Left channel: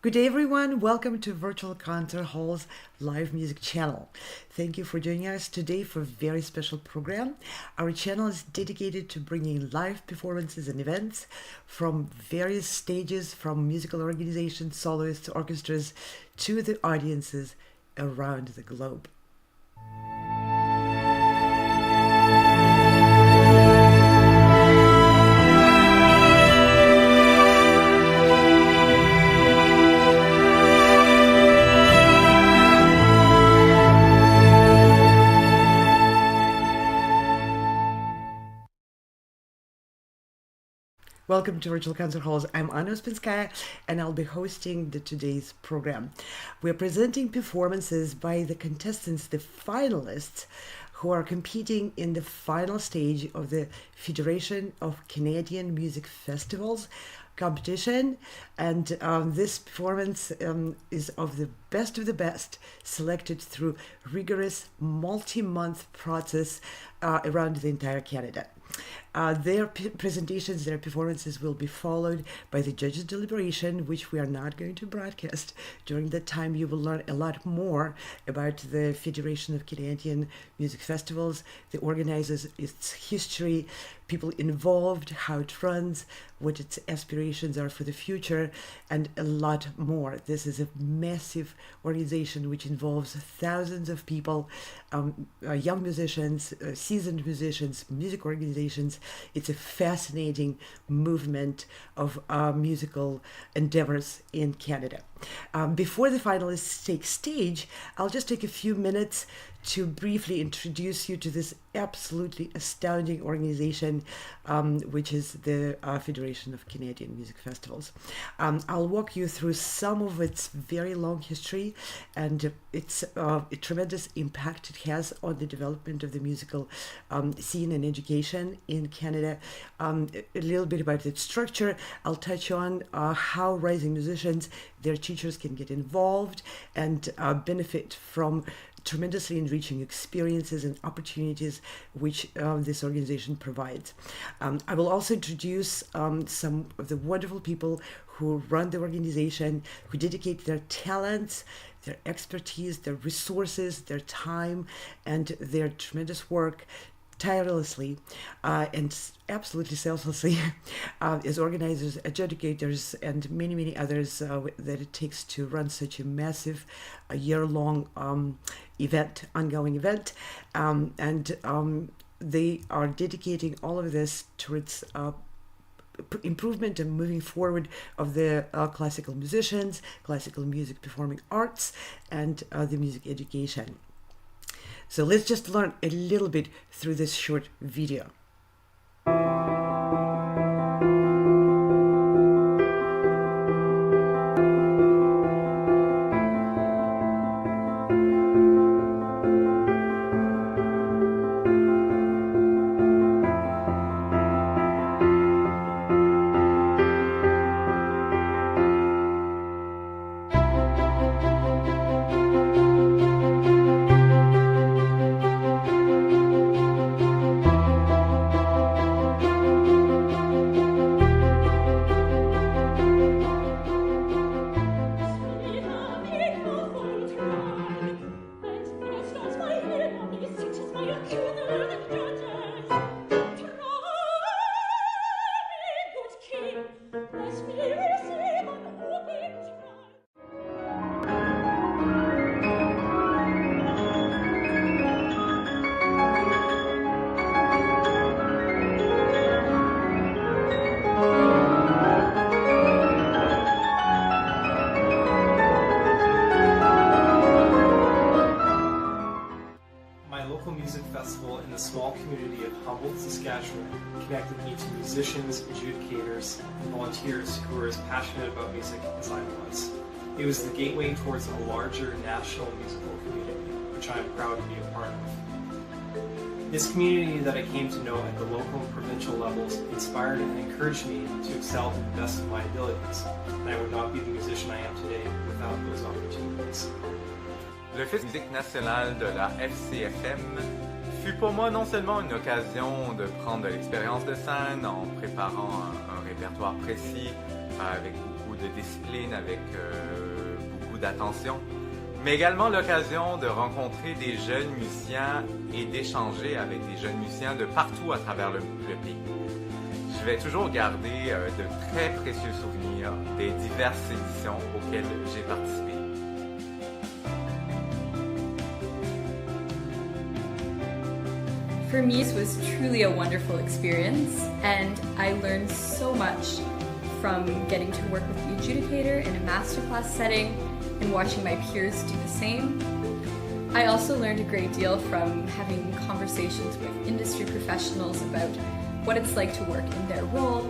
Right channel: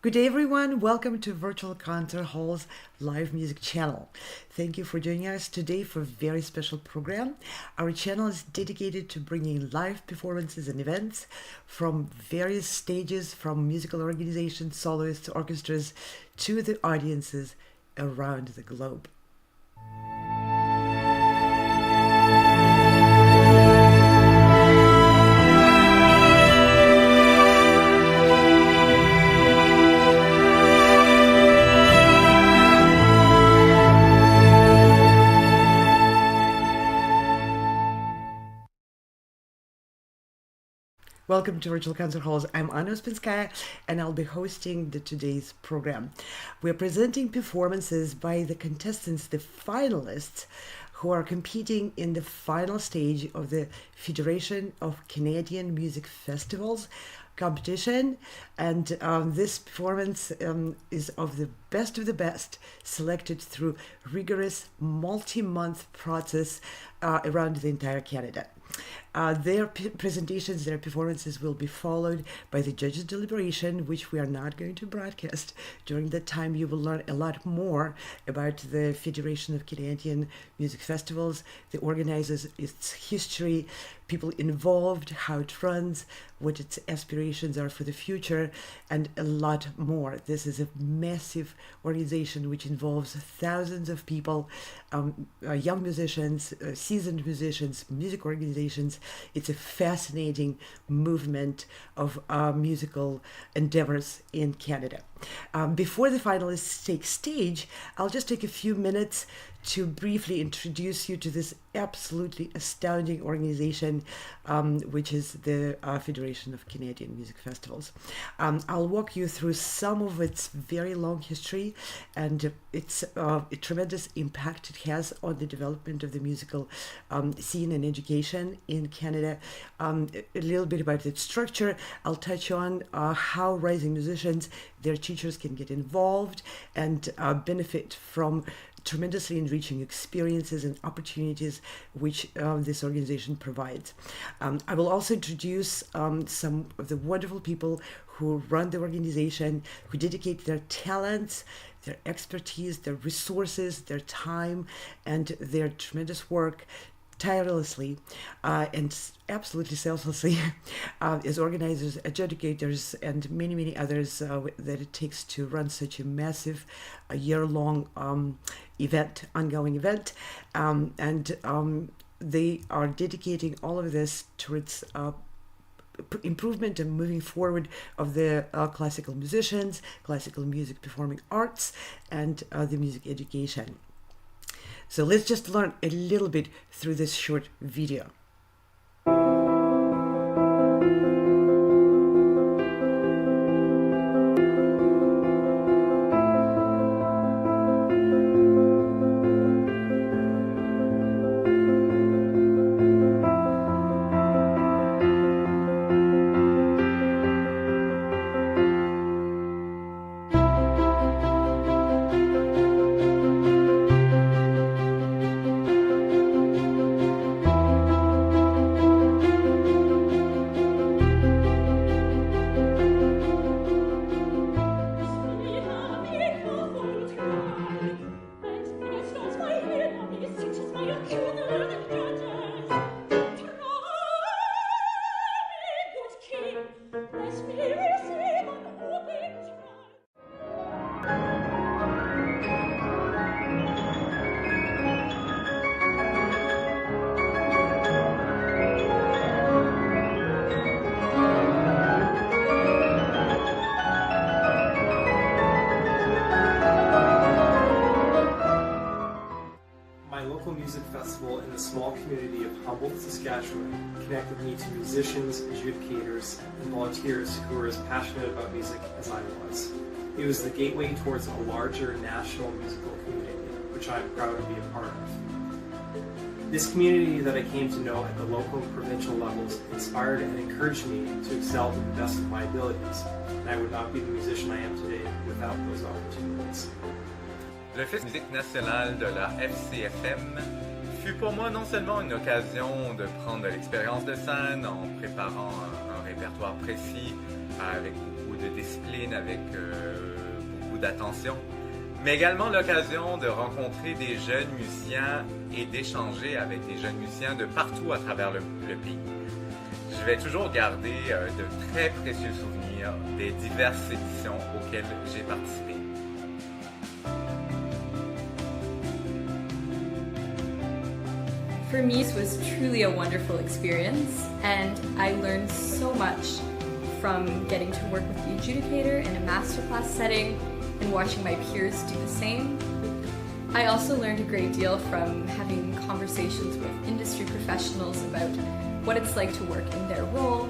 Good day, everyone. Welcome to Virtual Concert Hall's live music channel. Thank you for joining us today for a very special program. Our channel is dedicated to bringing live performances and events from various stages, from musical organizations, soloists, orchestras, to the audiences around the globe. Welcome to Virtual Concert Halls. I'm Anna Ospinskaya, and I'll be hosting today's program. We're presenting performances by the contestants, the finalists, who are competing in the final stage of the Federation of Canadian Music Festivals competition. And this performance is of the best, selected through rigorous multi-month process around the entire Canada. Their presentations, their performances will be followed by the judges' deliberation, which we are not going to broadcast. During that time, you will learn a lot more about the Federation of Canadian Music Festivals, the organizers, its history, people involved, how it runs, what its aspirations are for the future, and a lot more. This is a massive organization which involves thousands of people, young musicians, seasoned musicians, music organizations. It's a fascinating movement of musical endeavors in Canada. Before the finalists take stage, I'll just take a few minutes to briefly introduce you to this absolutely astounding organization, which is the Federation of Canadian Music Festivals. I'll walk you through some of its very long history and its a tremendous impact it has on the development of the musical scene and education in Canada. A little bit about its structure. I'll touch on how rising musicians, their teachers can get involved and benefit from tremendously enriching experiences and opportunities which this organization provides. I will also introduce some of the wonderful people who run the organization, who dedicate their talents, their expertise, their resources, their time, and their tremendous work tirelessly and absolutely selflessly as organizers, educators, and many others that it takes to run such a massive year-long ongoing event. They are dedicating all of this towards improvement and moving forward of the classical musicians, classical music performing arts, and the music education. So let's just learn a little bit through this short video. the small community of Humboldt, Saskatchewan connected me to musicians, adjudicators, and volunteers who were as passionate about music as I was. It was the gateway towards a larger national musical community, which I am proud to be a part of. This community that I came to know at the local and provincial levels inspired and encouraged me to excel to the best of my abilities, and I would not be the musician I am today without those opportunities. Le Festival de musique nationale de la FCFM fut pour moi non seulement une occasion de prendre de l'expérience de scène en préparant un répertoire précis, avec beaucoup de discipline, avec beaucoup d'attention, mais également l'occasion de rencontrer des jeunes musiciens et d'échanger avec des jeunes musiciens de partout à travers le pays. Je vais toujours garder de très précieux souvenirs des diverses éditions auxquelles j'ai participé. For me, this was truly a wonderful experience, and I learned so much from getting to work with the adjudicator in a masterclass setting and watching my peers do the same. I also learned a great deal from having conversations with industry professionals about what it's like to work in their role,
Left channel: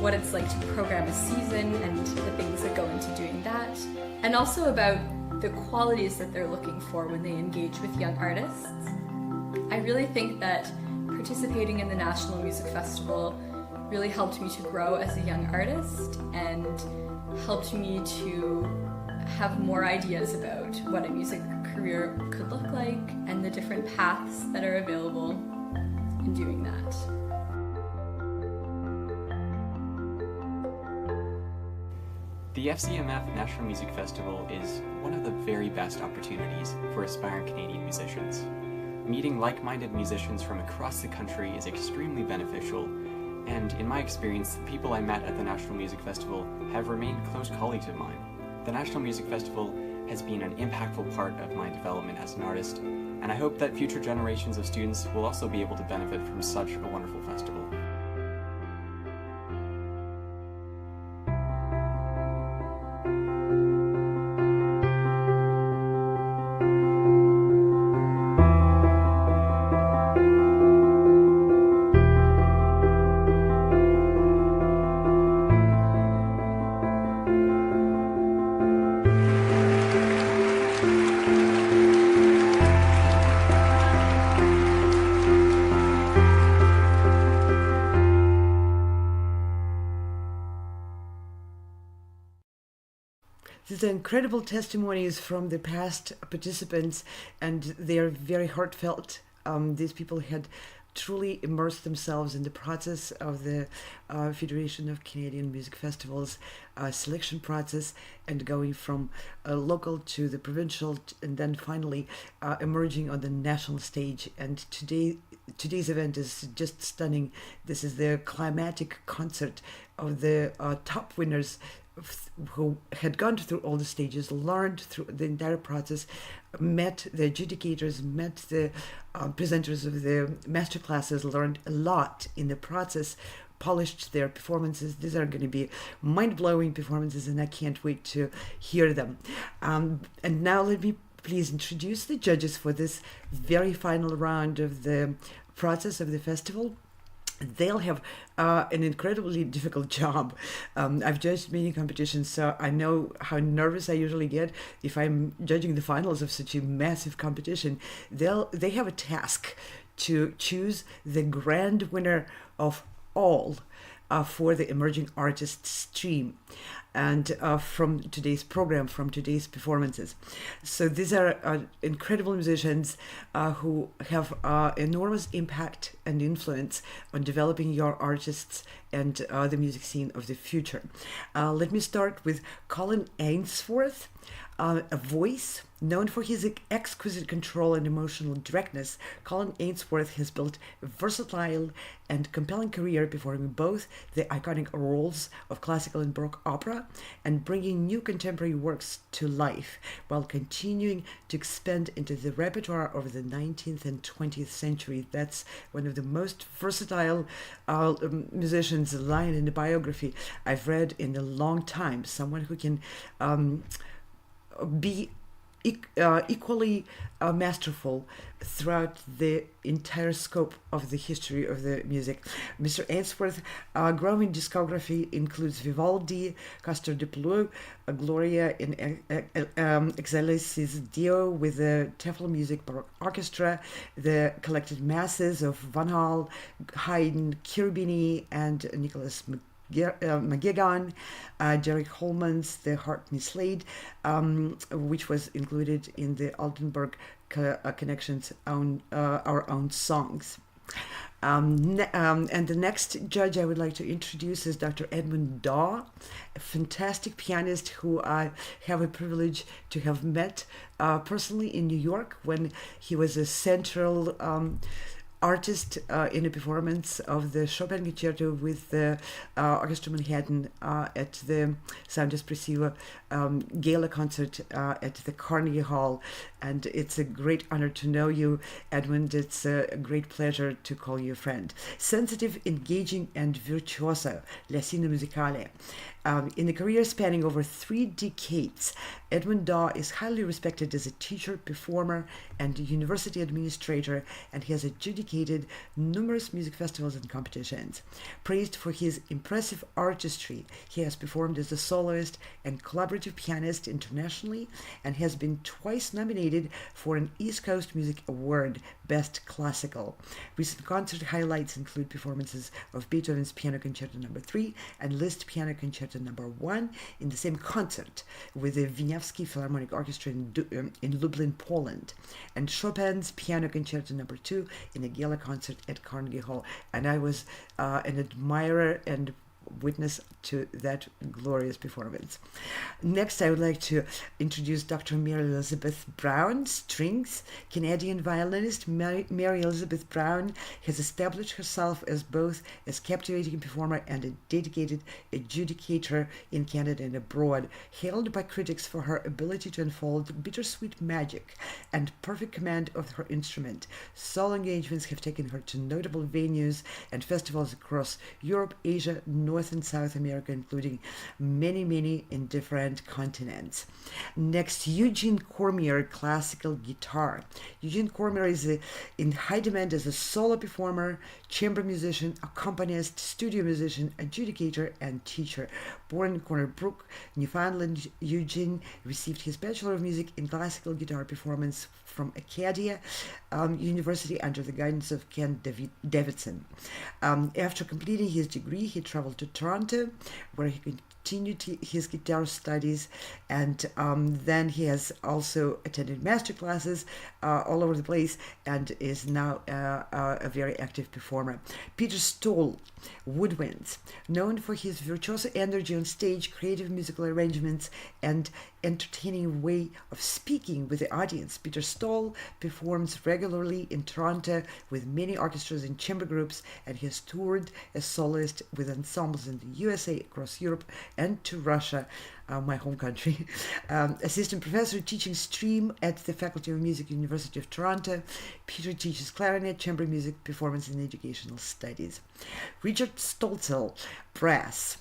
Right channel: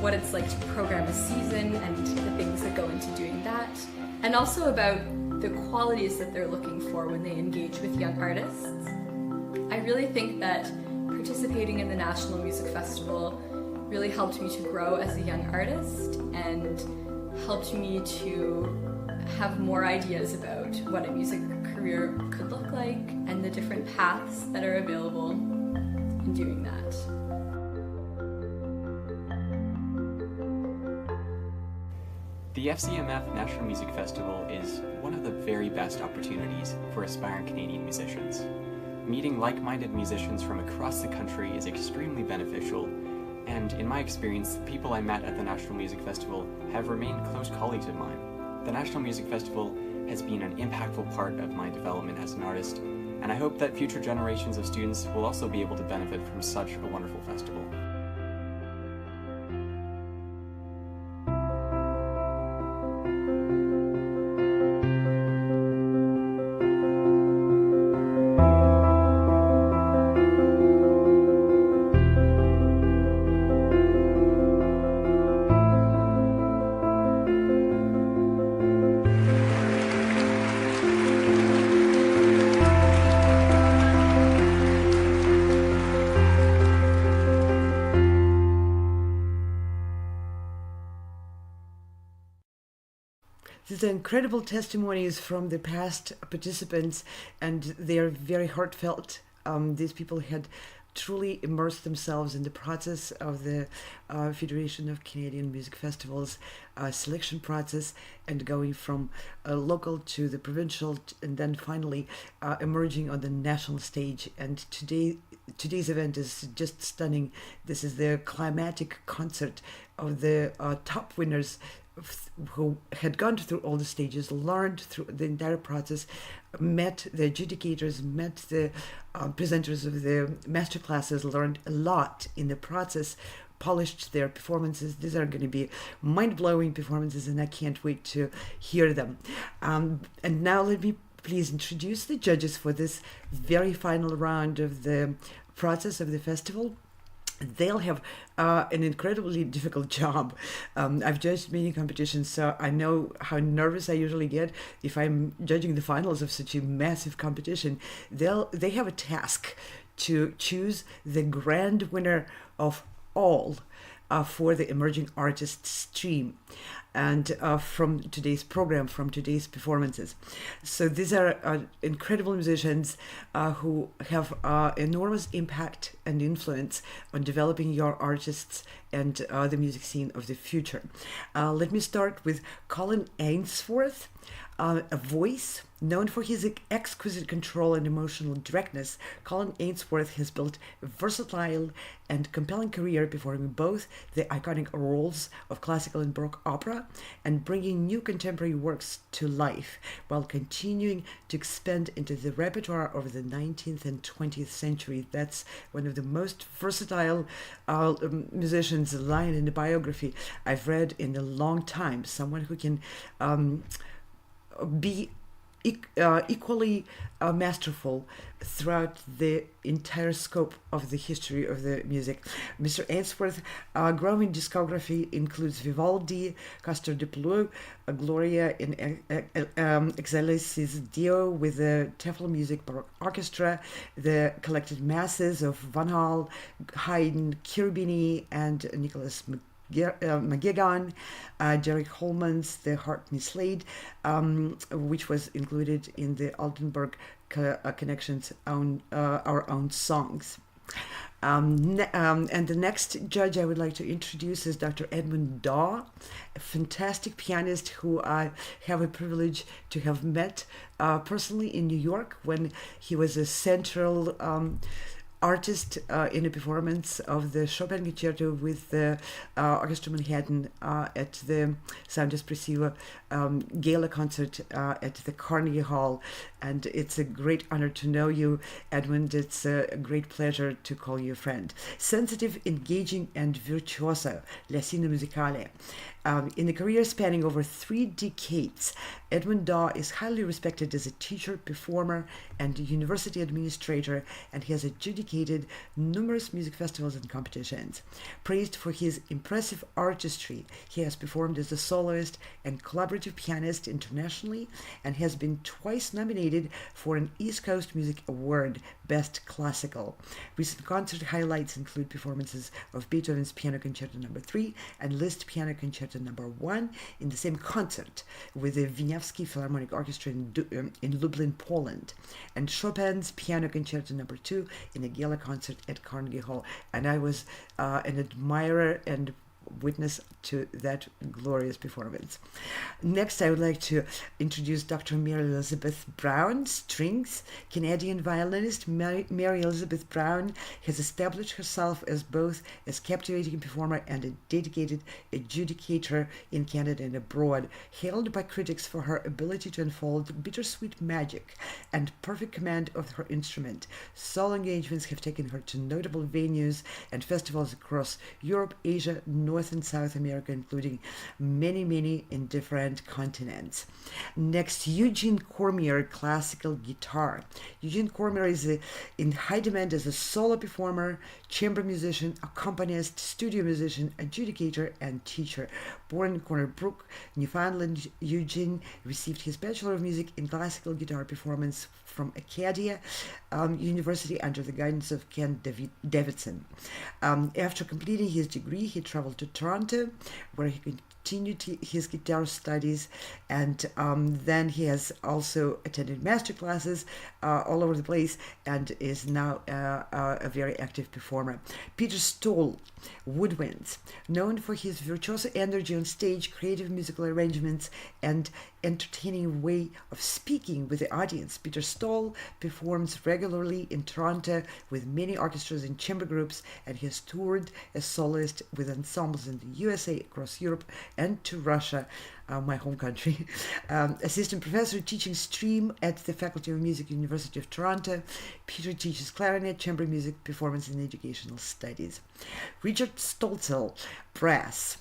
what it's like to program a season and the things that go into doing that, and also about the qualities that they're looking for when they engage with young artists. I really think that participating in the National Music Festival really helped me to grow as a young artist and helped me to have more ideas about what a music career could look like and the different paths that are available in doing that. The FCMF National Music Festival is one of the very best opportunities for aspiring Canadian musicians. Meeting like-minded musicians from across the country is extremely beneficial, and in my experience, the people I met at the National Music Festival have remained close colleagues of mine. The National Music Festival has been an impactful part of my development as an artist, and I hope that future generations of students will also be able to benefit from such a wonderful festival. These are incredible testimonies from the past participants, and they are very heartfelt. These people had truly immersed themselves in the process of the Federation of Canadian Music Festivals selection process, and going from local to the provincial, and then finally emerging on the national stage. And today's event is just stunning. This is the climatic concert of the top winners who had gone through all the stages, learned through the entire process, met the adjudicators, met the presenters of the master classes, learned a lot in the process, polished their performances. These are going to be mind-blowing performances, and I can't wait to hear them. And now let me please introduce the judges for this very final round of the process of the festival. They'll have an incredibly difficult job. I've judged many competitions, so I know how nervous I usually get if I'm judging the finals of such a massive competition. They have a task to choose the grand winner of all for the emerging artist stream, and from today's program, from today's performances. So these are incredible musicians who have enormous impact and influence on developing your artists and the music scene of the future. Let me start with Colin Ainsworth, a voice known for his exquisite control and emotional directness. Colin Ainsworth has built a versatile and compelling career performing both the iconic roles of classical and Baroque opera and bringing new contemporary works to life while continuing to expand into the repertoire of the 19th and 20th century. That's one of the most versatile musicians line in the biography I've read in a long time. Someone who can be equally masterful throughout the entire scope of the history of the music. Mr. Ainsworth's growing discography includes Vivaldi, Castor de Pleu, Gloria in Excelsis Dio with the Tefl Music Baroque Orchestra, the collected masses of Van Hal, Haydn, Cherubini, and Nicholas McGuigan, Derek Holman's The Heart Mislaid, which was included in the Altenburg Connection's Our Own Songs. And the next judge I would like to introduce is Dr. Edmund Daw, a fantastic pianist who I have a privilege to have met personally in New York when he was a central artist in a performance of the Chopin Concerto with the Orchestra Manhattan at the Saint-Saens Gala concert at the Carnegie Hall. And it's a great honor to know you, Edmund. It's a great pleasure to call you a friend. Sensitive, engaging, and virtuoso, La Scena Musicale. In a career spanning over 3 decades, Edmund Daw is highly respected as a teacher, performer, and university administrator, and he has adjudicated numerous music festivals and competitions. Praised for his impressive artistry, he has performed as a soloist and collaborative pianist internationally, and has been twice nominated for an East Coast Music Award, Best Classical. Recent concert highlights include performances of Beethoven's Piano Concerto No. 3 and Liszt Piano Concerto No. 1 in the same concert with the Wieniawski Philharmonic Orchestra in Lublin, Poland, and Chopin's Piano Concerto No. 2 in a gala concert at Carnegie Hall. And I was an admirer and witness to that glorious performance. Next, I would like to introduce Dr. Mary Elizabeth Brown, strings. Canadian violinist Mary Elizabeth Brown has established herself as both a captivating performer and a dedicated adjudicator in Canada and abroad, hailed by critics for her ability to unfold bittersweet magic and perfect command of her instrument. Solo engagements have taken her to notable venues and festivals across Europe, Asia, North and South America, including many in different continents. Next, Eugene Cormier, classical guitar. Eugene Cormier is in high demand as a solo performer, chamber musician, accompanist, studio musician, adjudicator, and teacher. Born in Corner Brook, Newfoundland, Eugene received his Bachelor of Music in Classical Guitar Performance from Acadia University under the guidance of Ken Davidson. After completing his degree, he traveled to Toronto, where he continued his guitar studies, and then he has also attended master classes all over the place and is now a very active performer. Peter Stoll, woodwinds, known for his virtuoso energy on stage, creative musical arrangements, and entertaining way of speaking with the audience. Peter Stoll performs regularly in Toronto with many orchestras and chamber groups, and he has toured as soloist with ensembles in the USA, across Europe, and to Russia, my home country. Assistant professor teaching stream at the Faculty of Music, University of Toronto. Peter teaches clarinet, chamber music, performance, and educational studies. Richard Stolzel, brass.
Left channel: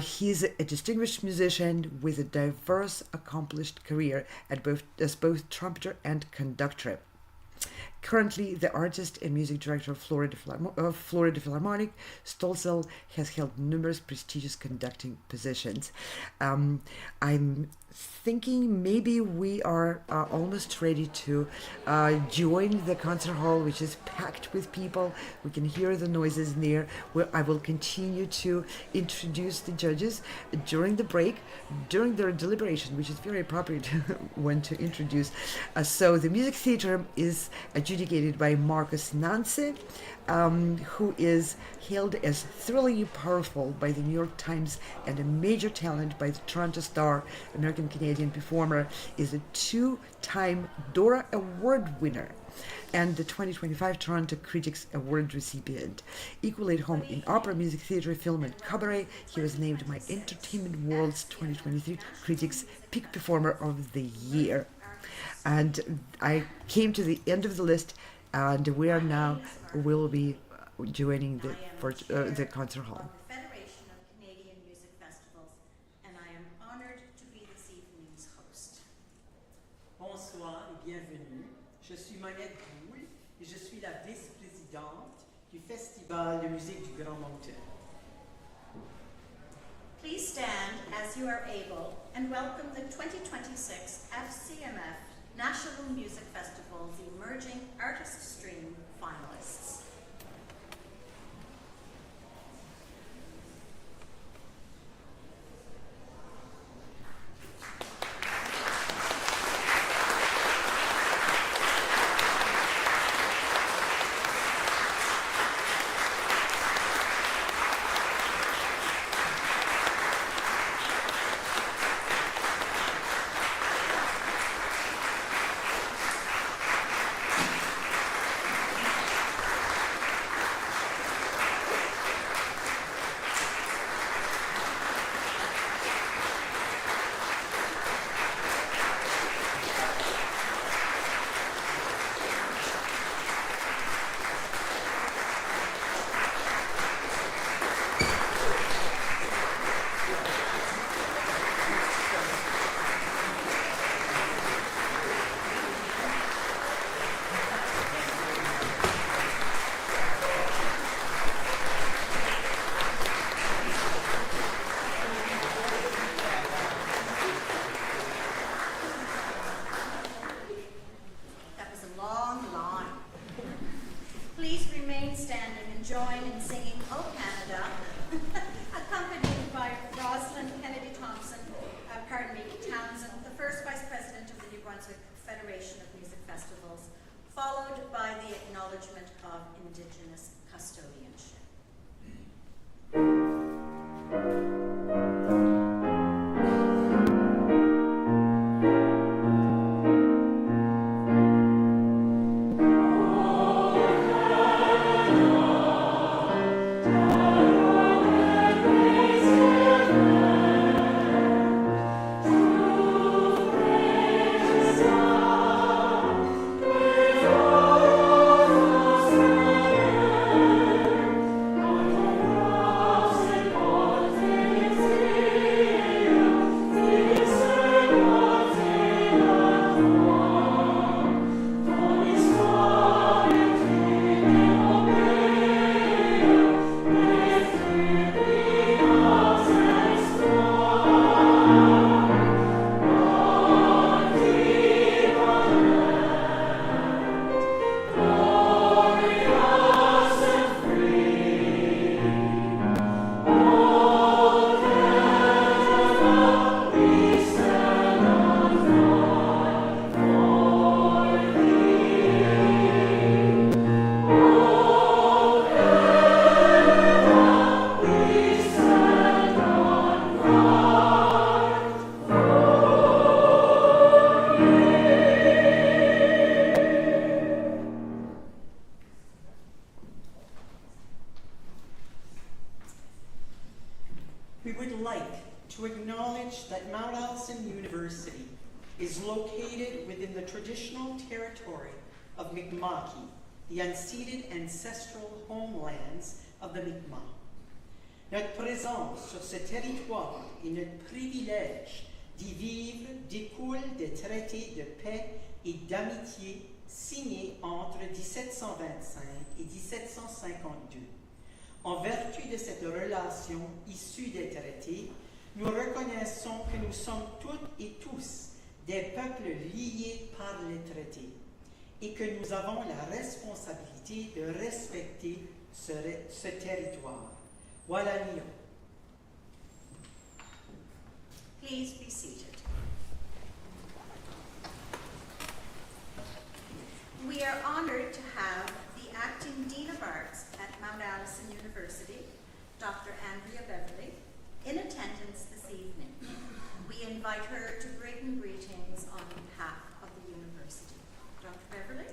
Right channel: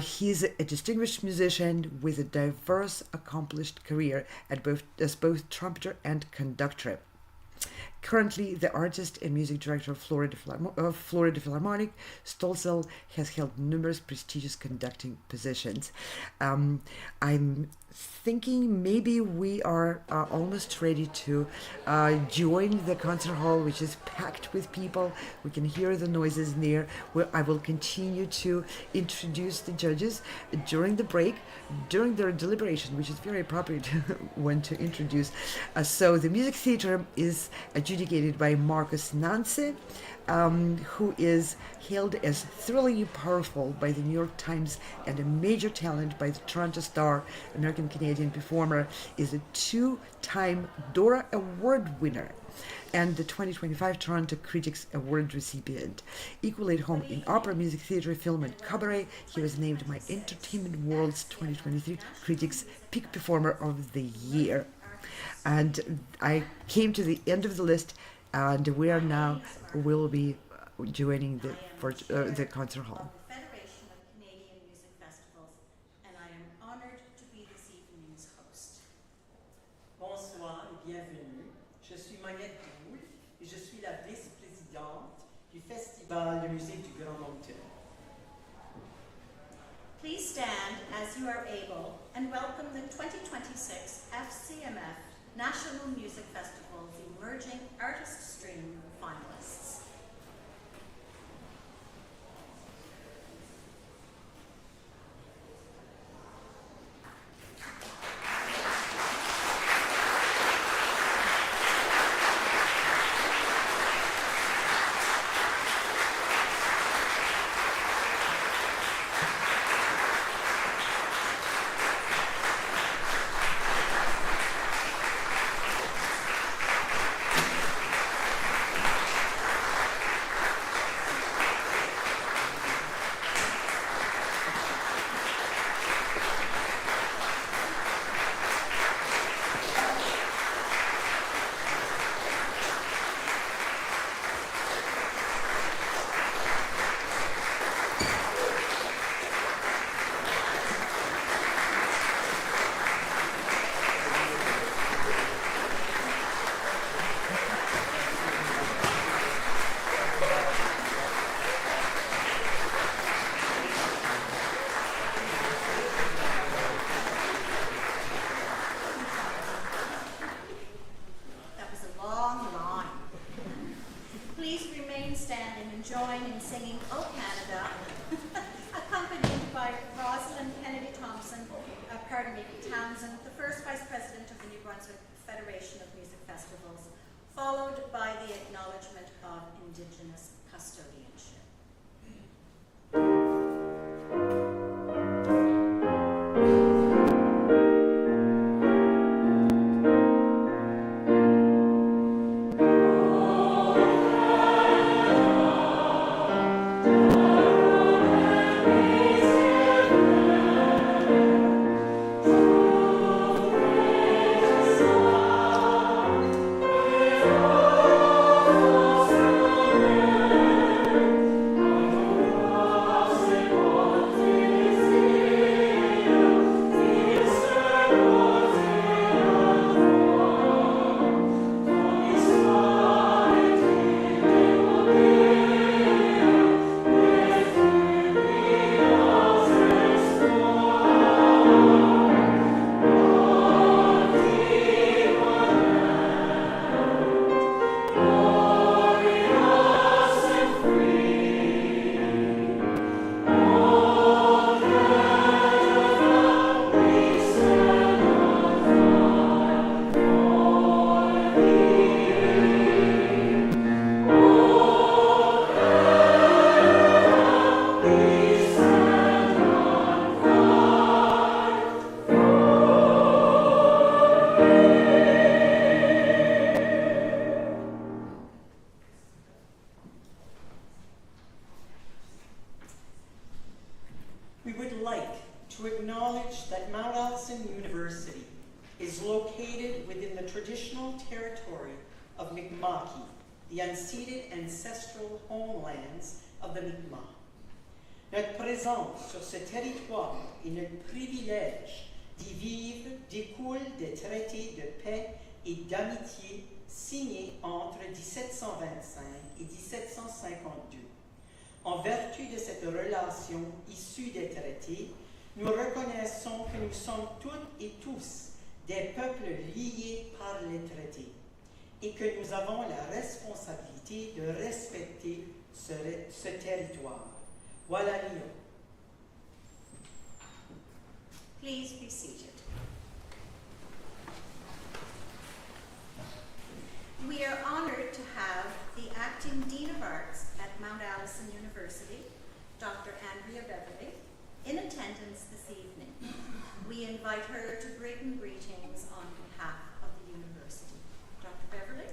He's a distinguished musician with a diverse, accomplished career as both trumpeter and conductor. Currently the artist and music director of Florida Philharmonic, Stolzel has held numerous prestigious conducting positions. I'm thinking maybe we are almost ready to join the concert hall, which is packed with people. We can hear the noises near. I will continue to introduce the judges during the break, during their deliberation, which is very appropriate when to introduce. So the music theater is adjudicated by Marcus Nance, who is hailed as thrillingly powerful by the New York Times and a major talent by the Toronto Star. American-Canadian performer, is a 2-time Dora Award winner and the 2025 Toronto Critics Award recipient. Equally at home in opera, music theater, film, and cabaret, he was named my Entertainment World's 2023 Critics Peak Performer of the Year. And I came to the end of the list, and we are now will be joining the concert hall. Federation of Canadian Music Festivals, and I am honored to be this evening's host. bienvenue. Je suis Mayette Boule et je suis la vice-présidente du Festival de musique du Grand Moncton. Please stand as you are able and welcome the 2026 FCMF National Music Festival's Emerging Artist Stream finalists. Followed by the acknowledgement of Indigenous custodianship. We would like to acknowledge that Mount Allison University is located within the traditional territory of Mi'kmaq, the unceded ancestral homelands of the Mi'kmaq. Notre présence sur ce territoire et notre privilège d'y vivre découle des traités de paix et d'amitié signés entre 1725 et 1752. En vertu de cette relation issue des traités, nous reconnaissons que nous sommes toutes et tous des peuples liés par les traités et que nous avons la responsabilité de respecter ce territoire. Voilà, Lyon. Please be seated. We are honored to have the Acting Dean of Arts at Mount Allison University, Dr. Andrea Beverly, in attendance this evening. We invite her to bring greetings on behalf of the university. Dr. Beverly?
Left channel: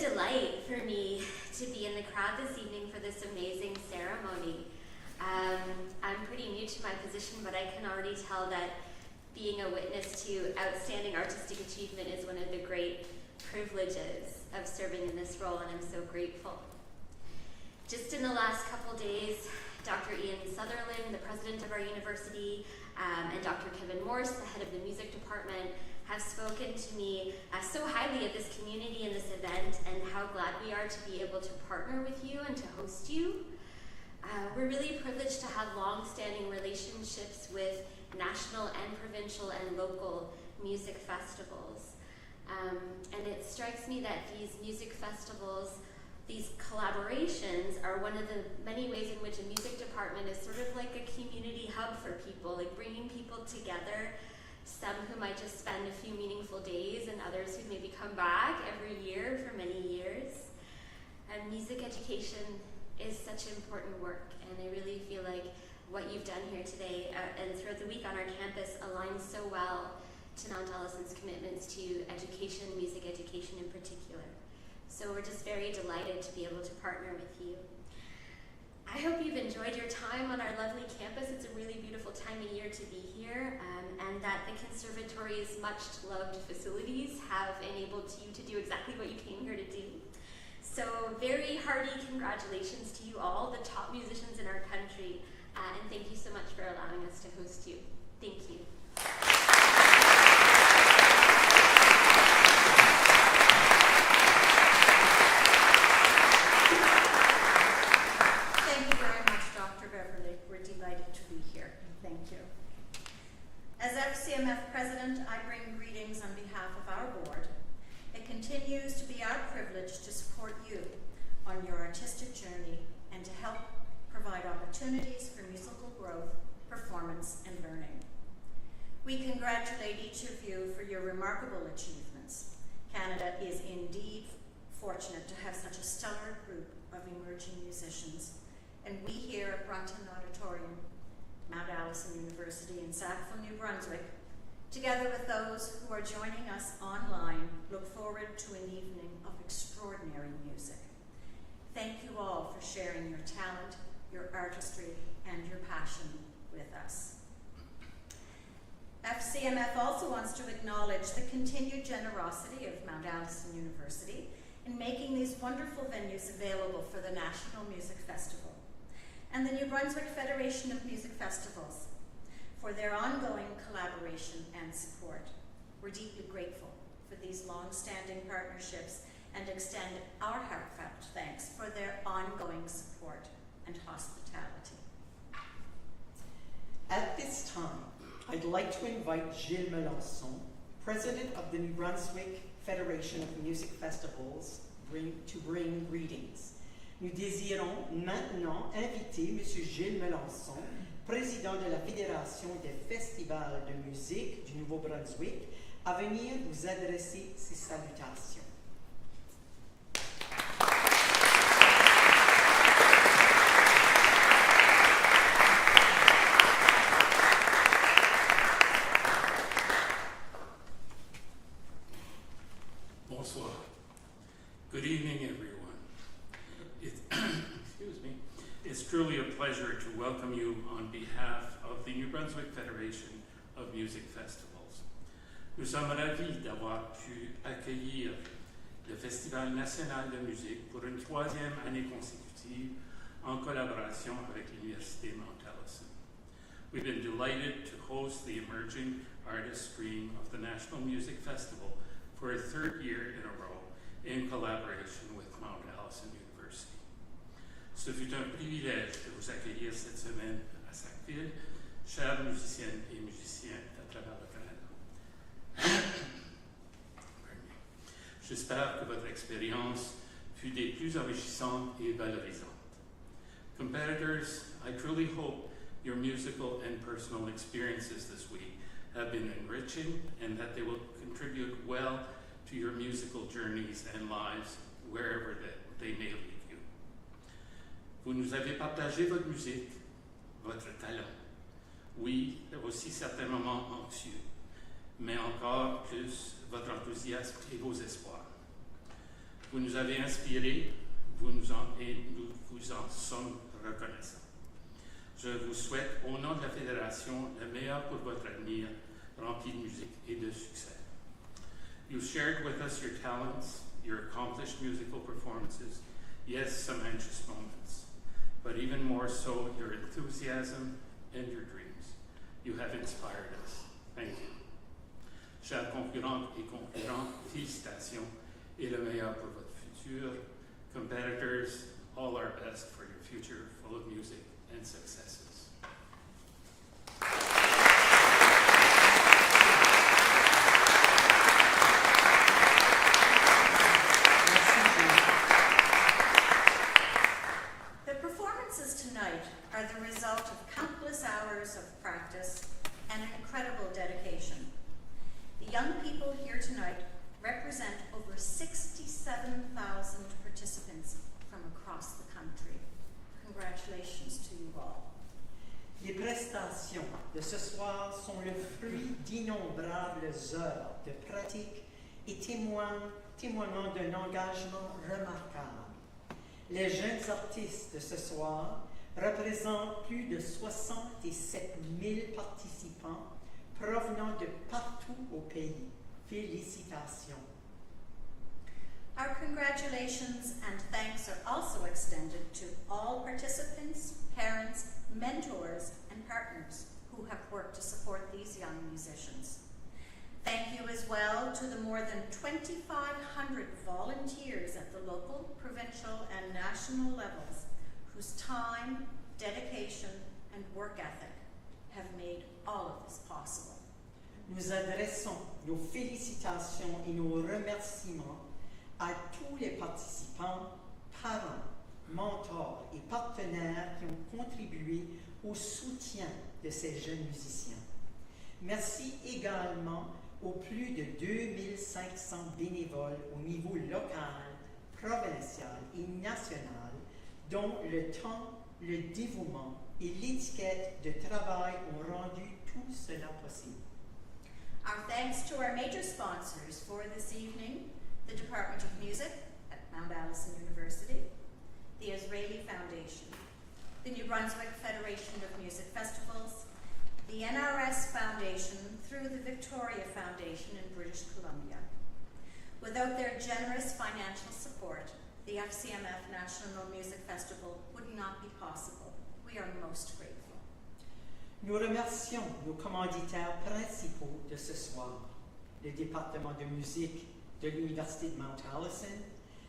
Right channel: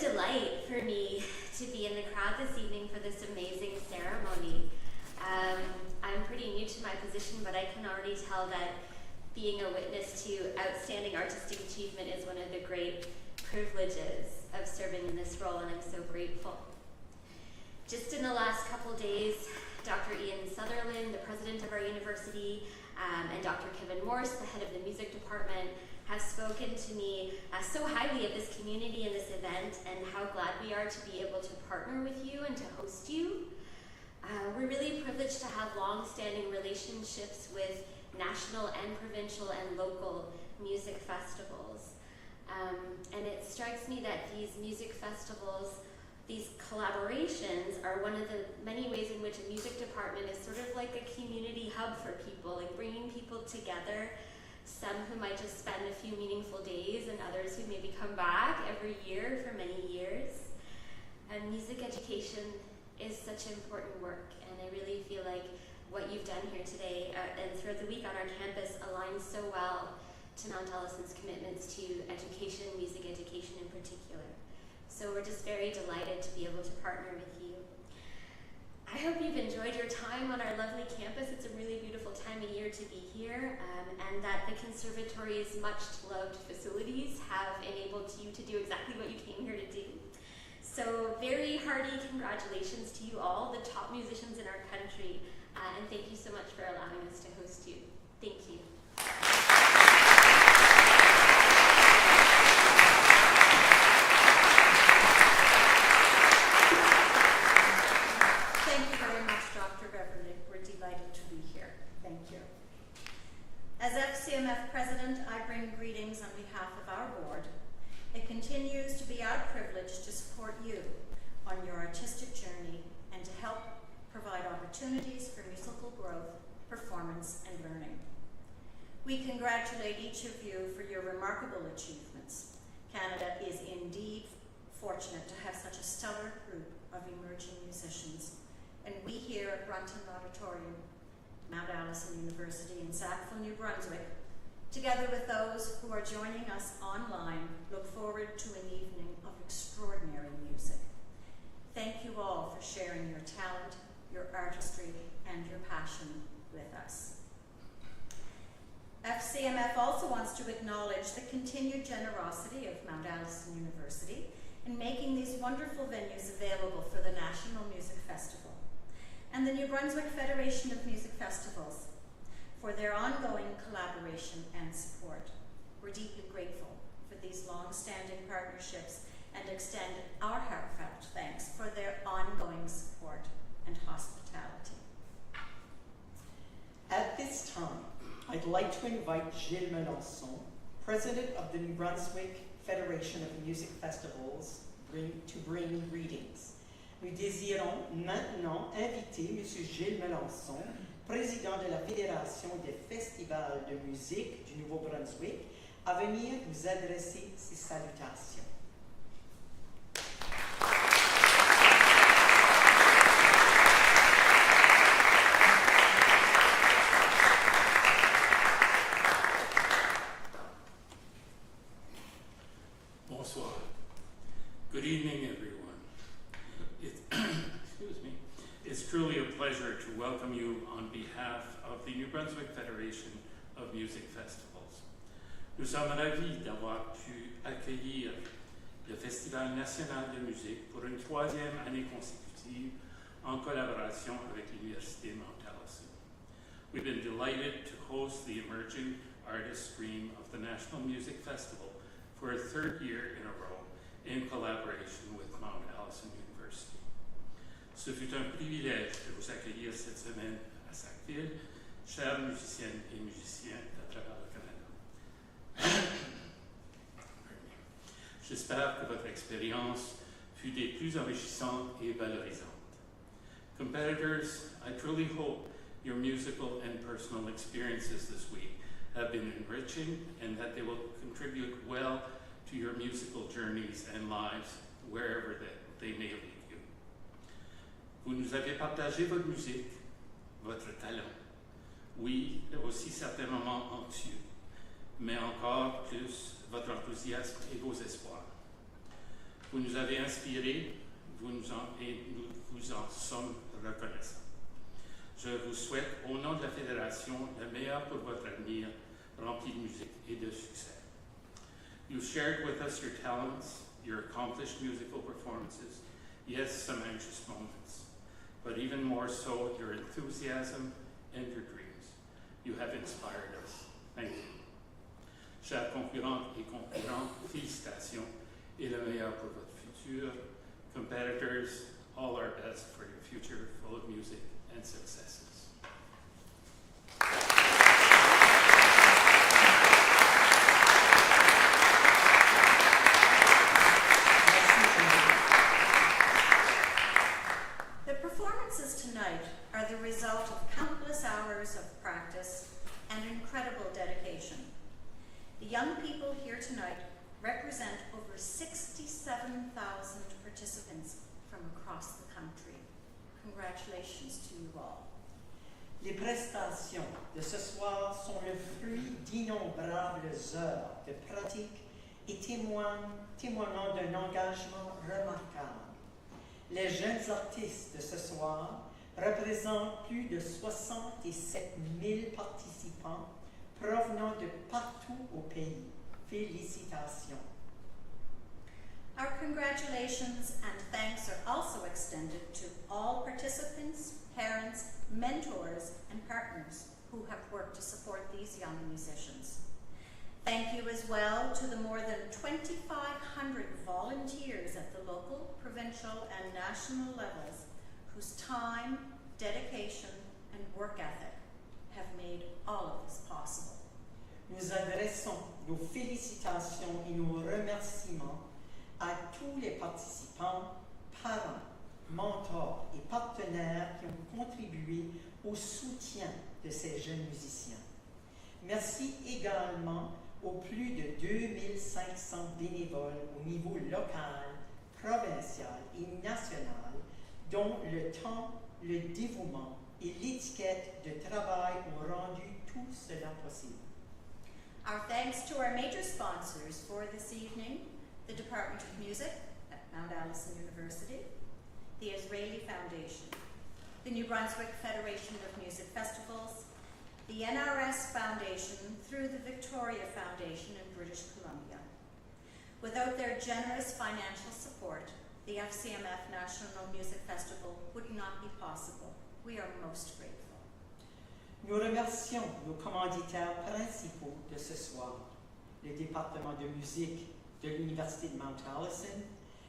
delight for me to be in the crowd this evening for this amazing ceremony. I'm pretty new to my position, but I can already tell that being a witness to outstanding artistic achievement is one of the great privileges of serving in this role, and I'm so grateful. Just in the last couple days, Dr. Ian Sutherland, the president of our university, and Dr. Kevin Morse, the head of the music department, have spoken to me so highly of this community and this event, and how glad we are to be able to partner with you and to host you. We're really privileged to have long-standing relationships with national and provincial and local music festivals. And it strikes me that these music festivals, these collaborations, are one of the many ways in which a music department is sort of like a community hub for people, like bringing people together, some who might just spend a few meaningful days and others who maybe come back every year for many years. And music education is such important work, and I really feel like what you've done here today and throughout the week on our campus aligns so well to Mount Allison's commitments to education, music education in particular. So we're just very delighted to be able to partner with you. I hope you've enjoyed your time on our lovely campus. It's a really beautiful time of year to be here, and that the conservatory's much-loved facilities have enabled you to do exactly what you came here to do. So very hearty congratulations to you all, the top musicians in our country, and thank you so much for allowing us to host you. Thank you. Thank you very much, Dr. Beverly. We're delighted to be here. Thank you. As FCMF President, I bring greetings on behalf of our board. It continues to be our privilege to support you on your artistic journey and to help provide opportunities for musical growth, performance, and learning. We congratulate each of you for your remarkable achievements. Canada is indeed fortunate to have such a stellar group of emerging musicians, and we here at Brunton Auditorium, Mount Allison University in Sackville, New Brunswick, together with those who are joining us online, look forward to an evening of extraordinary music. Thank you all for sharing your talent, your artistry, and your passion with us. FCMF also wants to acknowledge the continued generosity of Mount Allison University in making these wonderful venues available for the National Music Festival, and the New Brunswick Federation of Music Festivals for their ongoing collaboration and support. We're deeply grateful for these long-standing partnerships and extend our heartfelt thanks for their ongoing support and hospitality. At this time, I'd like to invite Gilles Melançon, President of the New Brunswick Federation of Music Festivals, to bring greetings. Nous désirons maintenant inviter M. Gilles Melançon, président de la Fédération des festivals de musique du Nouveau-Brunswick, à venir vous adresser ses salutations. Bonsoir. Good evening, everyone. Excuse me. It's truly a pleasure to welcome you on behalf of the New Brunswick Federation of Music Festivals. Nous sommes ravis d'avoir pu accueillir le Festival national de musique pour une troisième année consécutive en collaboration avec l'Université Mount Allison. We've been delighted to host the Emerging Artist Stream of the National Music Festival for a third year in a row in collaboration with Mount Allison University. Ce fut un privilège de vous accueillir cette semaine à Sackville, chers musiciennes et musiciens à travers le Canada. J'espère que votre expérience fut des plus enrichissantes et valorisantes. Competitors, I truly hope your musical and personal experiences this week have been enriching and that they will contribute well to your musical journeys and lives wherever they may lead you. Vous nous avez partagé votre musique, votre talent, oui, aussi certains moments anxieux, mais encore plus votre enthousiasme et vos espoirs. Vous nous avez inspirés, et nous vous en sommes reconnaissants. Je vous souhaite, au nom de la Fédération, le meilleur pour votre avenir, rempli de musique et de succès. You shared with us your talents, your accomplished musical performances, yes, some anxious moments, but even more so, your enthusiasm and your dreams. You have inspired us. Thank you. Chers concurrentes et concurrents, félicitations et le meilleur pour votre futur. Competitors, all our best for your future full of music and successes. The performances tonight are the result of countless hours of practice and incredible dedication. The young people here tonight represent over 67,000 participants from across the country. Congratulations to you all. Les prestations de ce soir sont le fruit d'innombrables heures de pratique et témoignant d'un engagement remarquable. Les jeunes artistes de ce soir représentent plus de 67 000 participants provenant de partout au pays. Félicitations. Our congratulations and thanks are also extended to all participants, parents, mentors, and partners who have worked to support these young musicians. Thank you as well to the more than 2,500 volunteers at the local, provincial, and national levels whose time, dedication, and work ethic have made all of this possible. Nous adressons nos félicitations et nos remerciements à tous les participants, parents, mentors et partenaires qui ont contribué au soutien de ces jeunes musiciens. Merci également aux plus de 2500 bénévoles au niveau local, provincial et national, dont le temps, le dévouement et l'étiquette de travail ont rendu tout cela possible. Our thanks to our major sponsors for this evening, the Department of Music at Mount Allison University, the Israeli Foundation, the New Brunswick Federation of Music Festivals, the NRS Foundation through the Victoria Foundation in British Columbia. Without their generous financial support, the FCMF National Music Festival would not be possible. We are most grateful. Nous remercions nos commanditaires principaux de ce soir, le département de musique de l'Université de Mount Allison,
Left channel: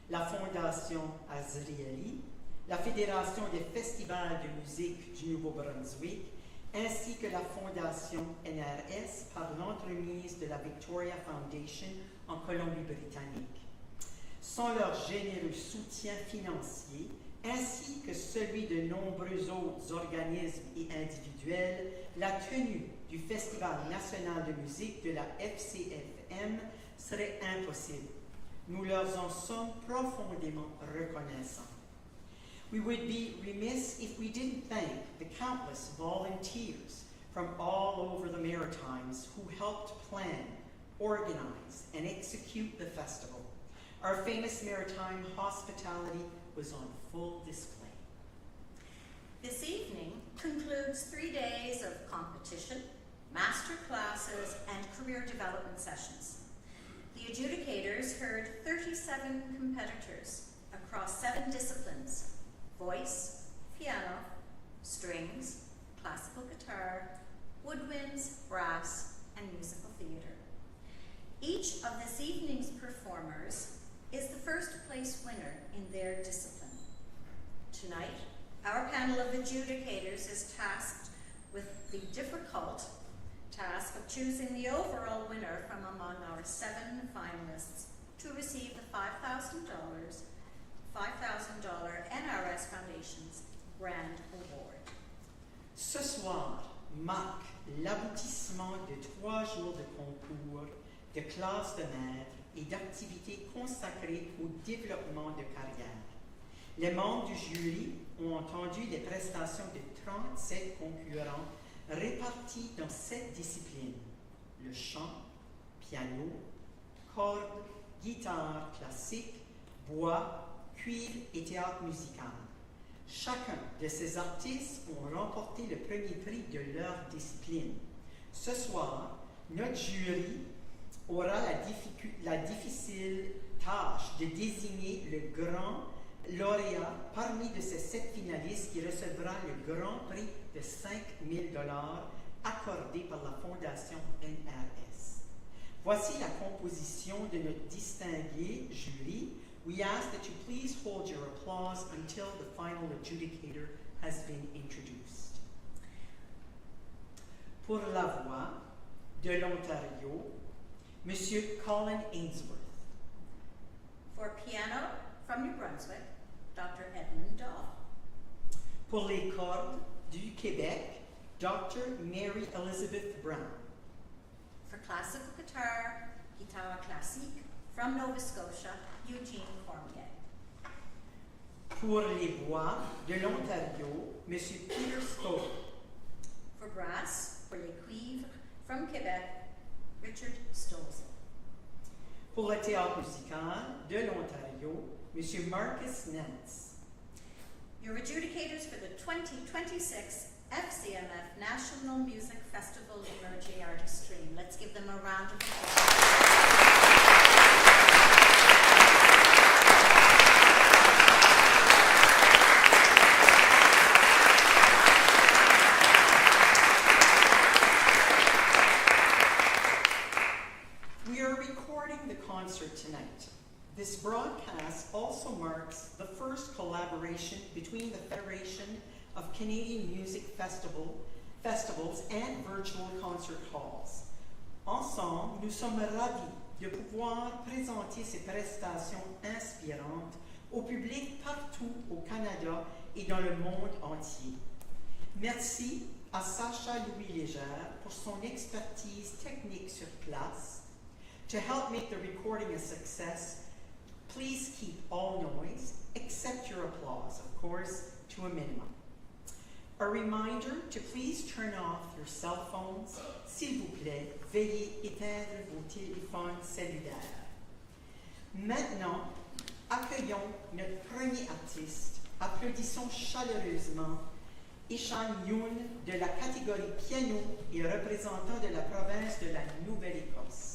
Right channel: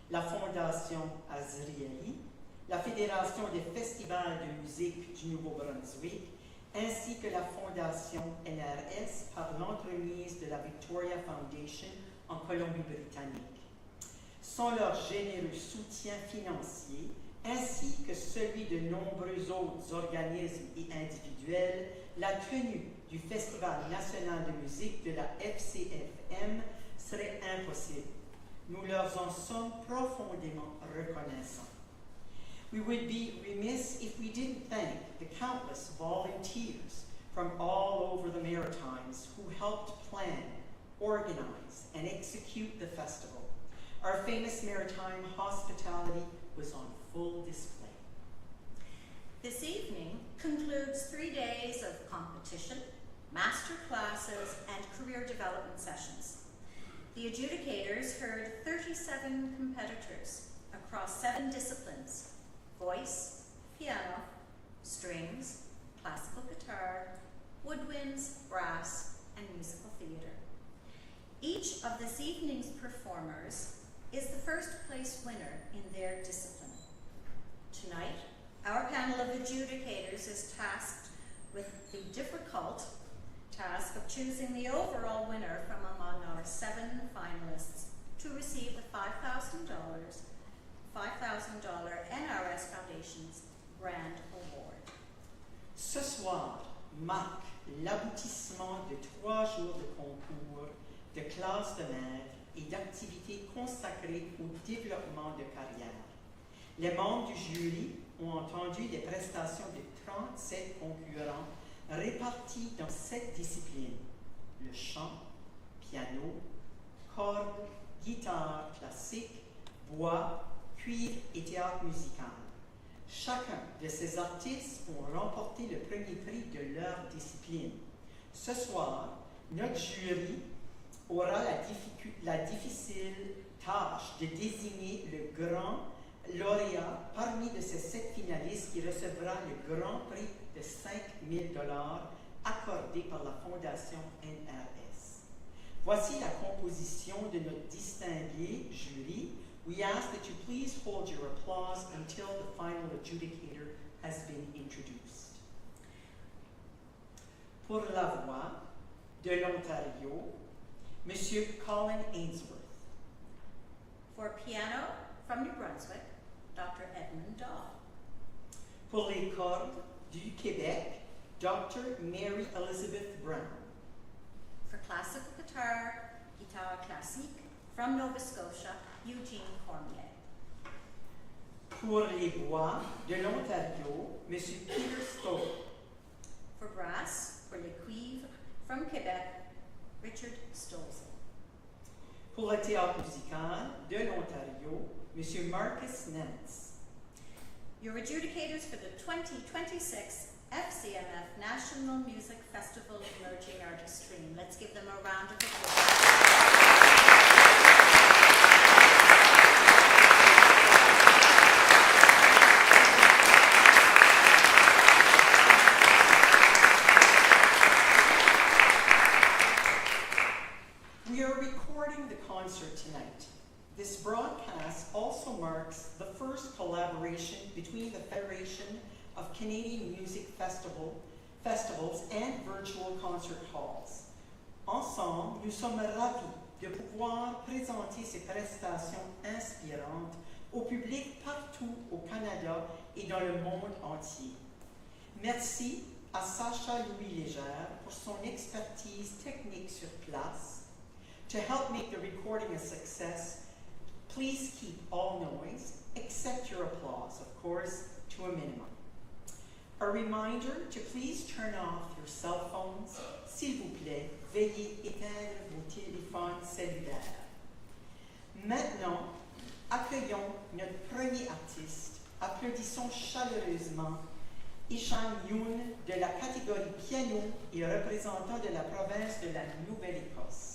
la Fondation Azrieli, la Fédération des festivals de musique du Nouveau-Brunswick, ainsi que la Fondation NRS par l'entremise de la Victoria Foundation en Colombie-Britannique. Sans leur généreux soutien financier, ainsi que celui de nombreux autres organismes et individuels, la tenue du Festival national de musique de la FCMF serait impossible. Nous leur en sommes profondément reconnaissants. We would be remiss if we didn't thank the countless volunteers from all over the Maritimes who helped plan, organize, and execute the festival. Our famous maritime hospitality was on full display. This evening concludes 3 days of competition, master classes, and career development sessions. The adjudicators heard 37 competitors across 7 disciplines: voice, piano, strings, classical guitar, woodwinds, brass, and musical theater. Each of this evening's performers is the first place winner in their discipline. Tonight, our panel of adjudicators is tasked with the difficult task of choosing the overall winner from among our 7 finalists to receive the $5,000 NRS Foundation's Grand Award. Ce soir marque l'aboutissement de 3 jours de concours, de classes de maîtres et d'activités consacrées au développement de carrière. Les membres du jury ont entendu les prestations de 37 concurrents répartis dans 7 disciplines: le chant, piano, cordes, guitare classique, bois, cuivre et théâtre musical. Chacun de ces artistes ont remporté le premier prix de leur discipline. Ce soir, notre jury aura la difficile tâche de désigner le grand lauréat parmi de ces 7 finalistes qui recevra le grand prix de 5 000 $ accordé par la Fondation NRS. Voici la composition de notre distingué jury. We ask that you please hold your applause until the final adjudicator has been introduced. Pour la voix de l'Ontario, Monsieur Colin Ainsworth. For piano from New Brunswick, Dr. Edmund Daw. Pour les cordes du Québec, Dr. Mary Elizabeth Brown. For classical guitar, guitar classique from Nova Scotia, Eugene Cormier. Pour les bois de l'Ontario, M. Peter Stowe. For brass, pour les cuivres from Quebec, Richard Stolze. Pour le théâtre musical de l'Ontario, M. Marcus Nance. Your adjudicators for the 2026 FCMF National Music Festival Emerging Artist Stream. Let's give them a round of applause. We are recording the concert tonight. This broadcast also marks the first collaboration between the Federation of Canadian Music Festivals and virtual concert halls. Ensemble, nous sommes ravis de pouvoir présenter ces prestations inspirantes au public partout au Canada et dans le monde entier. Merci à Sacha Louis-Légère pour son expertise technique sur place. To help make the recording a success, please keep all noise, except your applause, of course, to a minimum. A reminder to please turn off your cell phones. S'il vous plaît, veuillez éteindre vos téléphones cellulaires. Maintenant, accueillons notre premier artiste. Applaudissons chaleureusement Echan Yoon de la catégorie piano et représentant de la province de la Nouvelle-Écosse.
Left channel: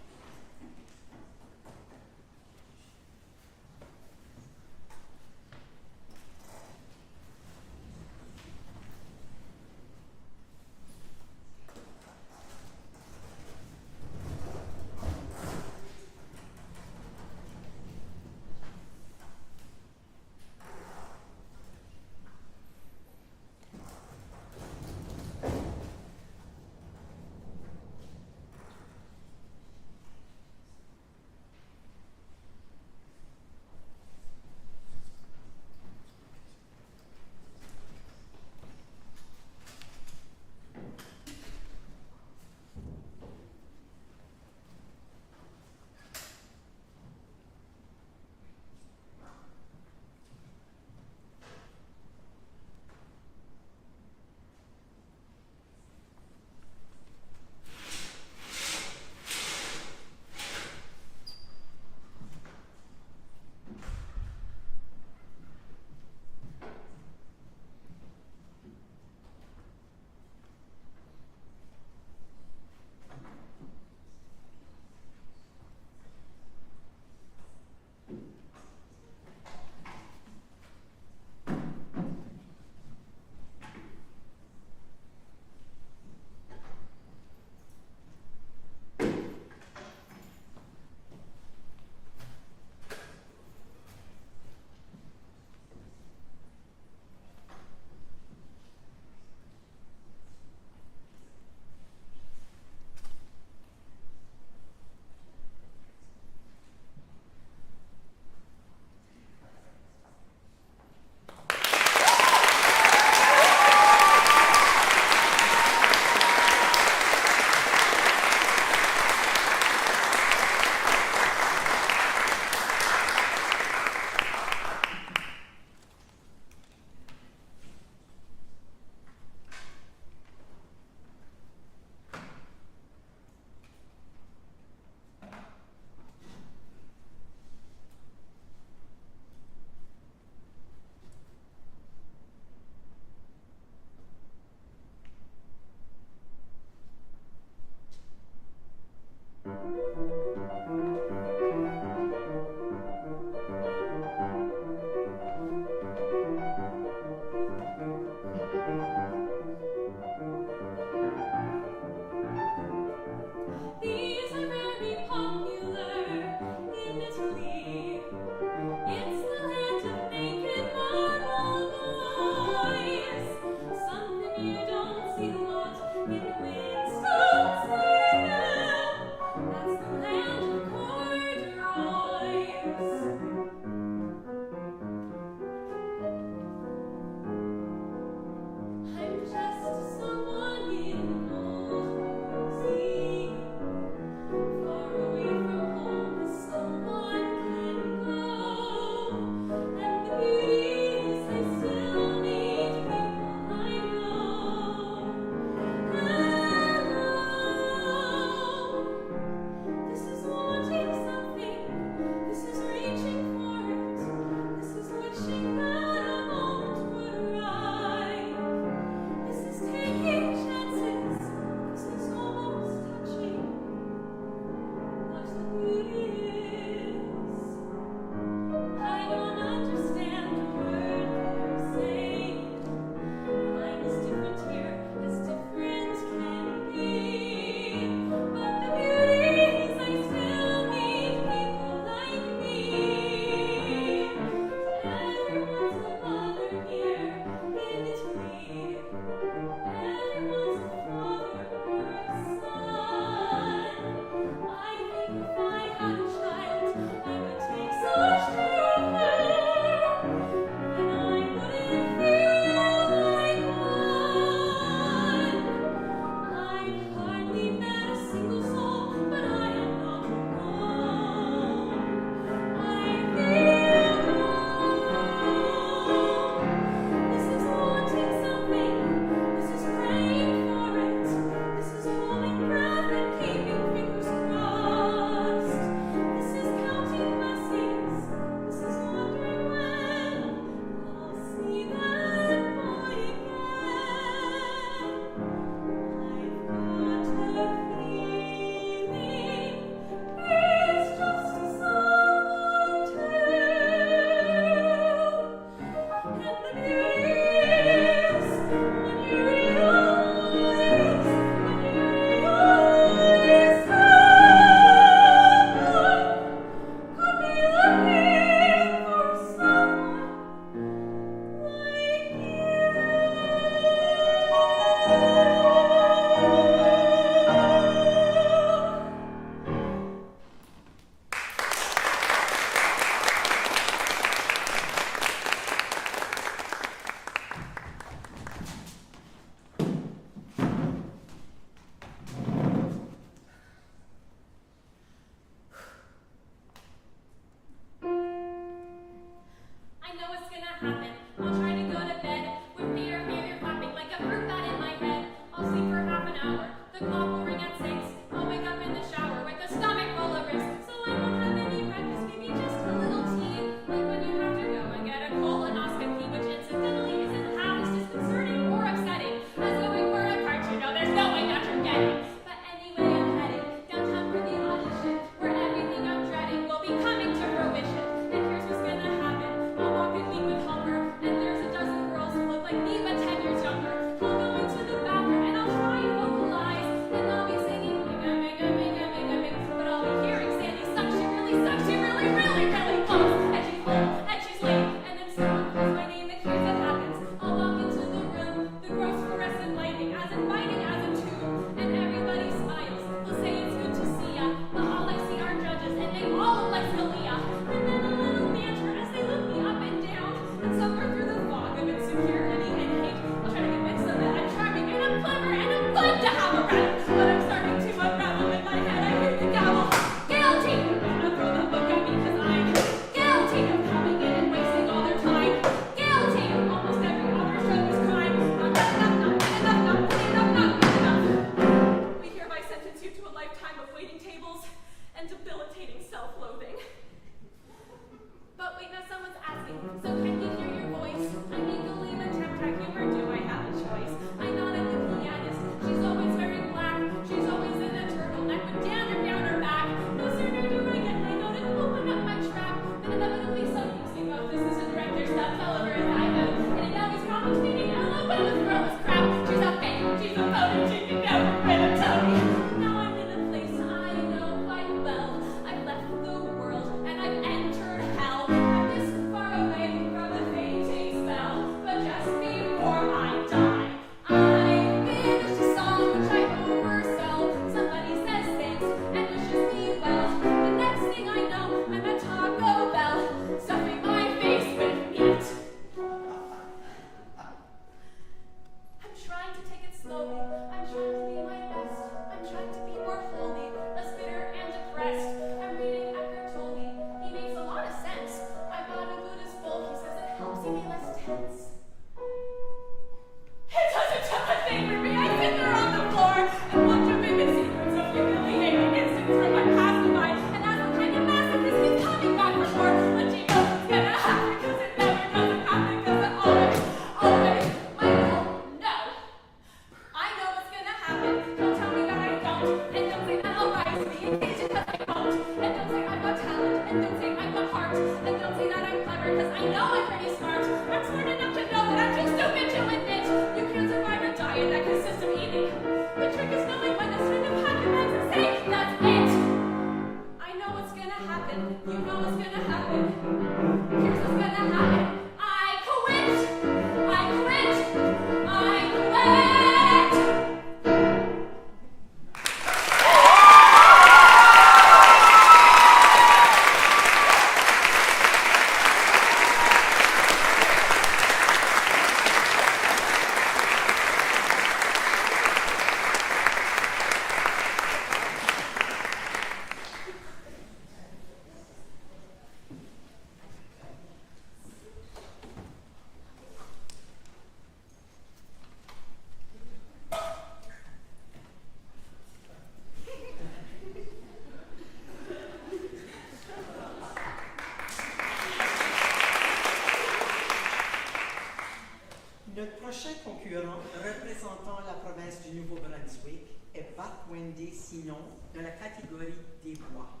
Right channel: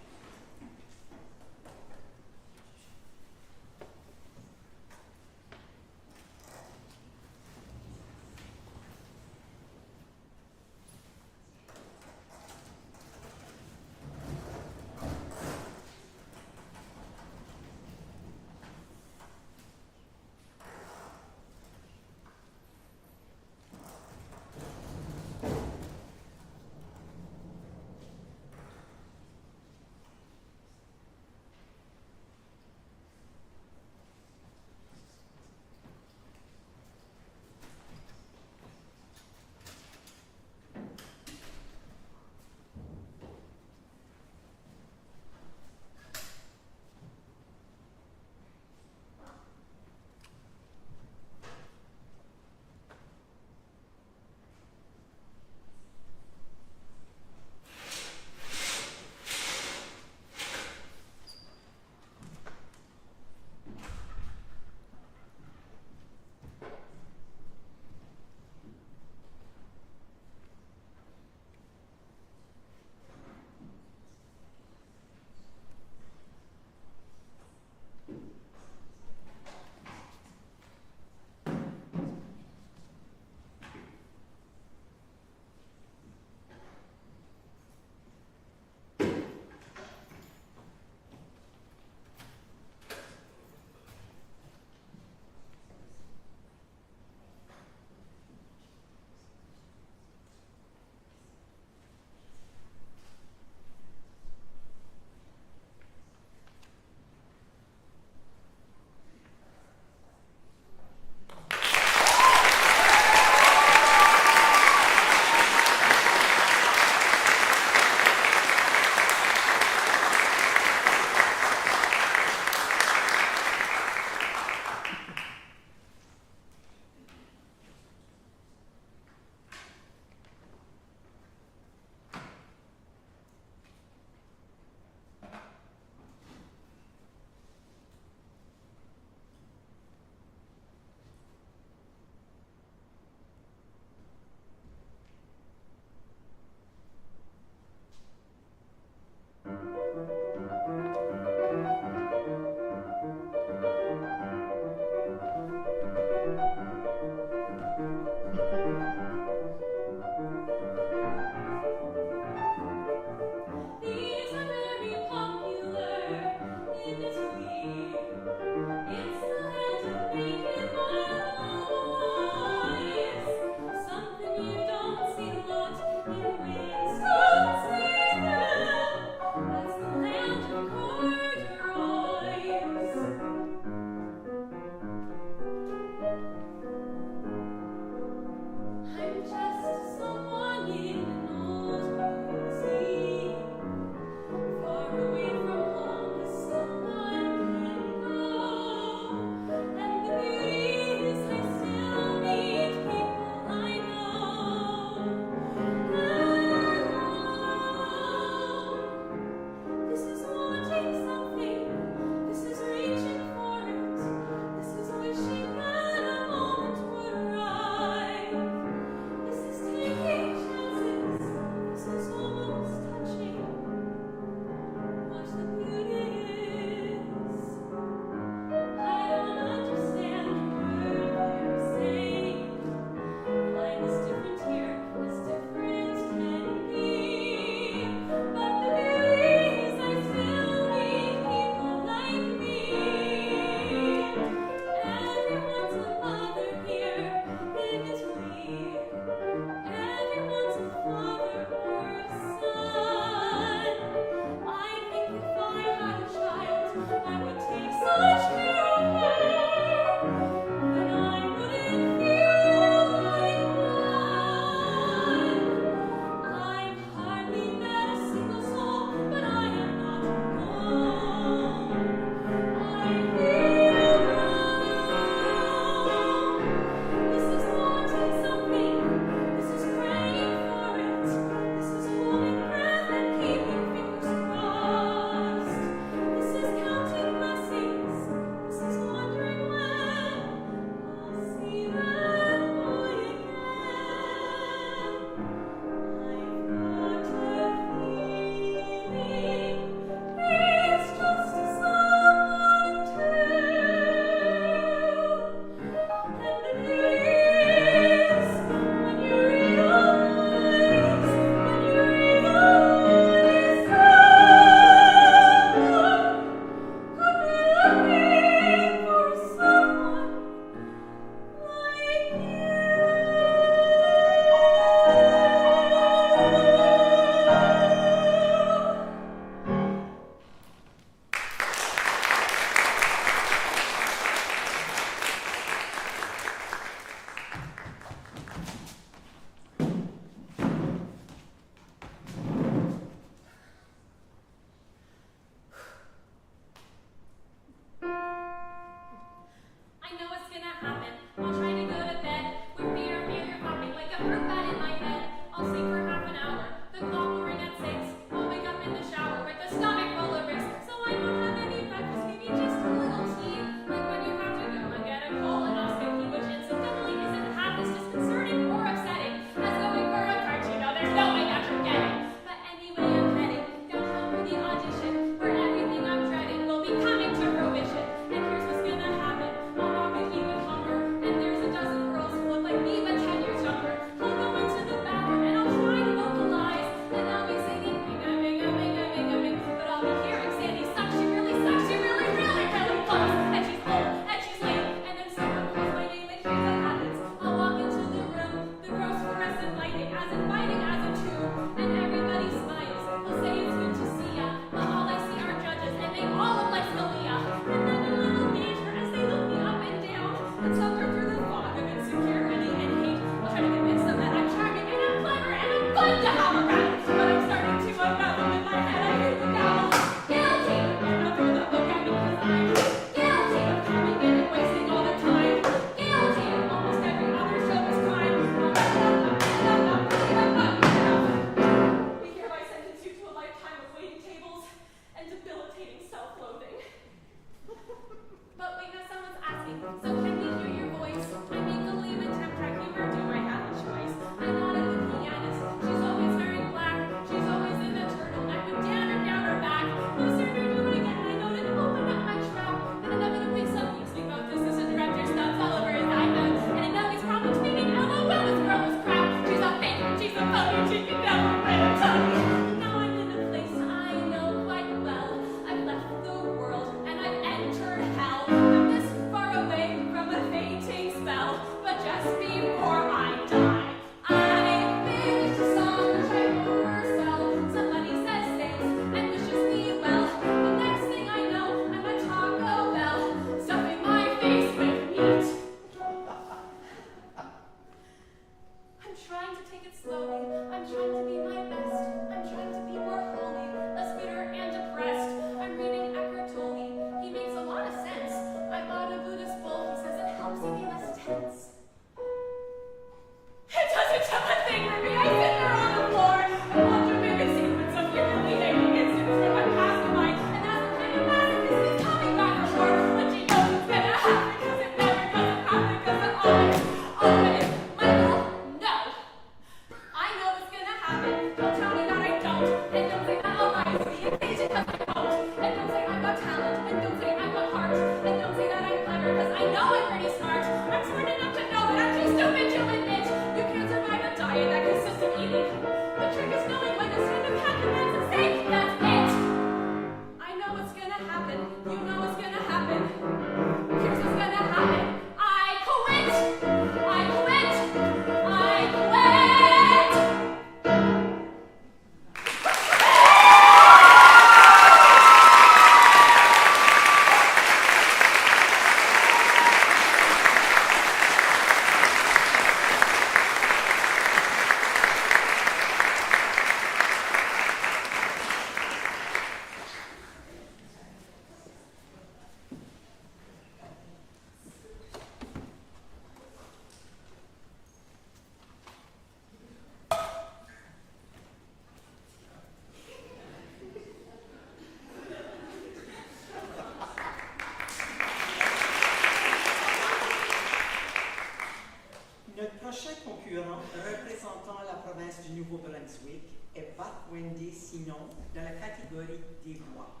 Notre prochain concurrent représentant la province du Nouveau-Brunswick est Bark-Wende Sinon dans la catégorie des voix.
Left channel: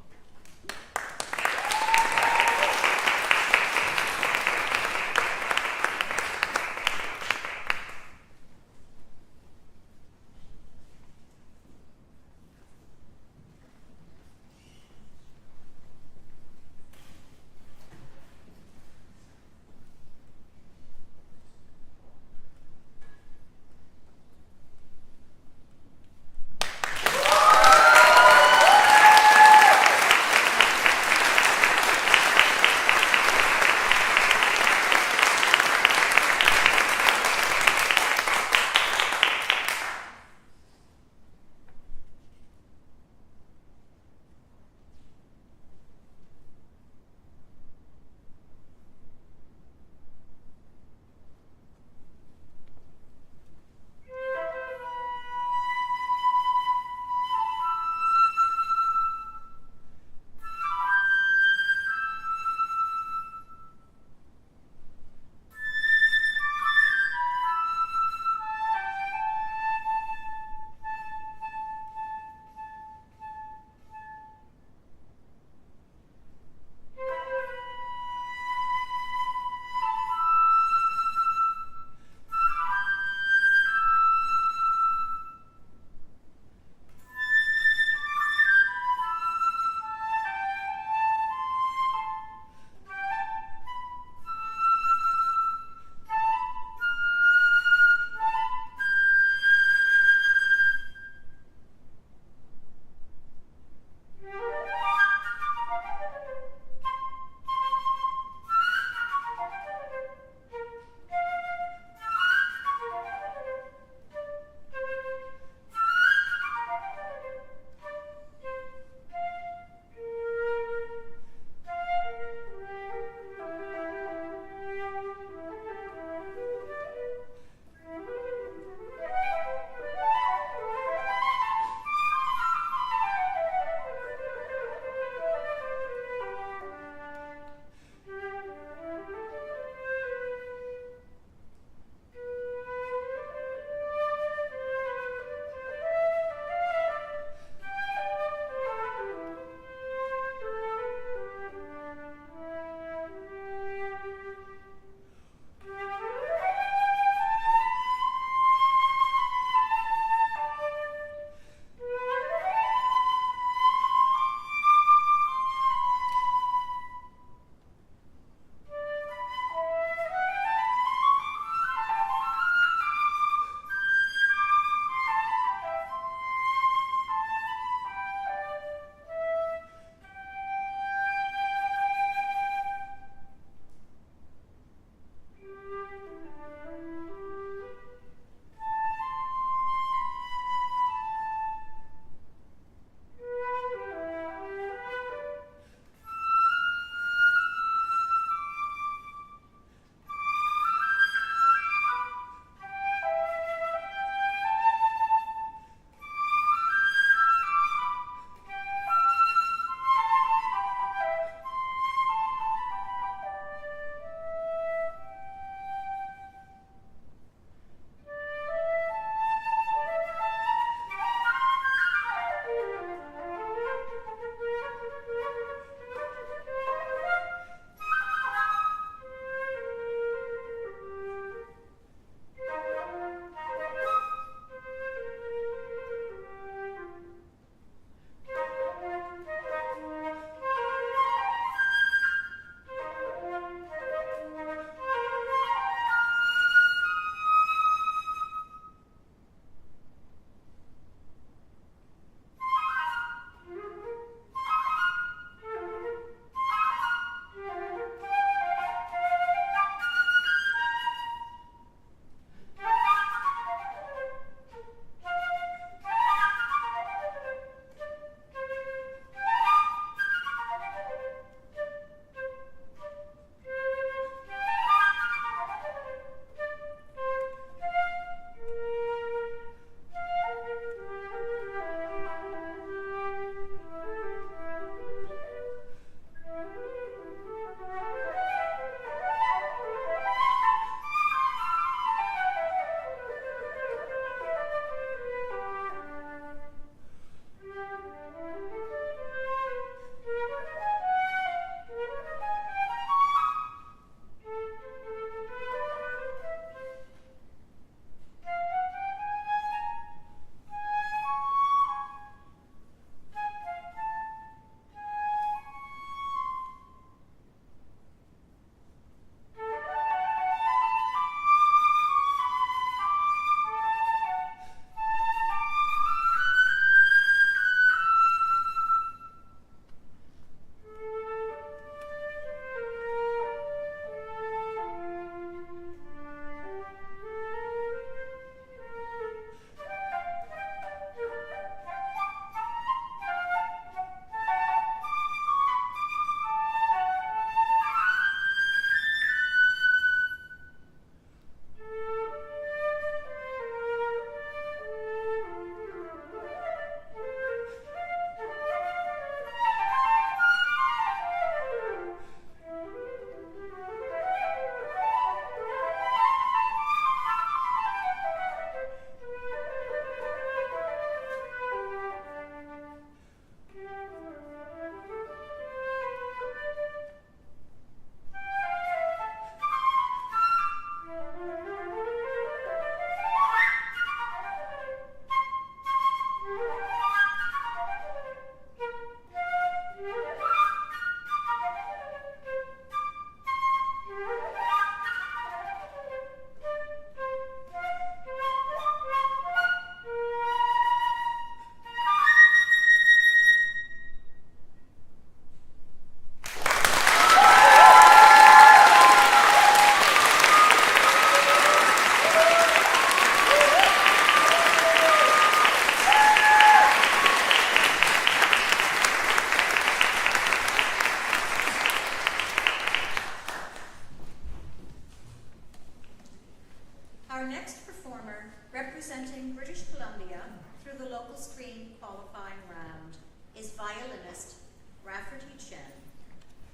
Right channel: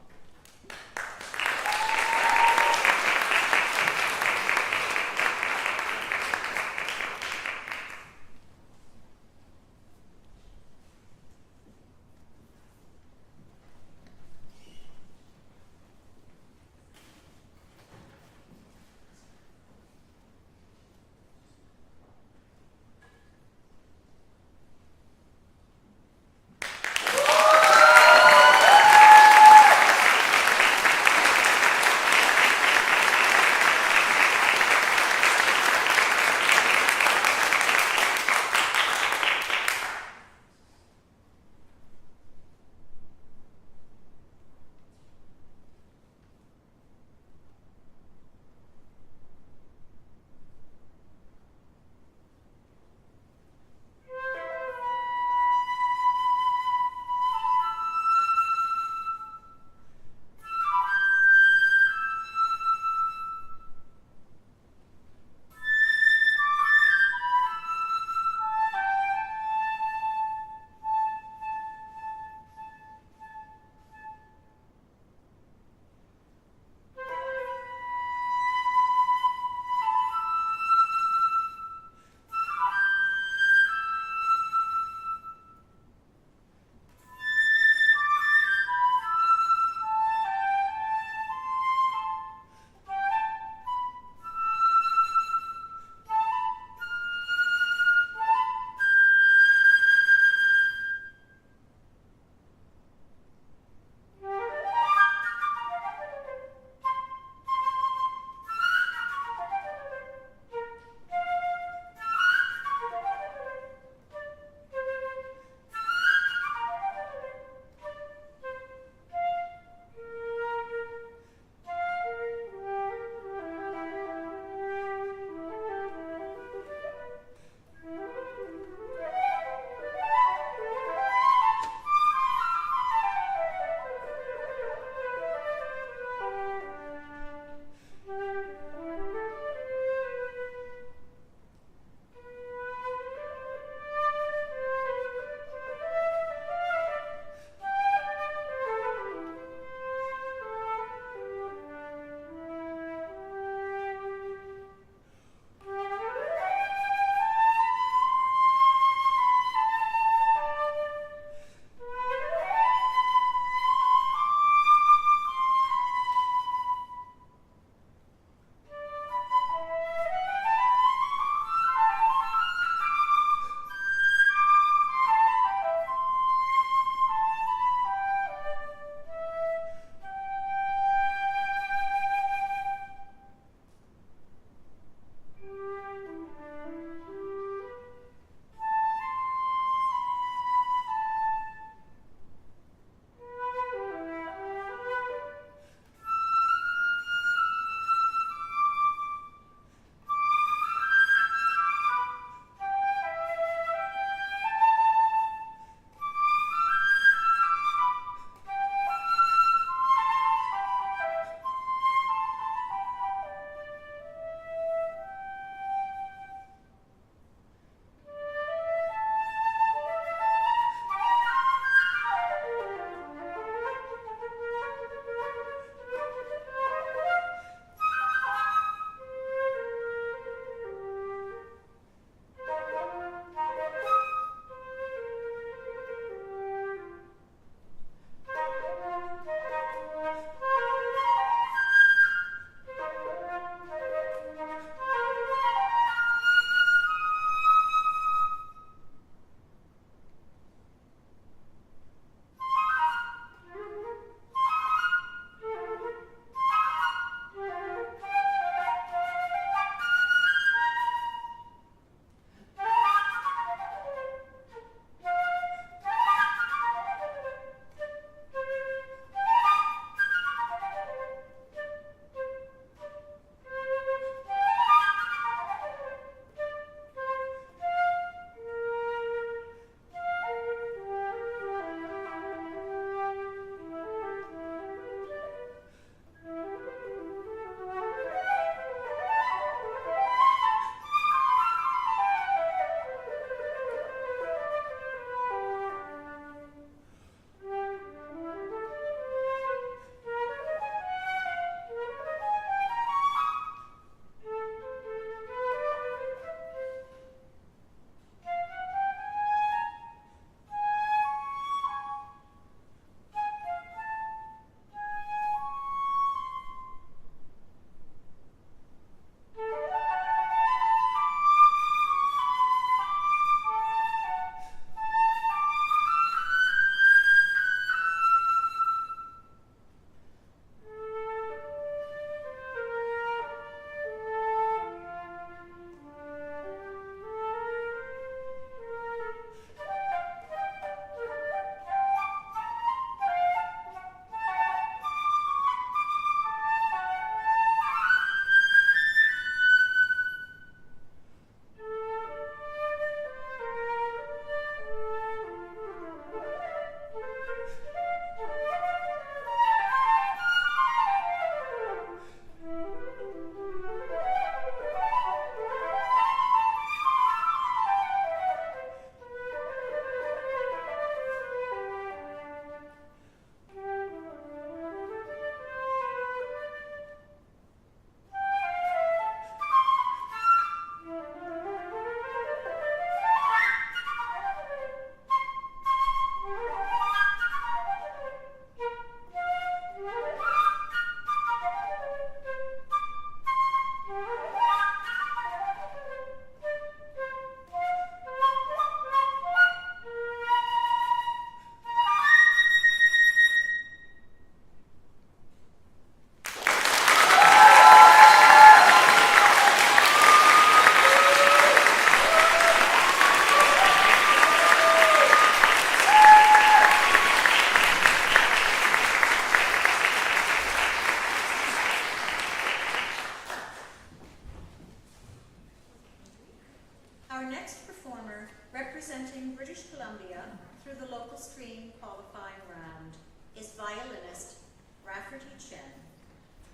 silkscreen qualifying round is violinist Rafferty Chen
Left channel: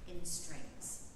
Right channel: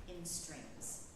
in strings.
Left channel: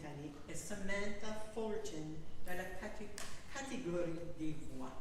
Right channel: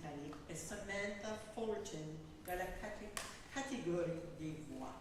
britannique est Samantha Fullerton dans la catégorie des voix.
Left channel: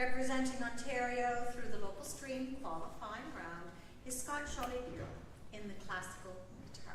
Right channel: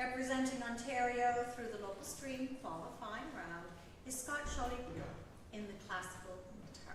Representing Ontario through the local stream qualifying round is Scott Caileigh in the classical guitar.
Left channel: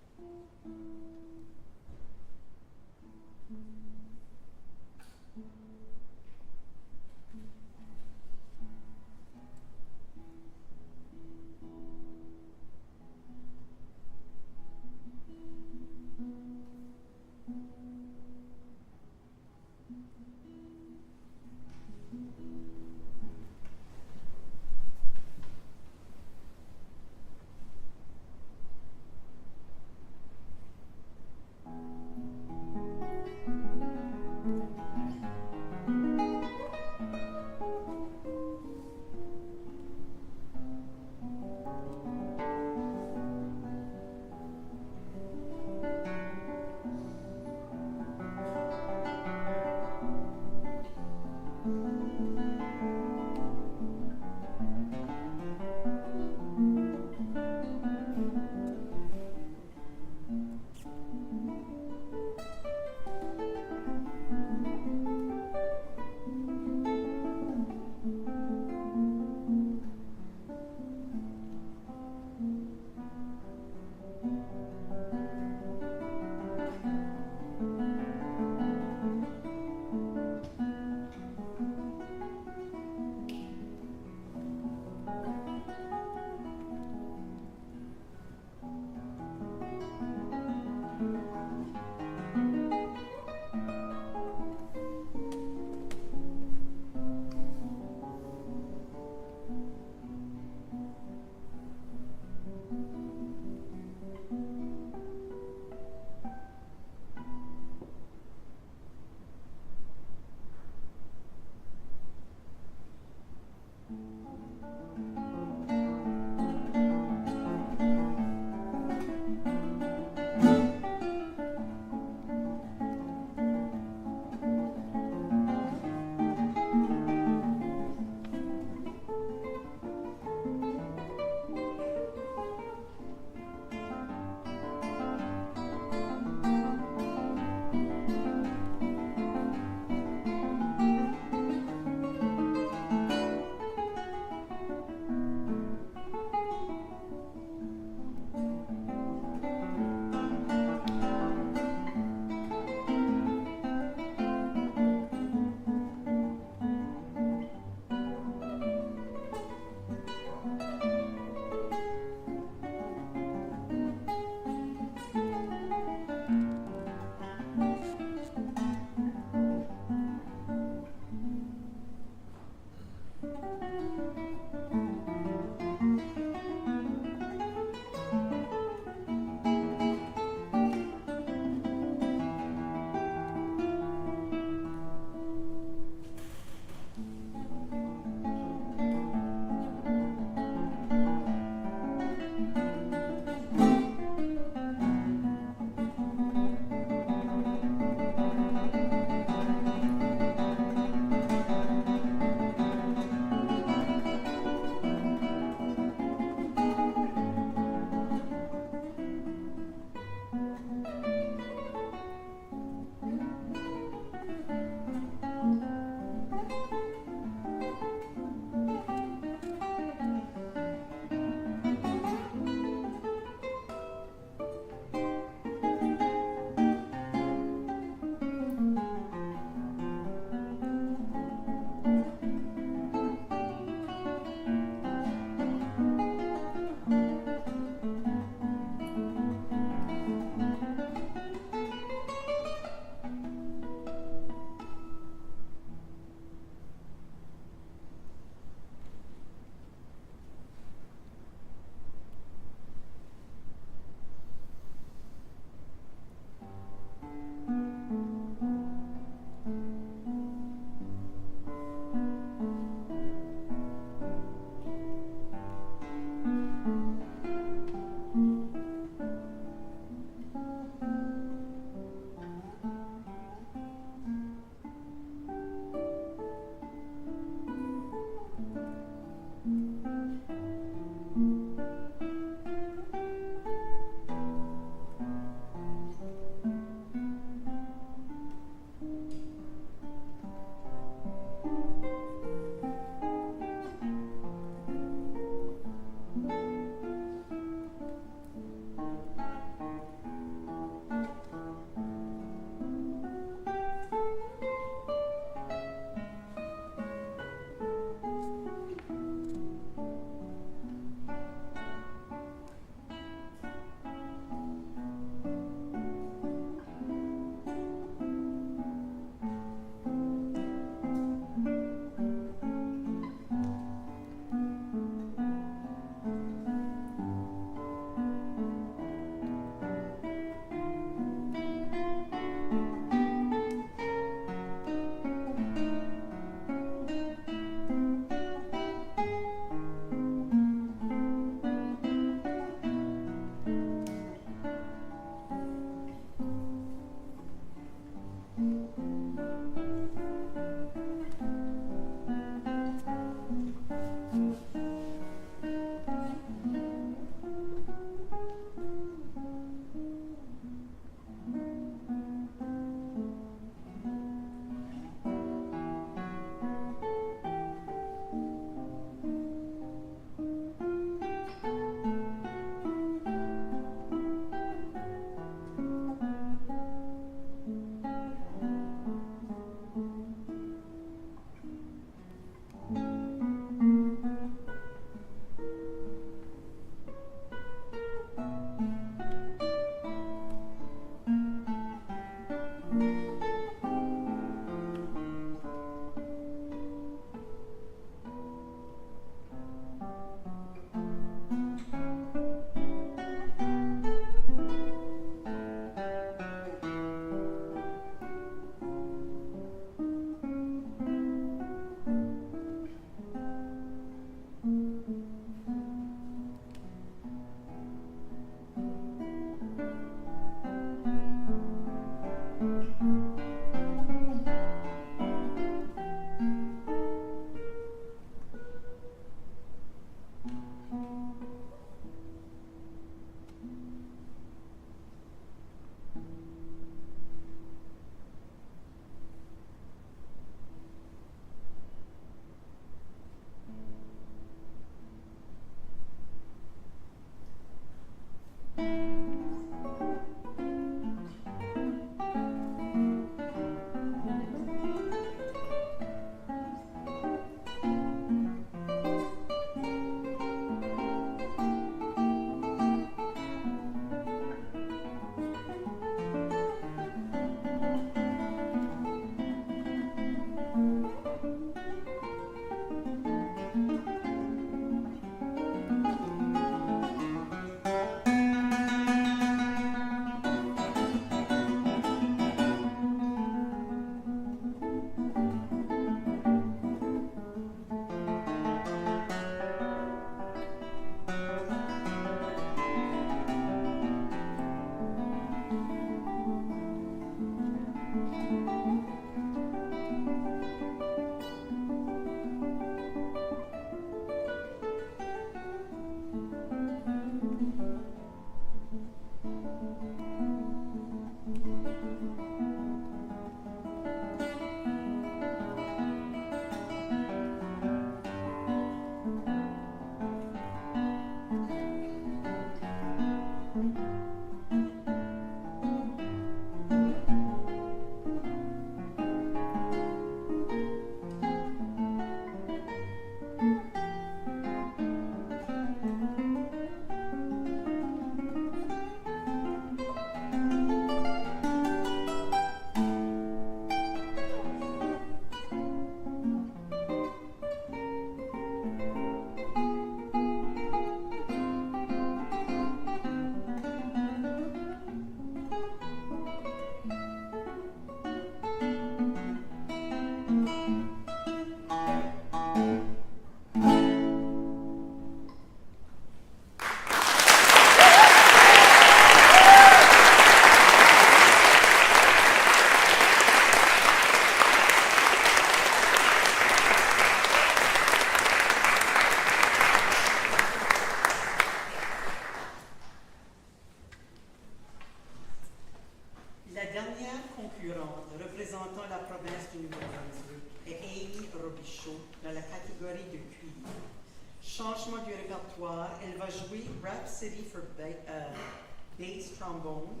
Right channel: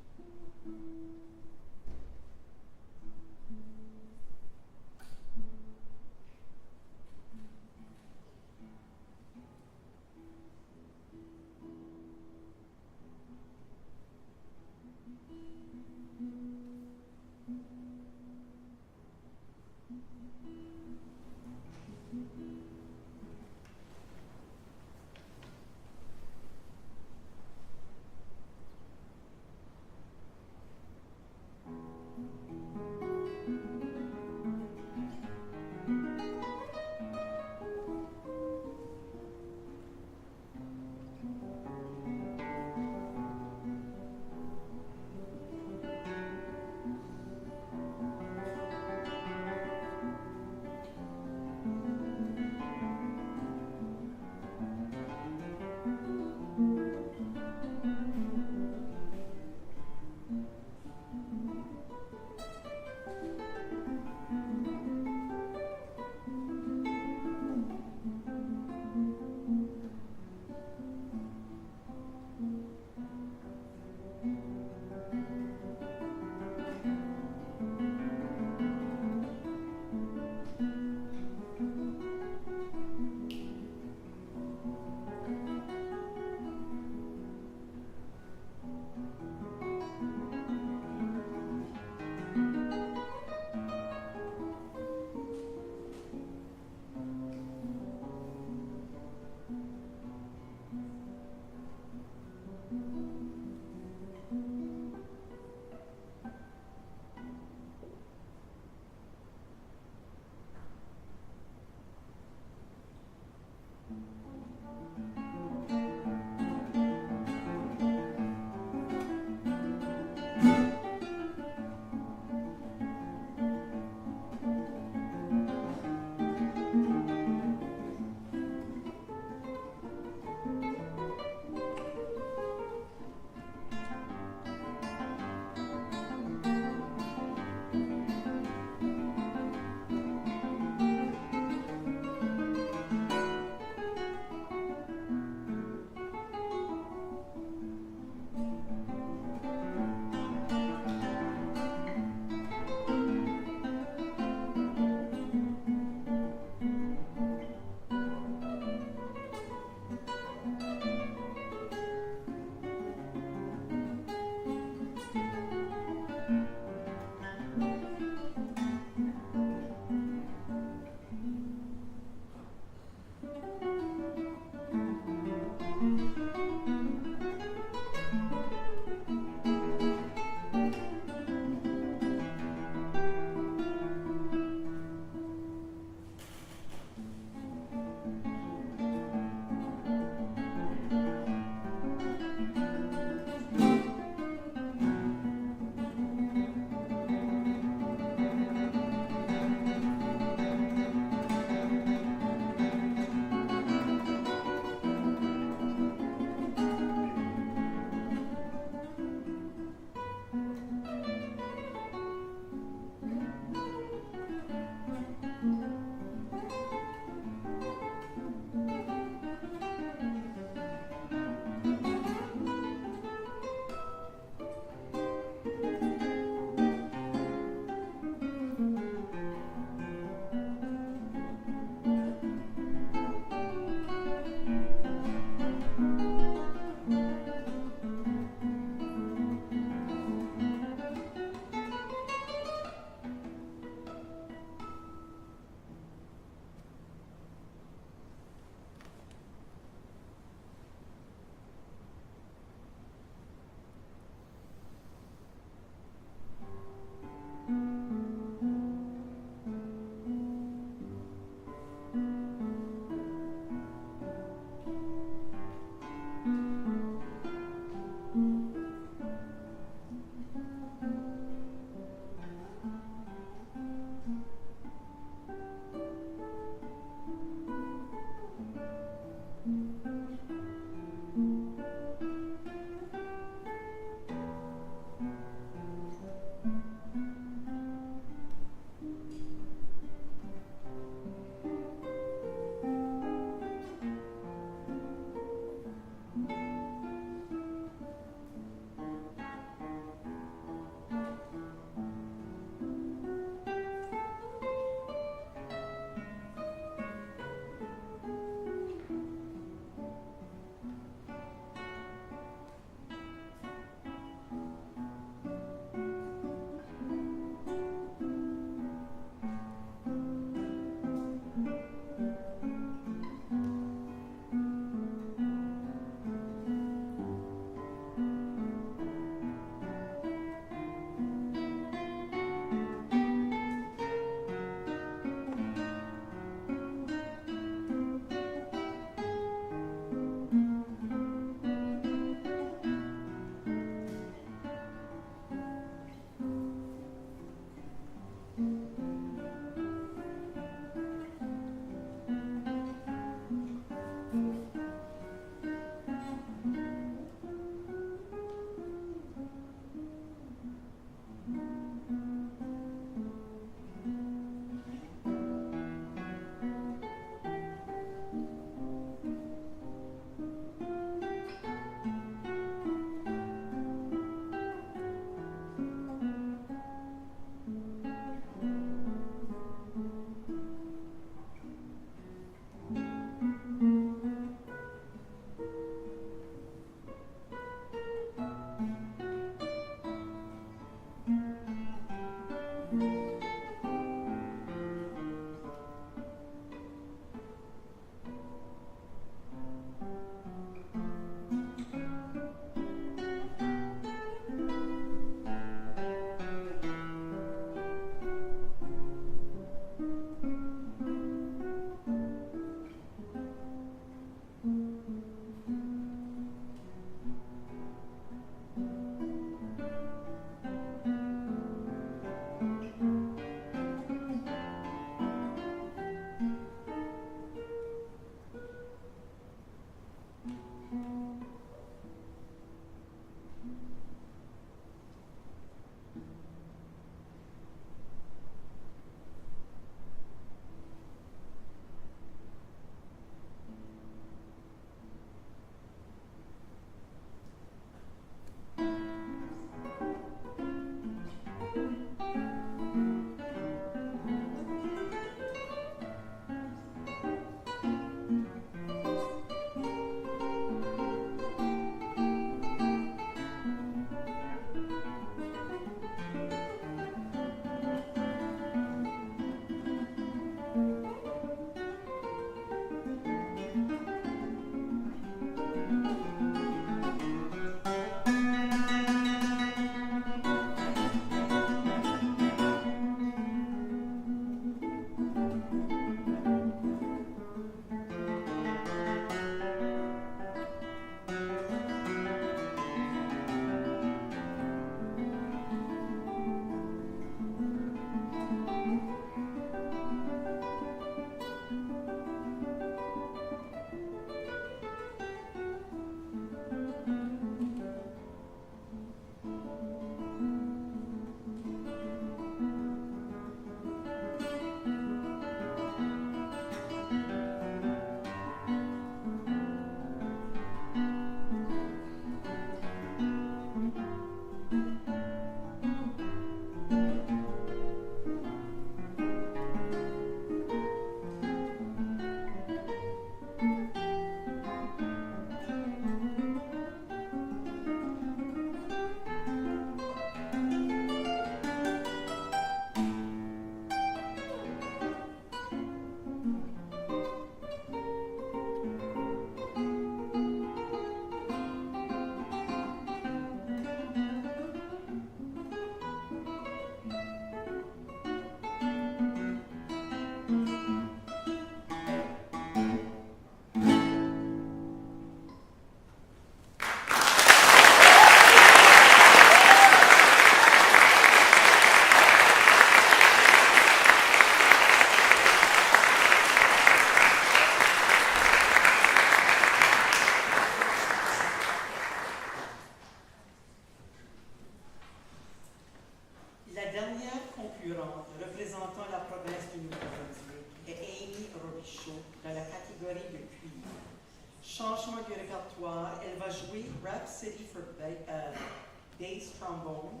relâchement du répertoire, elle va jouer Rhapsody for Bass Trombone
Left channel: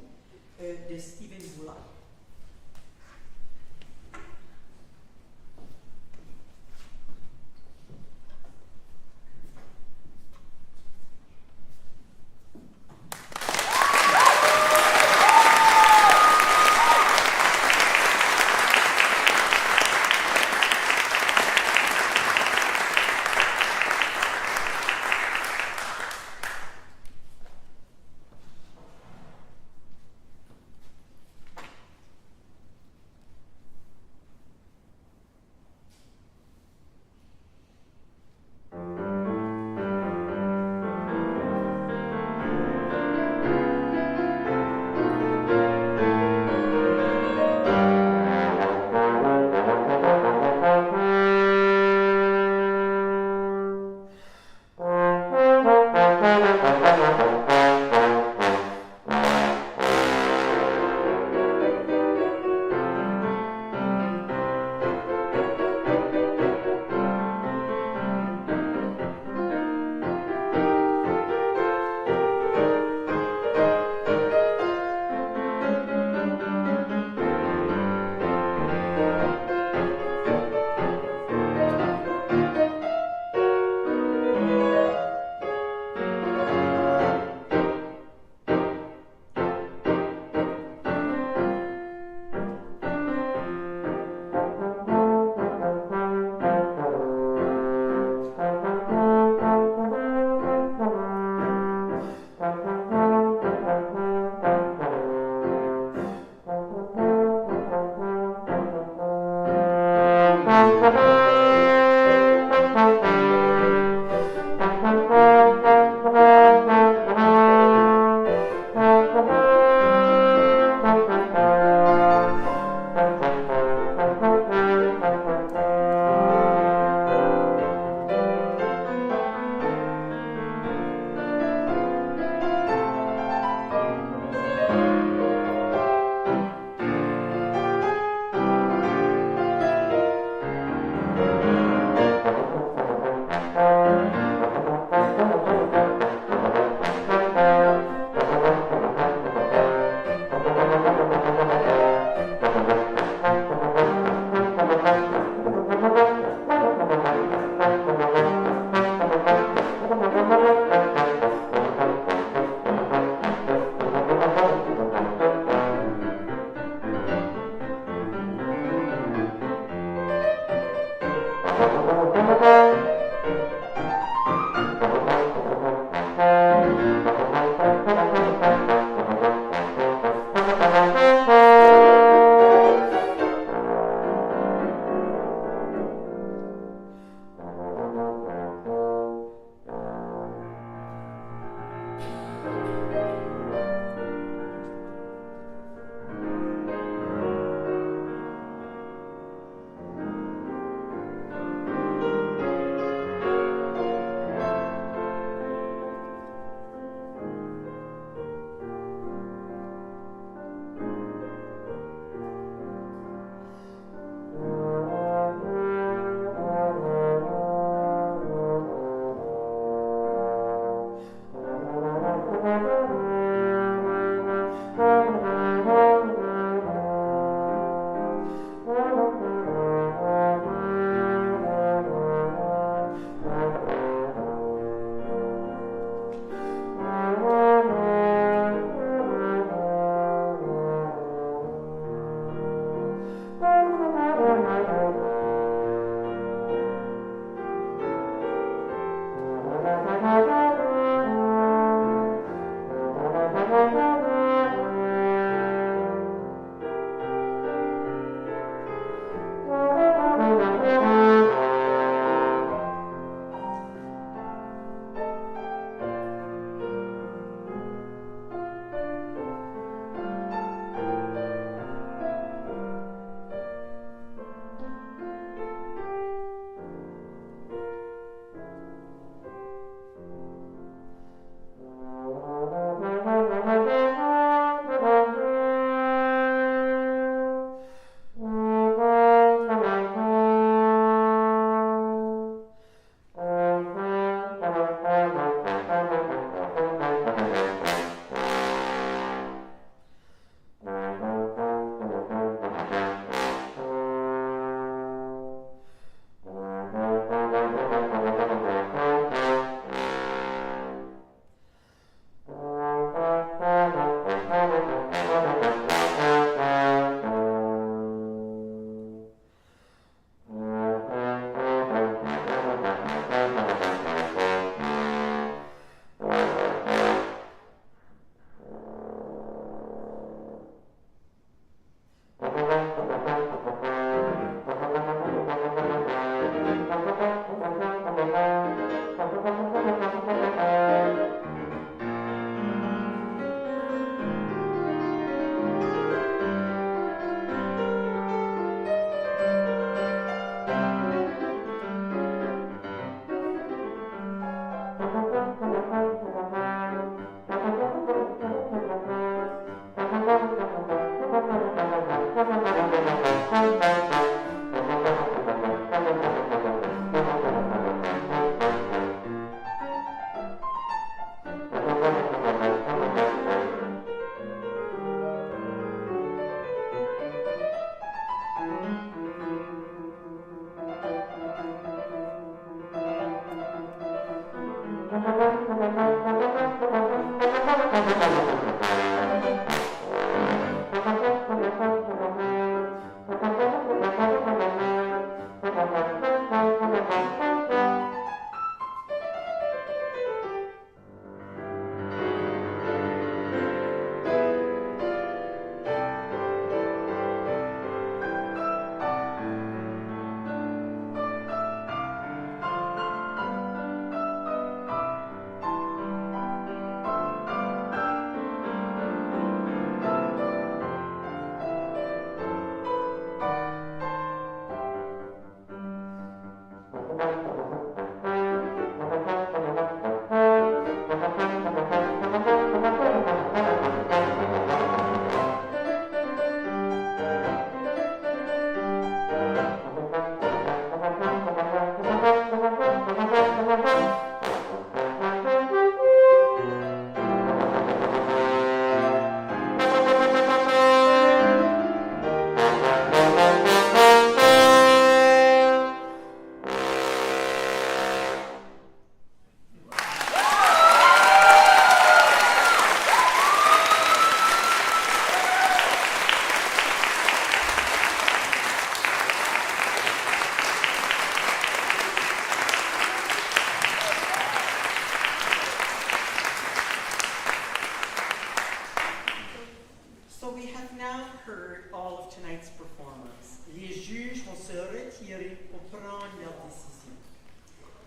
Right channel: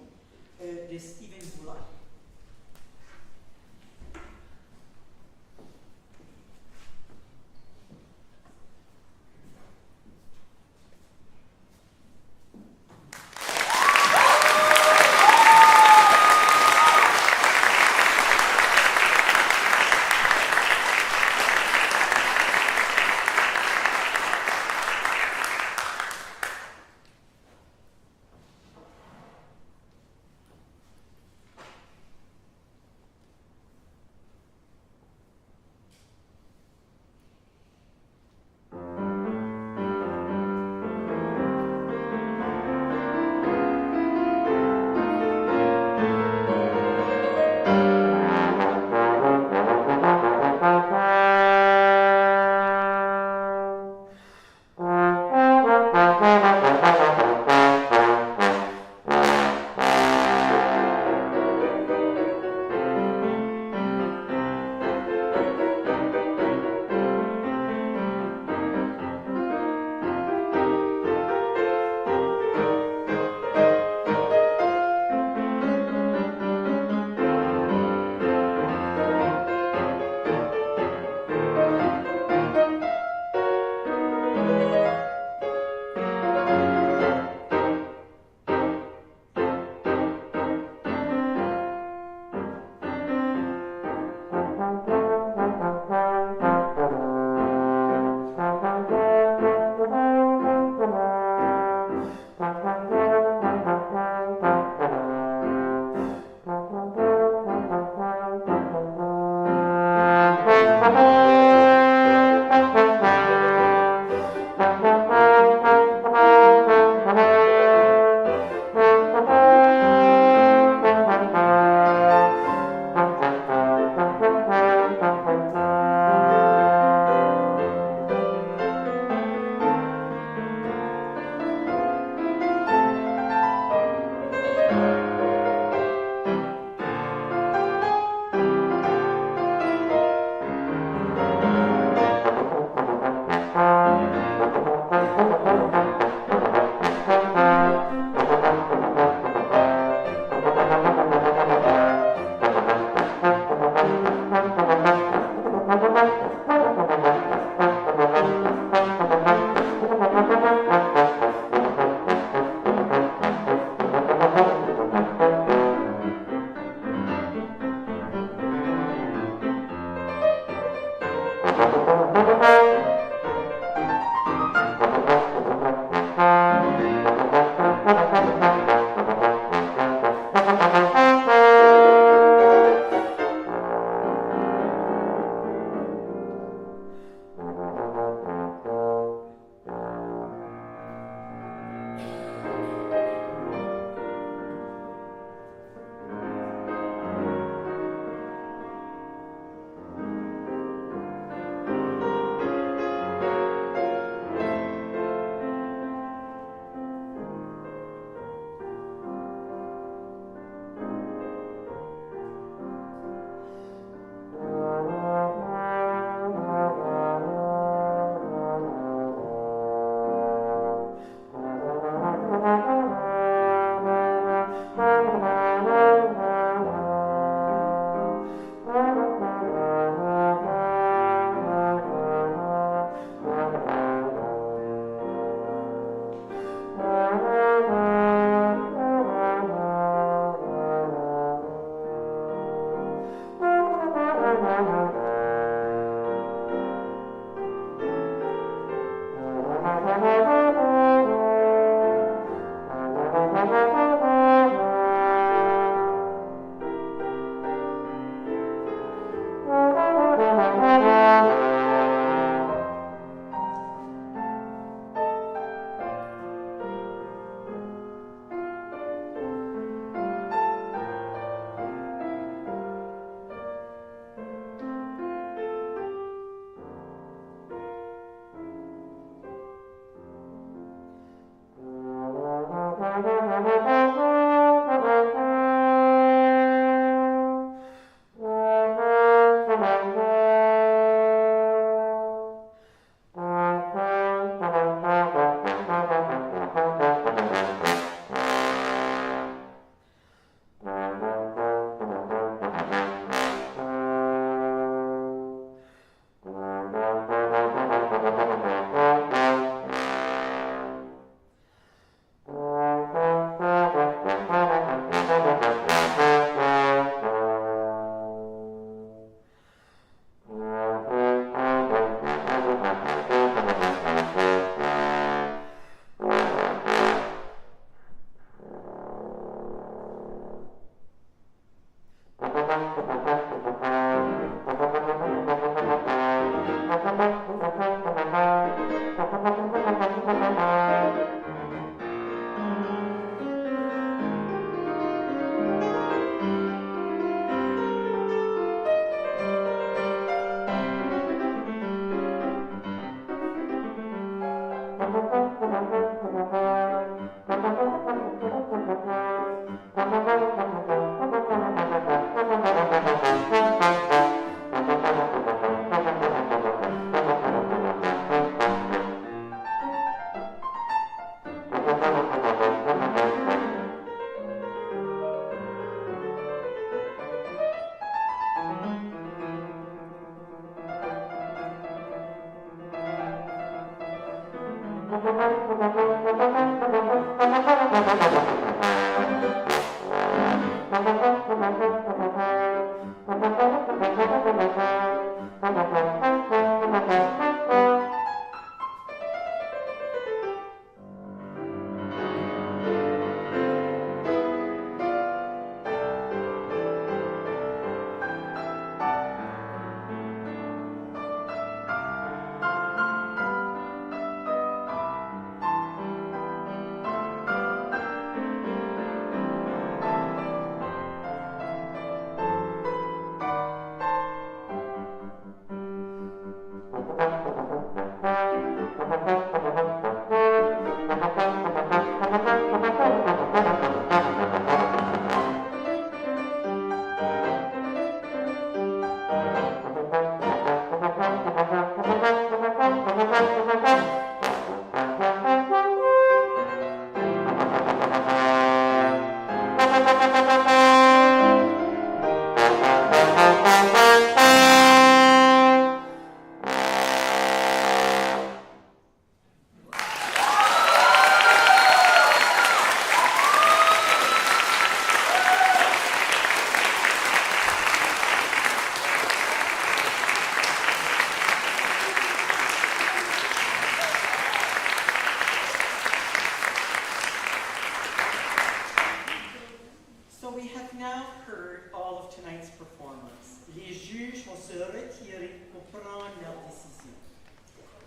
de Stephen Boulay.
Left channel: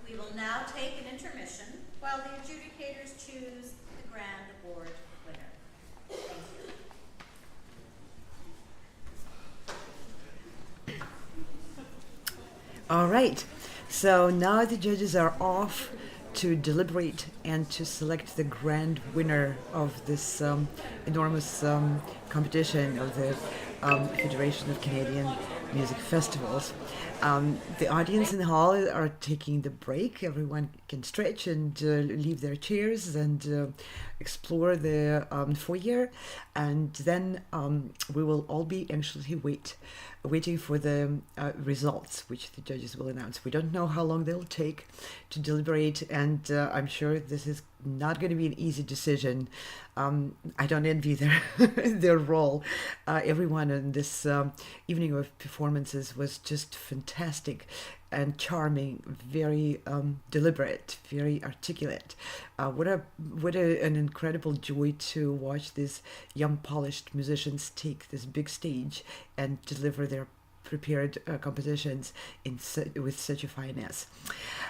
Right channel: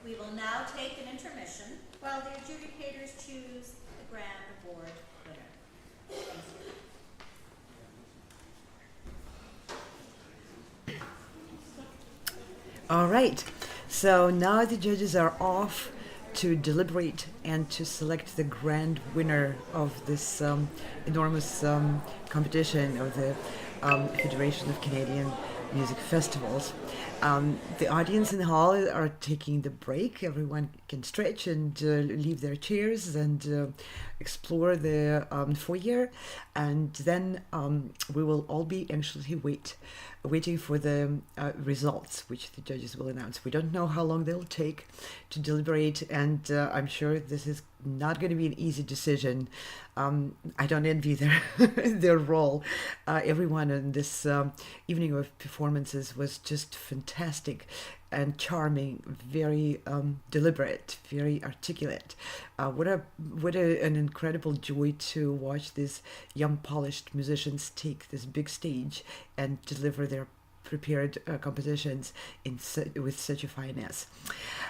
We will now take an intermission while the adjudicators choose the grand award winner. All right, so now the judges are off to deliberate and to select the grand winner of this enormous competition of the Federation of Canadian Music Festivals. The audience in the hall are taking the break. Everyone can stretch and leave their chairs and explore the foyer, and then we will all be anxiously waiting for the results, which the judges will announce. We don't know how long they'll take to deliberate, and I'm sure this is not going to be an easy decision. I don't envy their role. Everyone in this evening of performances was just fantastic and charming, very deliberate, very articulate. What an incredible joy to watch these young, polished musicians take this big stage and deliver their prepared compositions with such a finesse.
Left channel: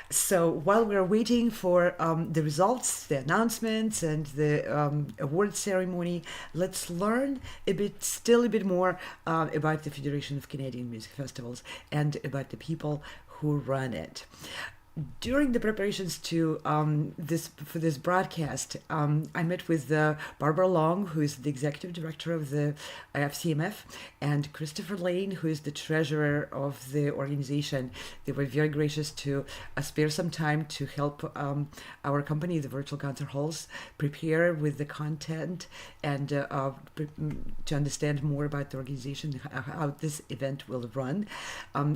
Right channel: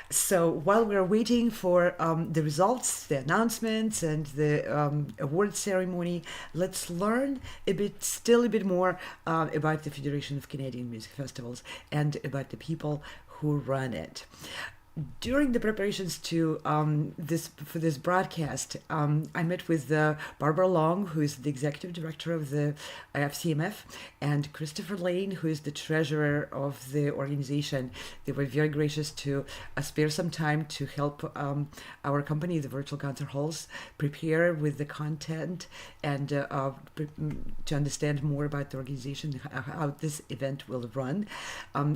So while we're waiting for the results, the announcements, and the award ceremony, let's learn a bit more about the Federation of Canadian Music Festivals and about the people who run it. During the preparations to this broadcast, I met with Barbara Long, who is the executive director of the FCMF, and Christopher Lane, who is the treasurer of the organization. They were very gracious to spare some time to help our company, the Virtual Concert Halls, prepare with the content and to understand more about the organization, how this event will run,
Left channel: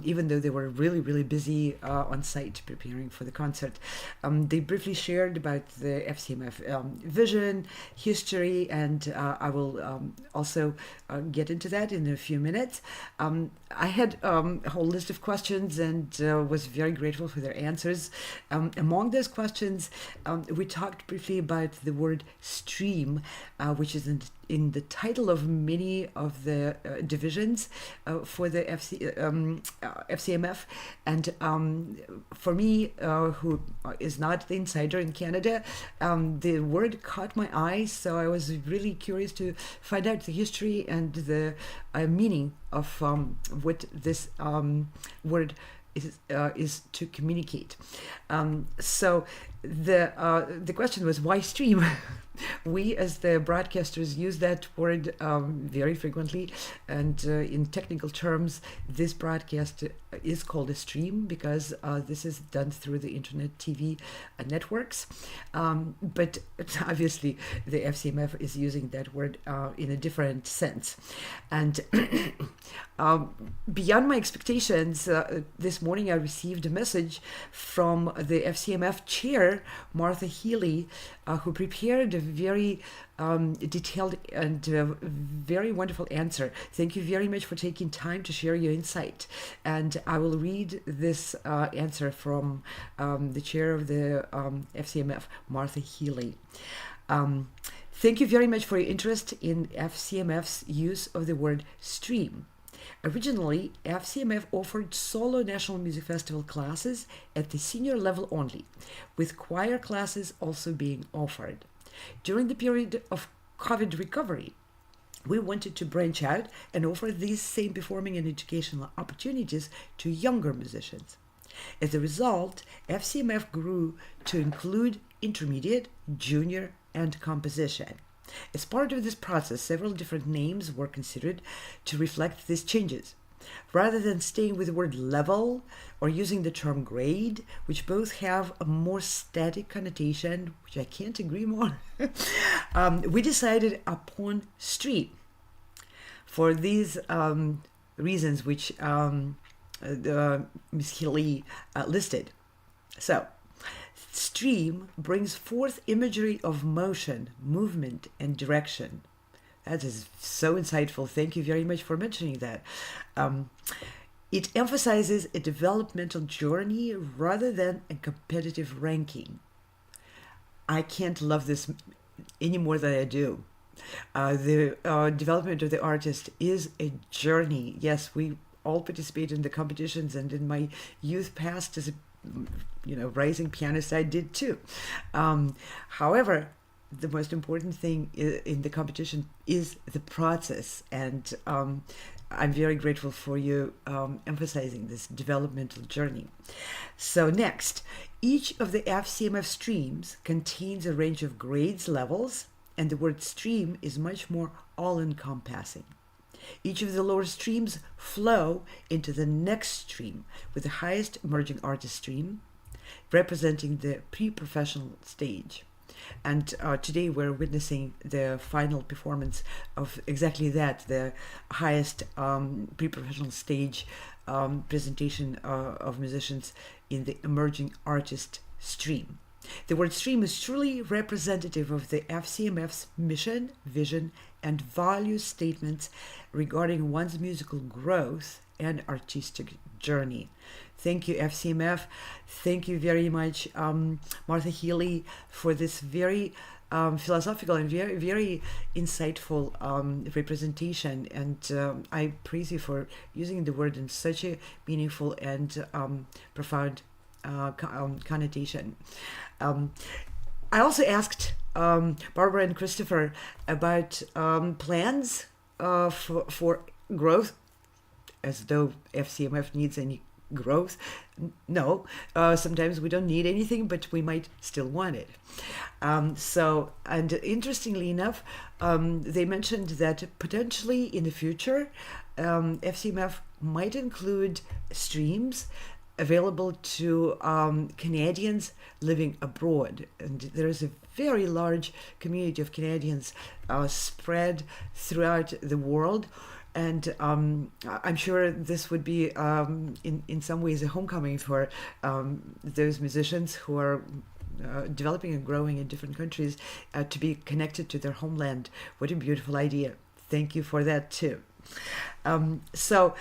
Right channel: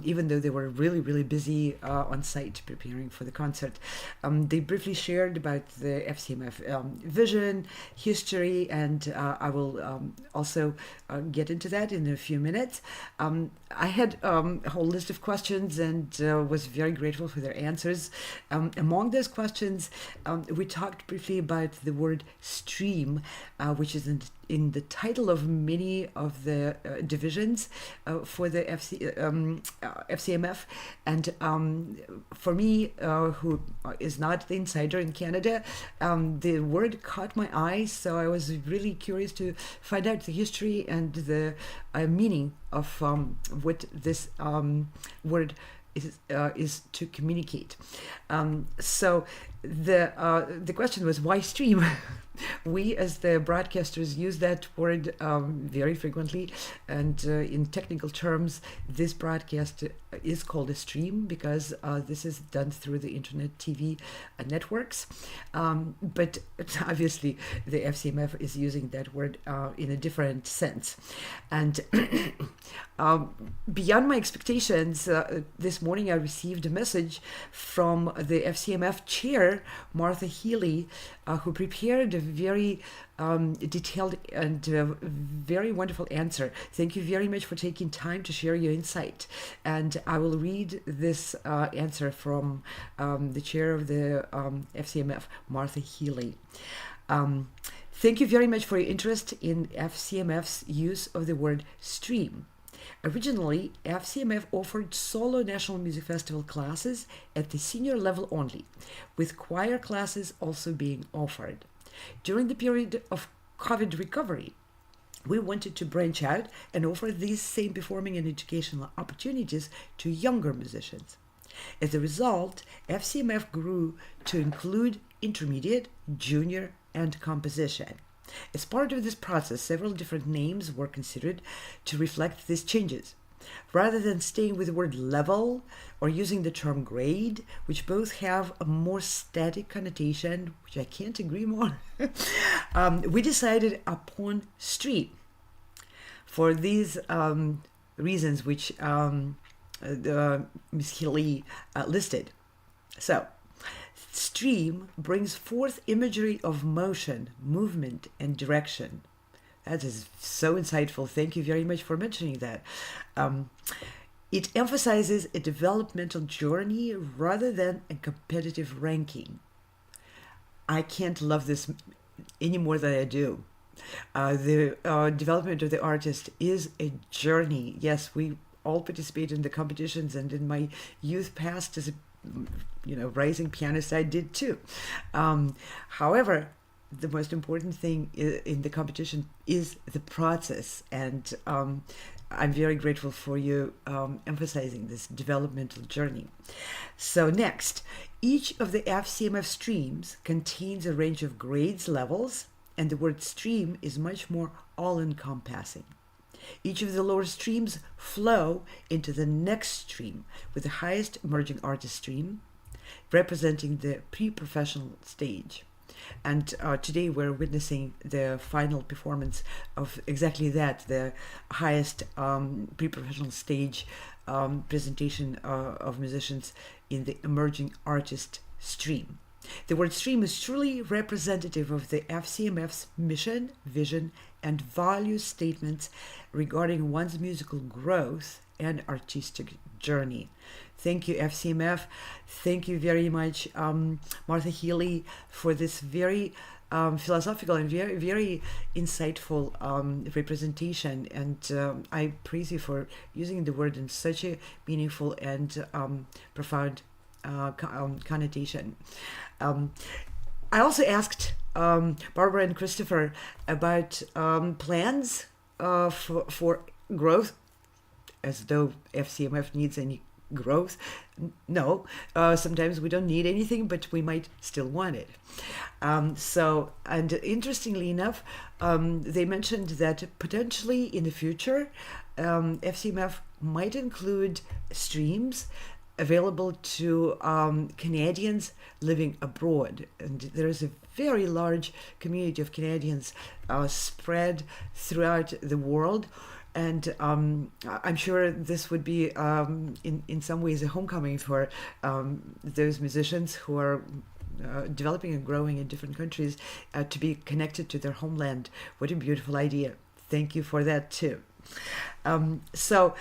even though they were really, really busy on site preparing for the concert. They briefly shared about the FCMF vision, history, and I will also get into that in a few minutes. I had a whole list of questions and was very grateful for their answers. Among those questions, we talked briefly about the word stream, which is in the title of many of the divisions for the FCMF. And for me, who is not the insider in Canada, the word caught my eye, so I was really curious to find out the history and the meaning of what this word is to communicate. So the question was, why stream? We, as the broadcasters, use that word very frequently, and in technical terms, this broadcast is called a stream because this is done through the internet TV networks. But obviously, the FCMF is using that word in a different sense. And beyond my expectations, this morning I received a message from the FCMF chair, Martha Healy, who prepared a very detailed and very wonderful answer. Thank you very much for taking time to share your insight. And I will read this answer from the chair of the FCMF, Martha Healy. Thank you very much for your interest in FCMF's use of the word stream. Originally, FCMF offered solo National Music Festival classes at the senior level only, with choir classes also being offered. During the period of COVID recovery, we wanted to branch out and offer these same performing and educational opportunities to younger musicians. As a result, FCMF grew to include intermediate, junior, and composition. As part of this process, several different names were considered to reflect these changes. Rather than staying with the word level or using the term grade, which both have a more static connotation, which I can't agree more, we decided upon stream for these reasons which Ms. Healy listed. So, stream brings forth imagery of motion, movement, and direction. That is so insightful. Thank you very much for mentioning that. It emphasizes a developmental journey rather than a competitive ranking. I can't love this any more than I do. The development of the artist is a journey. Yes, we all participate in the competitions, and in my youth past as a rising pianist, I did too. However, the most important thing in the competition is the process, and I'm very grateful for you emphasizing this developmental journey. So next, each of the FCMF streams contains a range of grades, levels, and the word stream is much more all-encompassing. Each of the lower streams flow into the next stream, with the highest emerging artist stream representing the pre-professional stage. And today we're witnessing the final performance of exactly that, the highest pre-professional stage presentation of musicians in the emerging artist stream. The word stream is truly representative of the FCMF's mission, vision, and value statements regarding one's musical growth and artistic journey. Thank you, FCMF. Thank you very much, Martha Healy, for this very philosophical and very, very insightful representation. And I praise you for using the word in such a meaningful and profound connotation. I also asked Barbara and Christopher about plans for growth, as though FCMF needs any growth. No, sometimes we don't need anything, but we might still want it. And interestingly enough, they mentioned that potentially in the future, FCMF might include streams available to Canadians living abroad. And there is a very large community of Canadians spread throughout the world. And I'm sure this would be, in some ways, a homecoming for those musicians who are developing and growing in different countries to be connected to their homeland. What a beautiful idea. Thank you for that, too. So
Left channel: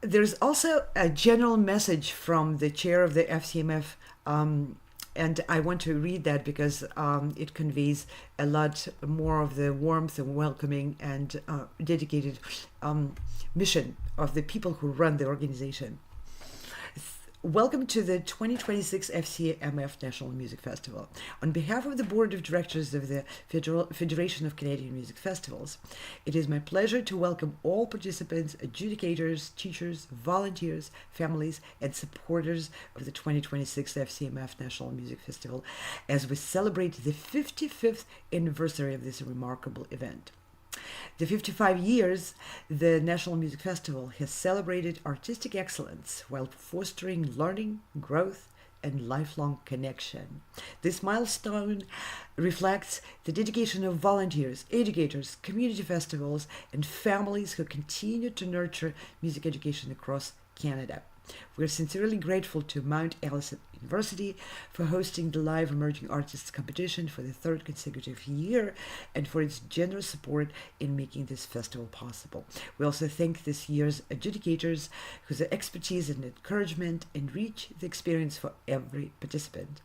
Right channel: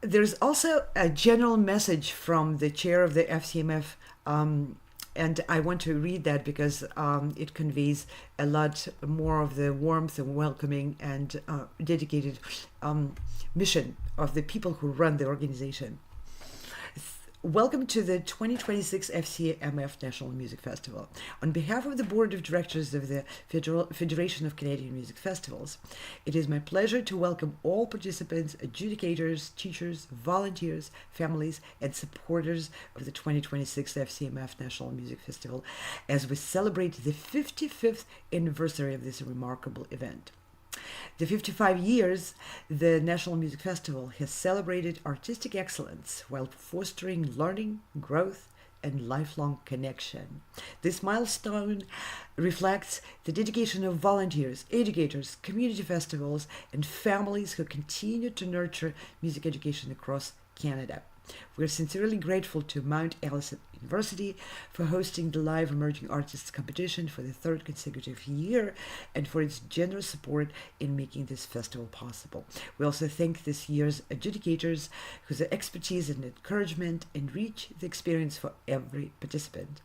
there's also a general message from the chair of the FCMF, and I want to read that because it conveys a lot more of the warmth and welcoming and dedicated mission of the people who run the organization. Welcome to the 2026 FCMF National Music Festival. On behalf of the Board of Directors of the Federation of Canadian Music Festivals, it is my pleasure to welcome all participants, adjudicators, teachers, volunteers, families, and supporters of the 2026 FCMF National Music Festival as we celebrate the 55th anniversary of this remarkable event. The 55 years, the National Music Festival has celebrated artistic excellence while fostering learning, growth, and lifelong connection. This milestone reflects the dedication of volunteers, educators, community festivals, and families who continue to nurture music education across Canada. We are sincerely grateful to Mount Allison University for hosting the Live Emerging Artists competition for the third consecutive year and for its generous support in making this festival possible. We also thank this year's adjudicators whose expertise and encouragement enrich the experience for every participant.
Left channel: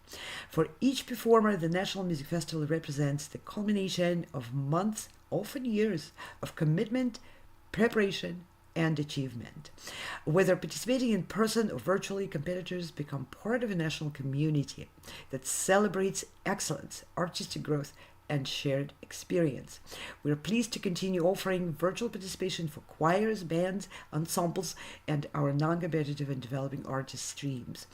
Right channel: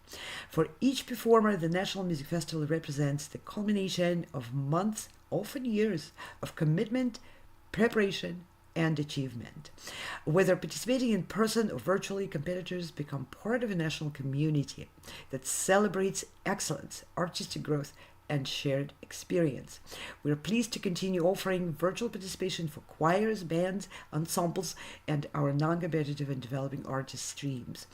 For each performer, the National Music Festival represents the culmination of months, often years, of commitment, preparation, and achievement. Whether participating in person or virtually, competitors become part of a national community that celebrates excellence, artistic growth, and shared experience. We are pleased to continue offering virtual participation for choirs, bands, ensembles, and our non-competitive and developing artist streams.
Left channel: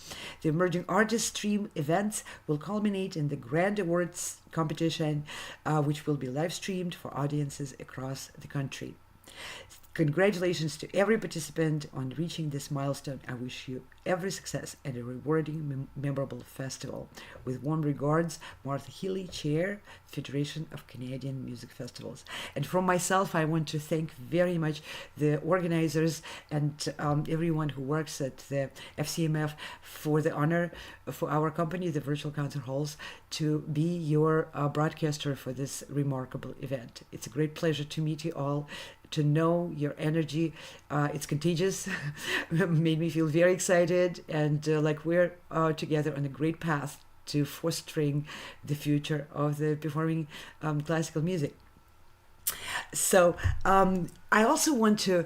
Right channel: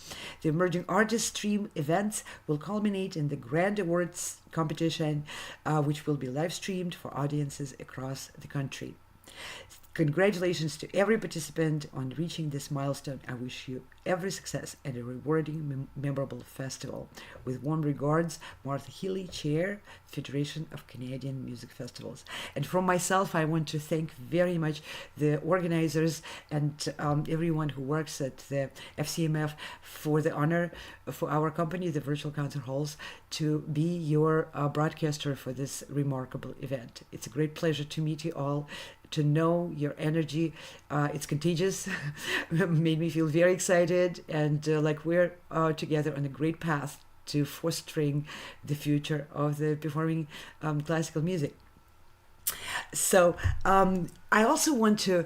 The Emerging Artist Stream events will culminate in the Grand Awards competition, which will be live streamed for audiences across the country. Congratulations to every participant on reaching this milestone. I wish you every success and a rewarding, memorable festival. With warm regards, Martha Healy, Chair, Federation of Canadian Music Festivals. And from myself, I want to thank very much the organizers and everyone who works at the FCMF for the honor for our company, the Virtual Concert Halls, to be your broadcaster for this remarkable event. It's a great pleasure to meet you all, to know your energy. It's contagious, made me feel very excited, and like we're together on a great path to fostering the future of the performing classical music. So I also want to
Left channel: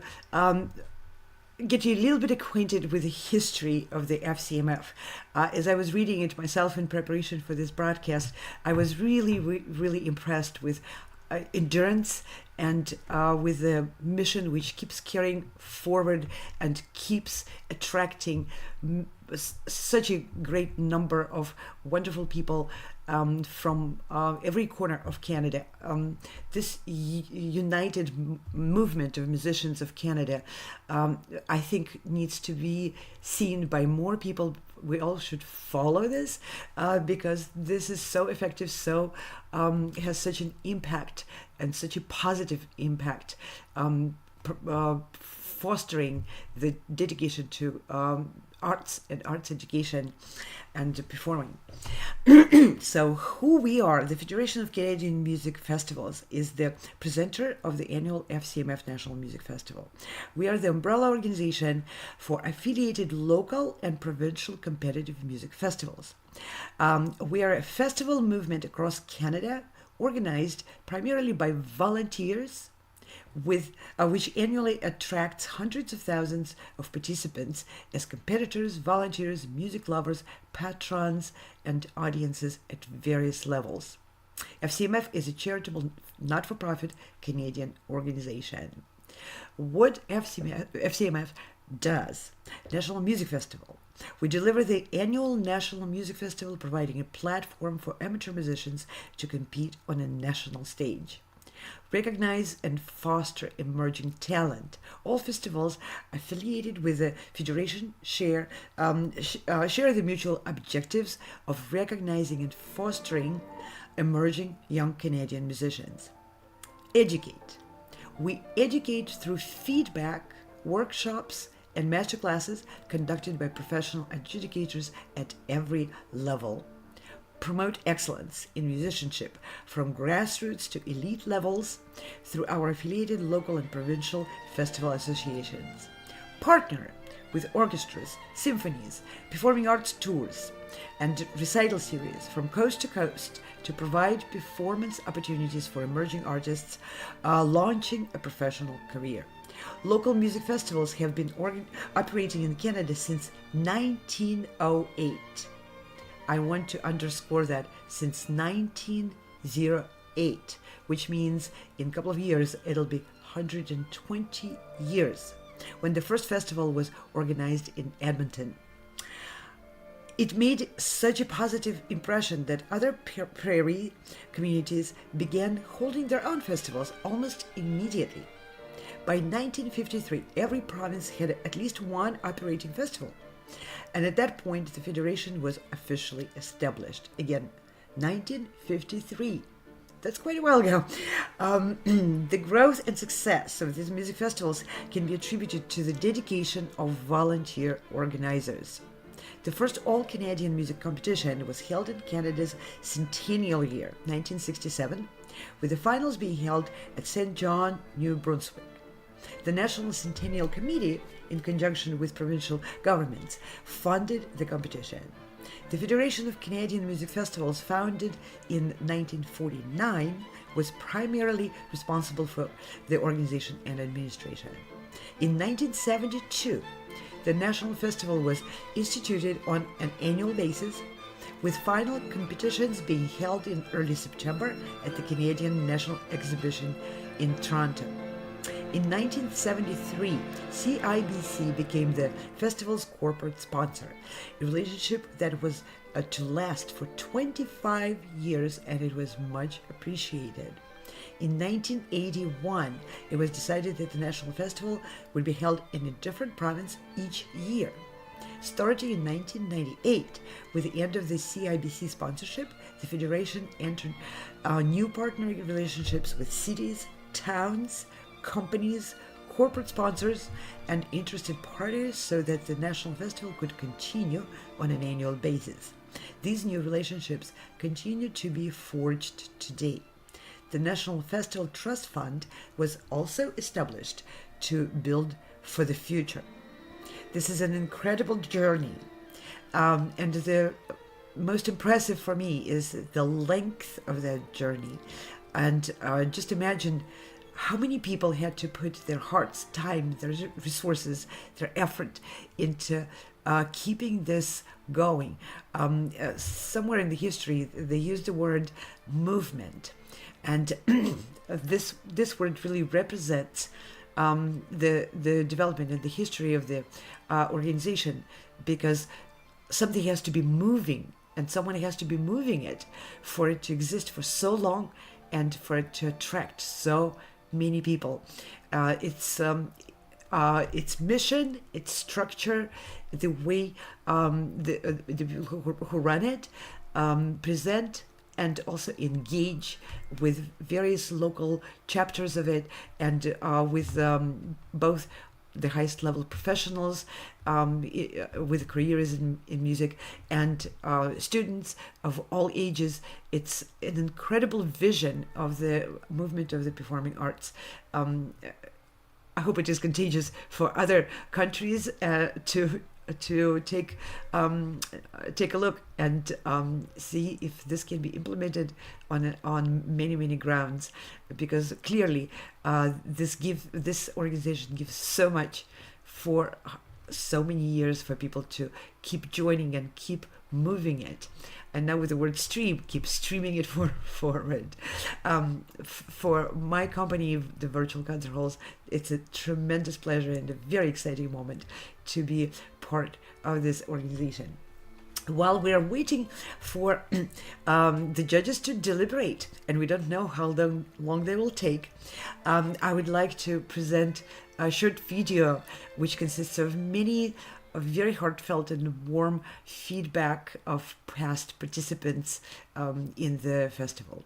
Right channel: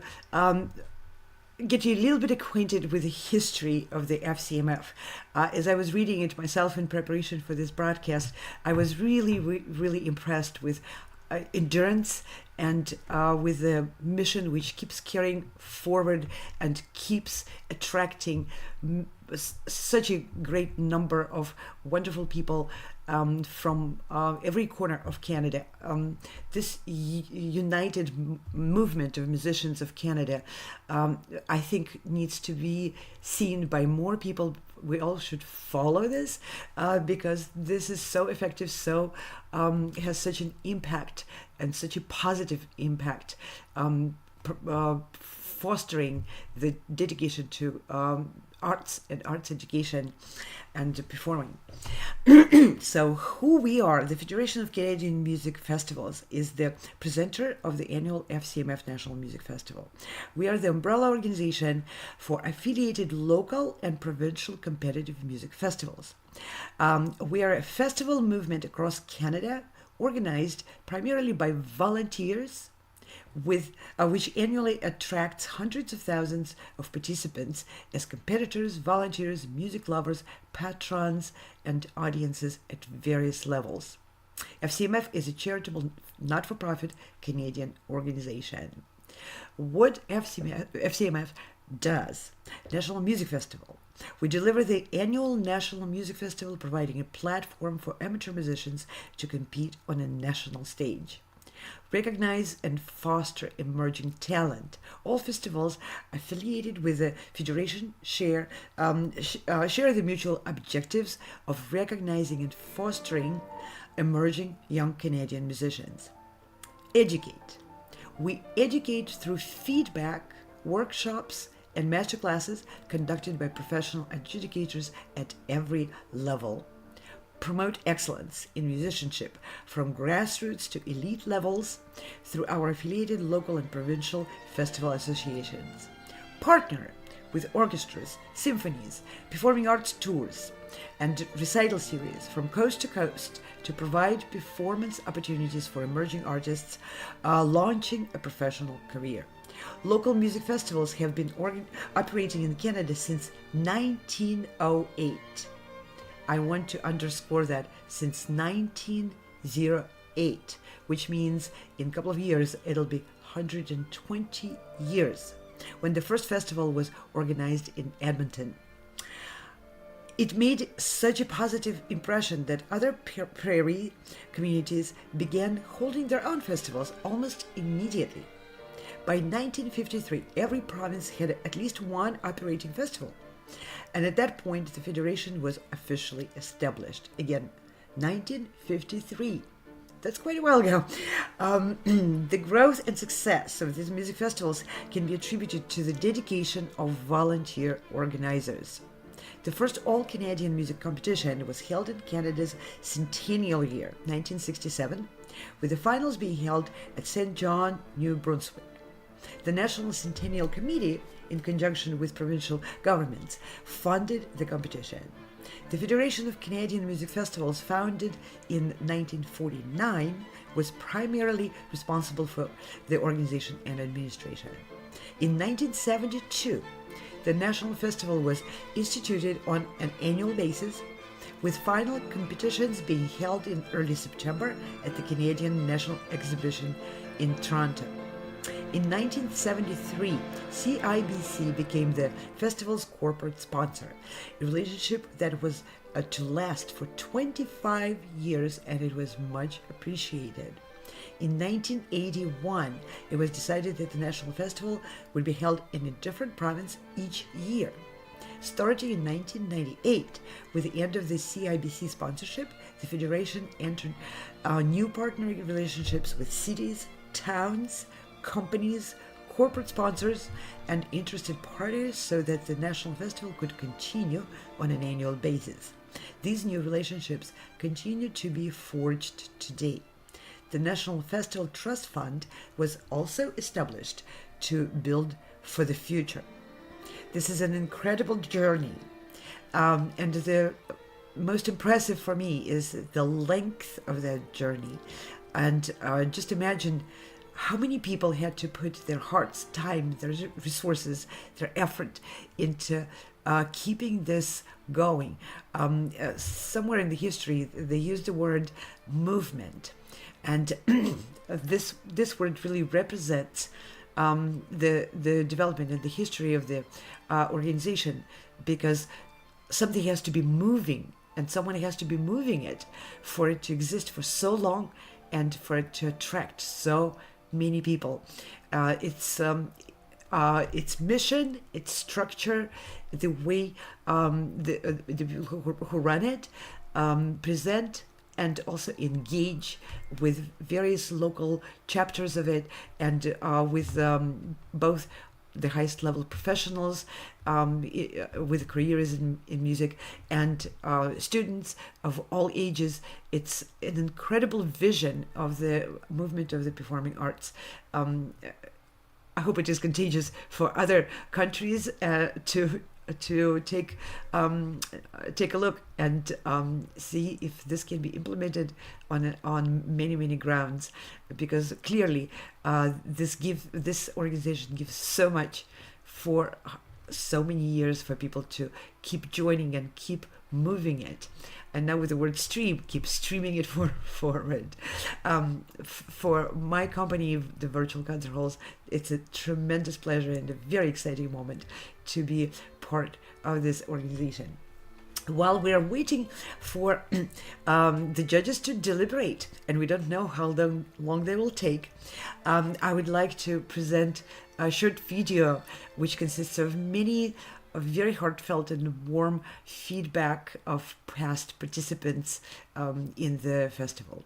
get you a little bit acquainted with the history of the FCMF. As I was reading it myself in preparation for this broadcast, I was really impressed with endurance and with the mission which keeps carrying forward and keeps attracting such a great number of wonderful people from every corner of Canada. This united movement of musicians of Canada, I think, needs to be seen by more people. We all should follow this because this is so effective, so has such an impact and such a positive impact, fostering the dedication to arts and arts education and performing. So who we are, the Federation of Canadian Music Festivals is the presenter of the annual FCMF National Music Festival. We are the umbrella organization for affiliated local and provincial competitive music festivals. We are a festival movement across Canada, organized primarily by volunteers, with which annually attracts hundreds of thousands of participants as competitors, volunteers, music lovers, patrons, and audiences at various levels. FCMF is a charitable, not-for-profit Canadian organization. What FCMF does: National Music Festival. We deliver the annual National Music Festival, providing a platform for amateur musicians to compete on a national stage. Recognize and foster emerging talent. All festivals affiliated with the Federation share the mutual objectives of recognizing and fostering emerging young Canadian musicians. Educate. We educate through feedback, workshops, and masterclasses conducted by professional adjudicators at every level. Promote excellence in musicianship from grassroots to elite levels through our affiliated local and provincial festival associations. Partner with orchestras, symphonies, performing arts tours, and recital series from coast to coast to provide performance opportunities for emerging artists launching a professional career. Local music festivals have been operating in Canada since 1908. I want to underscore that, since 1908, which means in a couple of years it'll be 120 years when the first festival was organized in Edmonton. It made such a positive impression that other prairie communities began holding their own festivals almost immediately. By 1953, every province had at least one operating festival. And at that point, the federation was officially established. Again, 1953. That's quite a while ago. The growth and success of these music festivals can be attributed to the dedication of volunteer organizers. The first all-Canadian music competition was held in Canada's centennial year, 1967, with the finals being held at St. John, New Brunswick. The National Centennial Committee, in conjunction with provincial governments, funded the competition. The Federation of Canadian Music Festivals, founded in 1949, was primarily responsible for the organization and administration. In 1972, the National Festival was instituted on an annual basis, with final competitions being held in early September at the Canadian National Exhibition in Toronto. In 1973, CIBC became the festival's corporate sponsor, a relationship that was to last for 25 years, and it was much appreciated. In 1981, it was decided that the National Festival would be held in a different province each year. Starting in 1998, with the end of the CIBC sponsorship, the Federation entered new partnering relationships with cities, towns, companies, corporate sponsors, and interested parties so that the National Festival could continue on an annual basis. These new relationships continue to be forged today. The National Festival Trust Fund was also established to build for the future. This is an incredible journey, and the most impressive for me is the length of that journey. And just imagine how many people had to put their hearts, time, their resources, their effort into keeping this going. Somewhere in the history, they used the word movement. And this word really represents the development and the history of the organization, because something has to be moving, and someone has to be moving it for it to exist for so long and for it to attract so many people. Its mission, its structure, the way the people who run it present and also engage with various local chapters of it, and with both the highest level professionals with careers in music and students of all ages. It's an incredible vision of the movement of the performing arts. I hope it is contagious for other countries to take a look and see if this can be implemented on many grounds, because clearly this organization gives so much for so many years for people to keep joining and keep moving it. And now with the word stream, keep streaming it forward. For my company, the Virtual Concert Halls, it's a tremendous pleasure and a very exciting moment to be part of this organization. While we are waiting for the judges to deliberate, and we don't know how long they will take, I would like to present a short video which consists of many very heartfelt and warm feedback of past participants in the festival.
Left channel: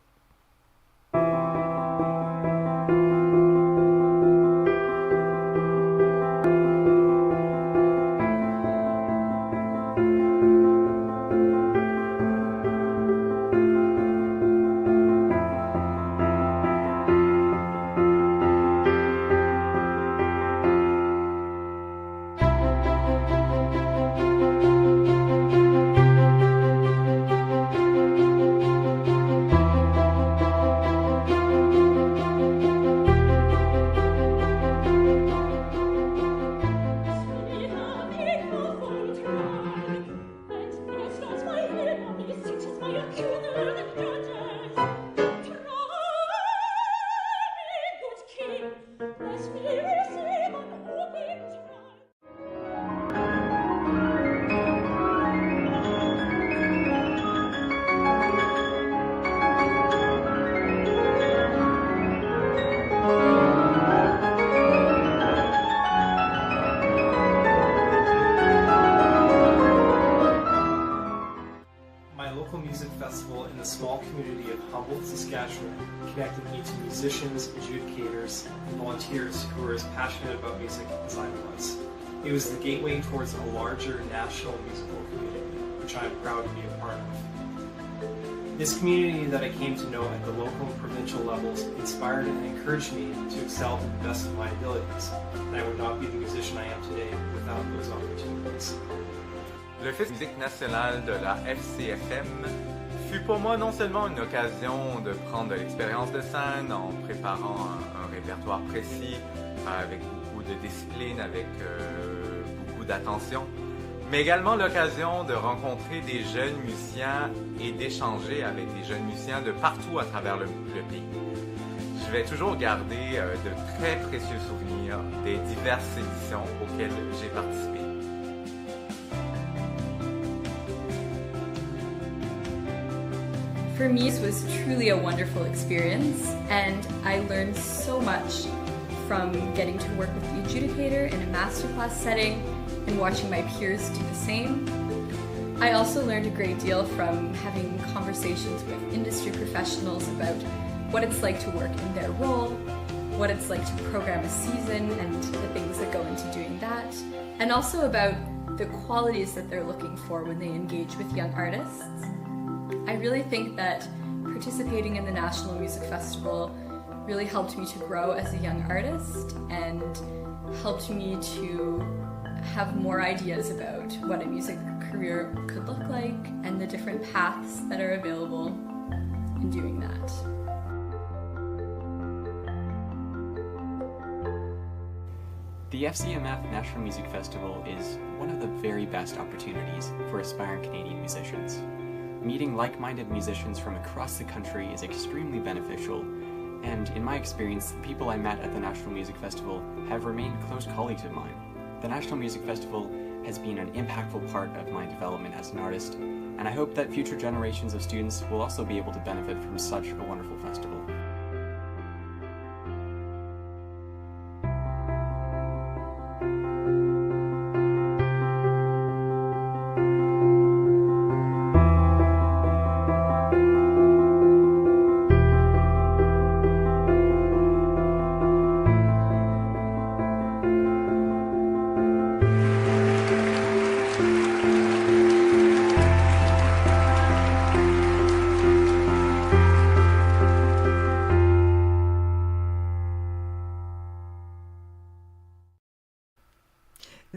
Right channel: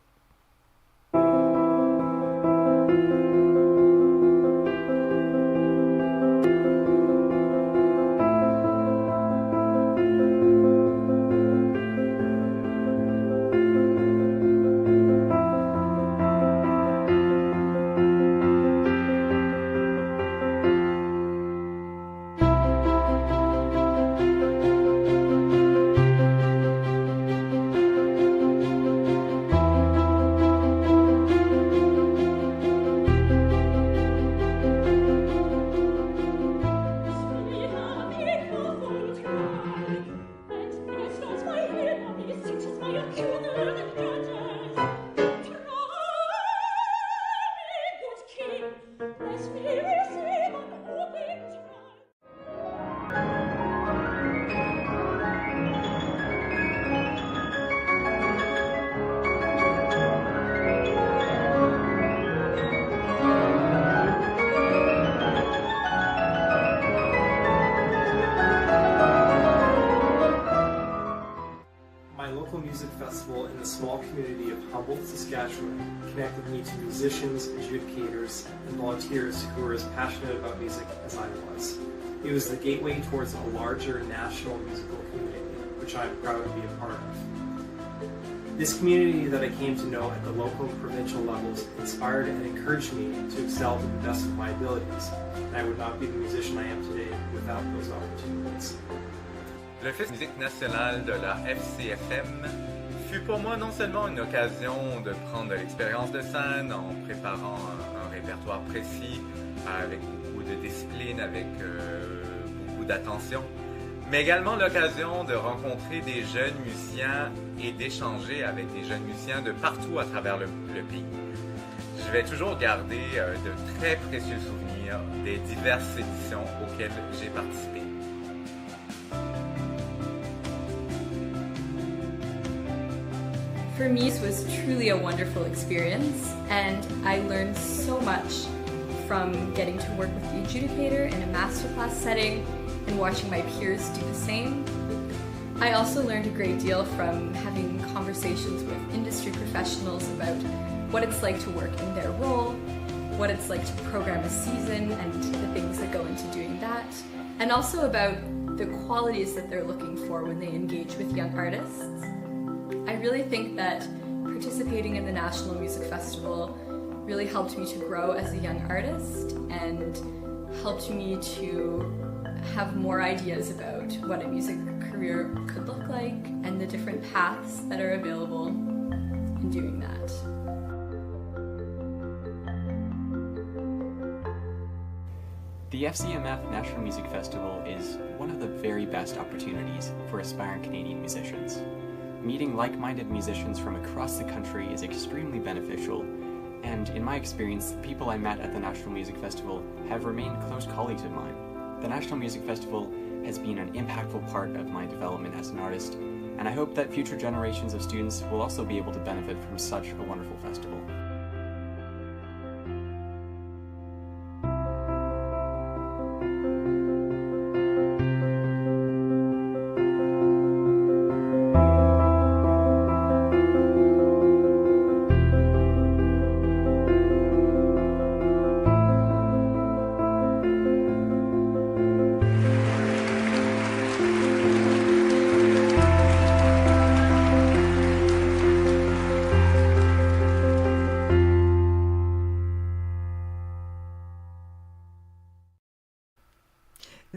Festival in the small community of Humboldt, Saskatchewan connected me to musicians, adjudicators, and volunteers who were as passionate about music as I was. It was the gateway towards a larger national musical community, which I'm proud to be a part of. This community that I came to know at the local and provincial levels inspired and encouraged me to excel to the best of my abilities, and I would not be the musician I am today without those opportunities. Le Festival de musique nationale de la FCMF fut pour moi non seulement une occasion de prendre de l'expérience de scène en préparant un répertoire précis, avec beaucoup de discipline, avec beaucoup d'attention, mais également l'occasion de rencontrer des jeunes musiciens et d'échanger avec des jeunes musiciens de partout à travers le pays. Je vais toujours garder de très précieux souvenirs des diverses éditions auxquelles j'ai participé. For me, this was truly a wonderful experience, and I learned so much from getting to work with the adjudicator in a masterclass setting and watching my peers do the same. I also learned a great deal from having conversations with industry professionals about what it's like to work in their role, what it's like to program a season and the things that go into doing that, and also about the qualities that they're looking for when they engage with young artists. I really think that participating in the National Music Festival really helped me to grow as a young artist and helped me to have more ideas about what a music career could look like and the different paths that are available in doing that. The FCMF National Music Festival is one of the very best opportunities for aspiring Canadian musicians. Meeting like-minded musicians from across the country is extremely beneficial, and in my experience, the people I met at the National Music Festival have remained close colleagues of mine. The National Music Festival has been an impactful part of my development as an artist, and I hope that future generations of students will also be able to benefit from such a wonderful festival.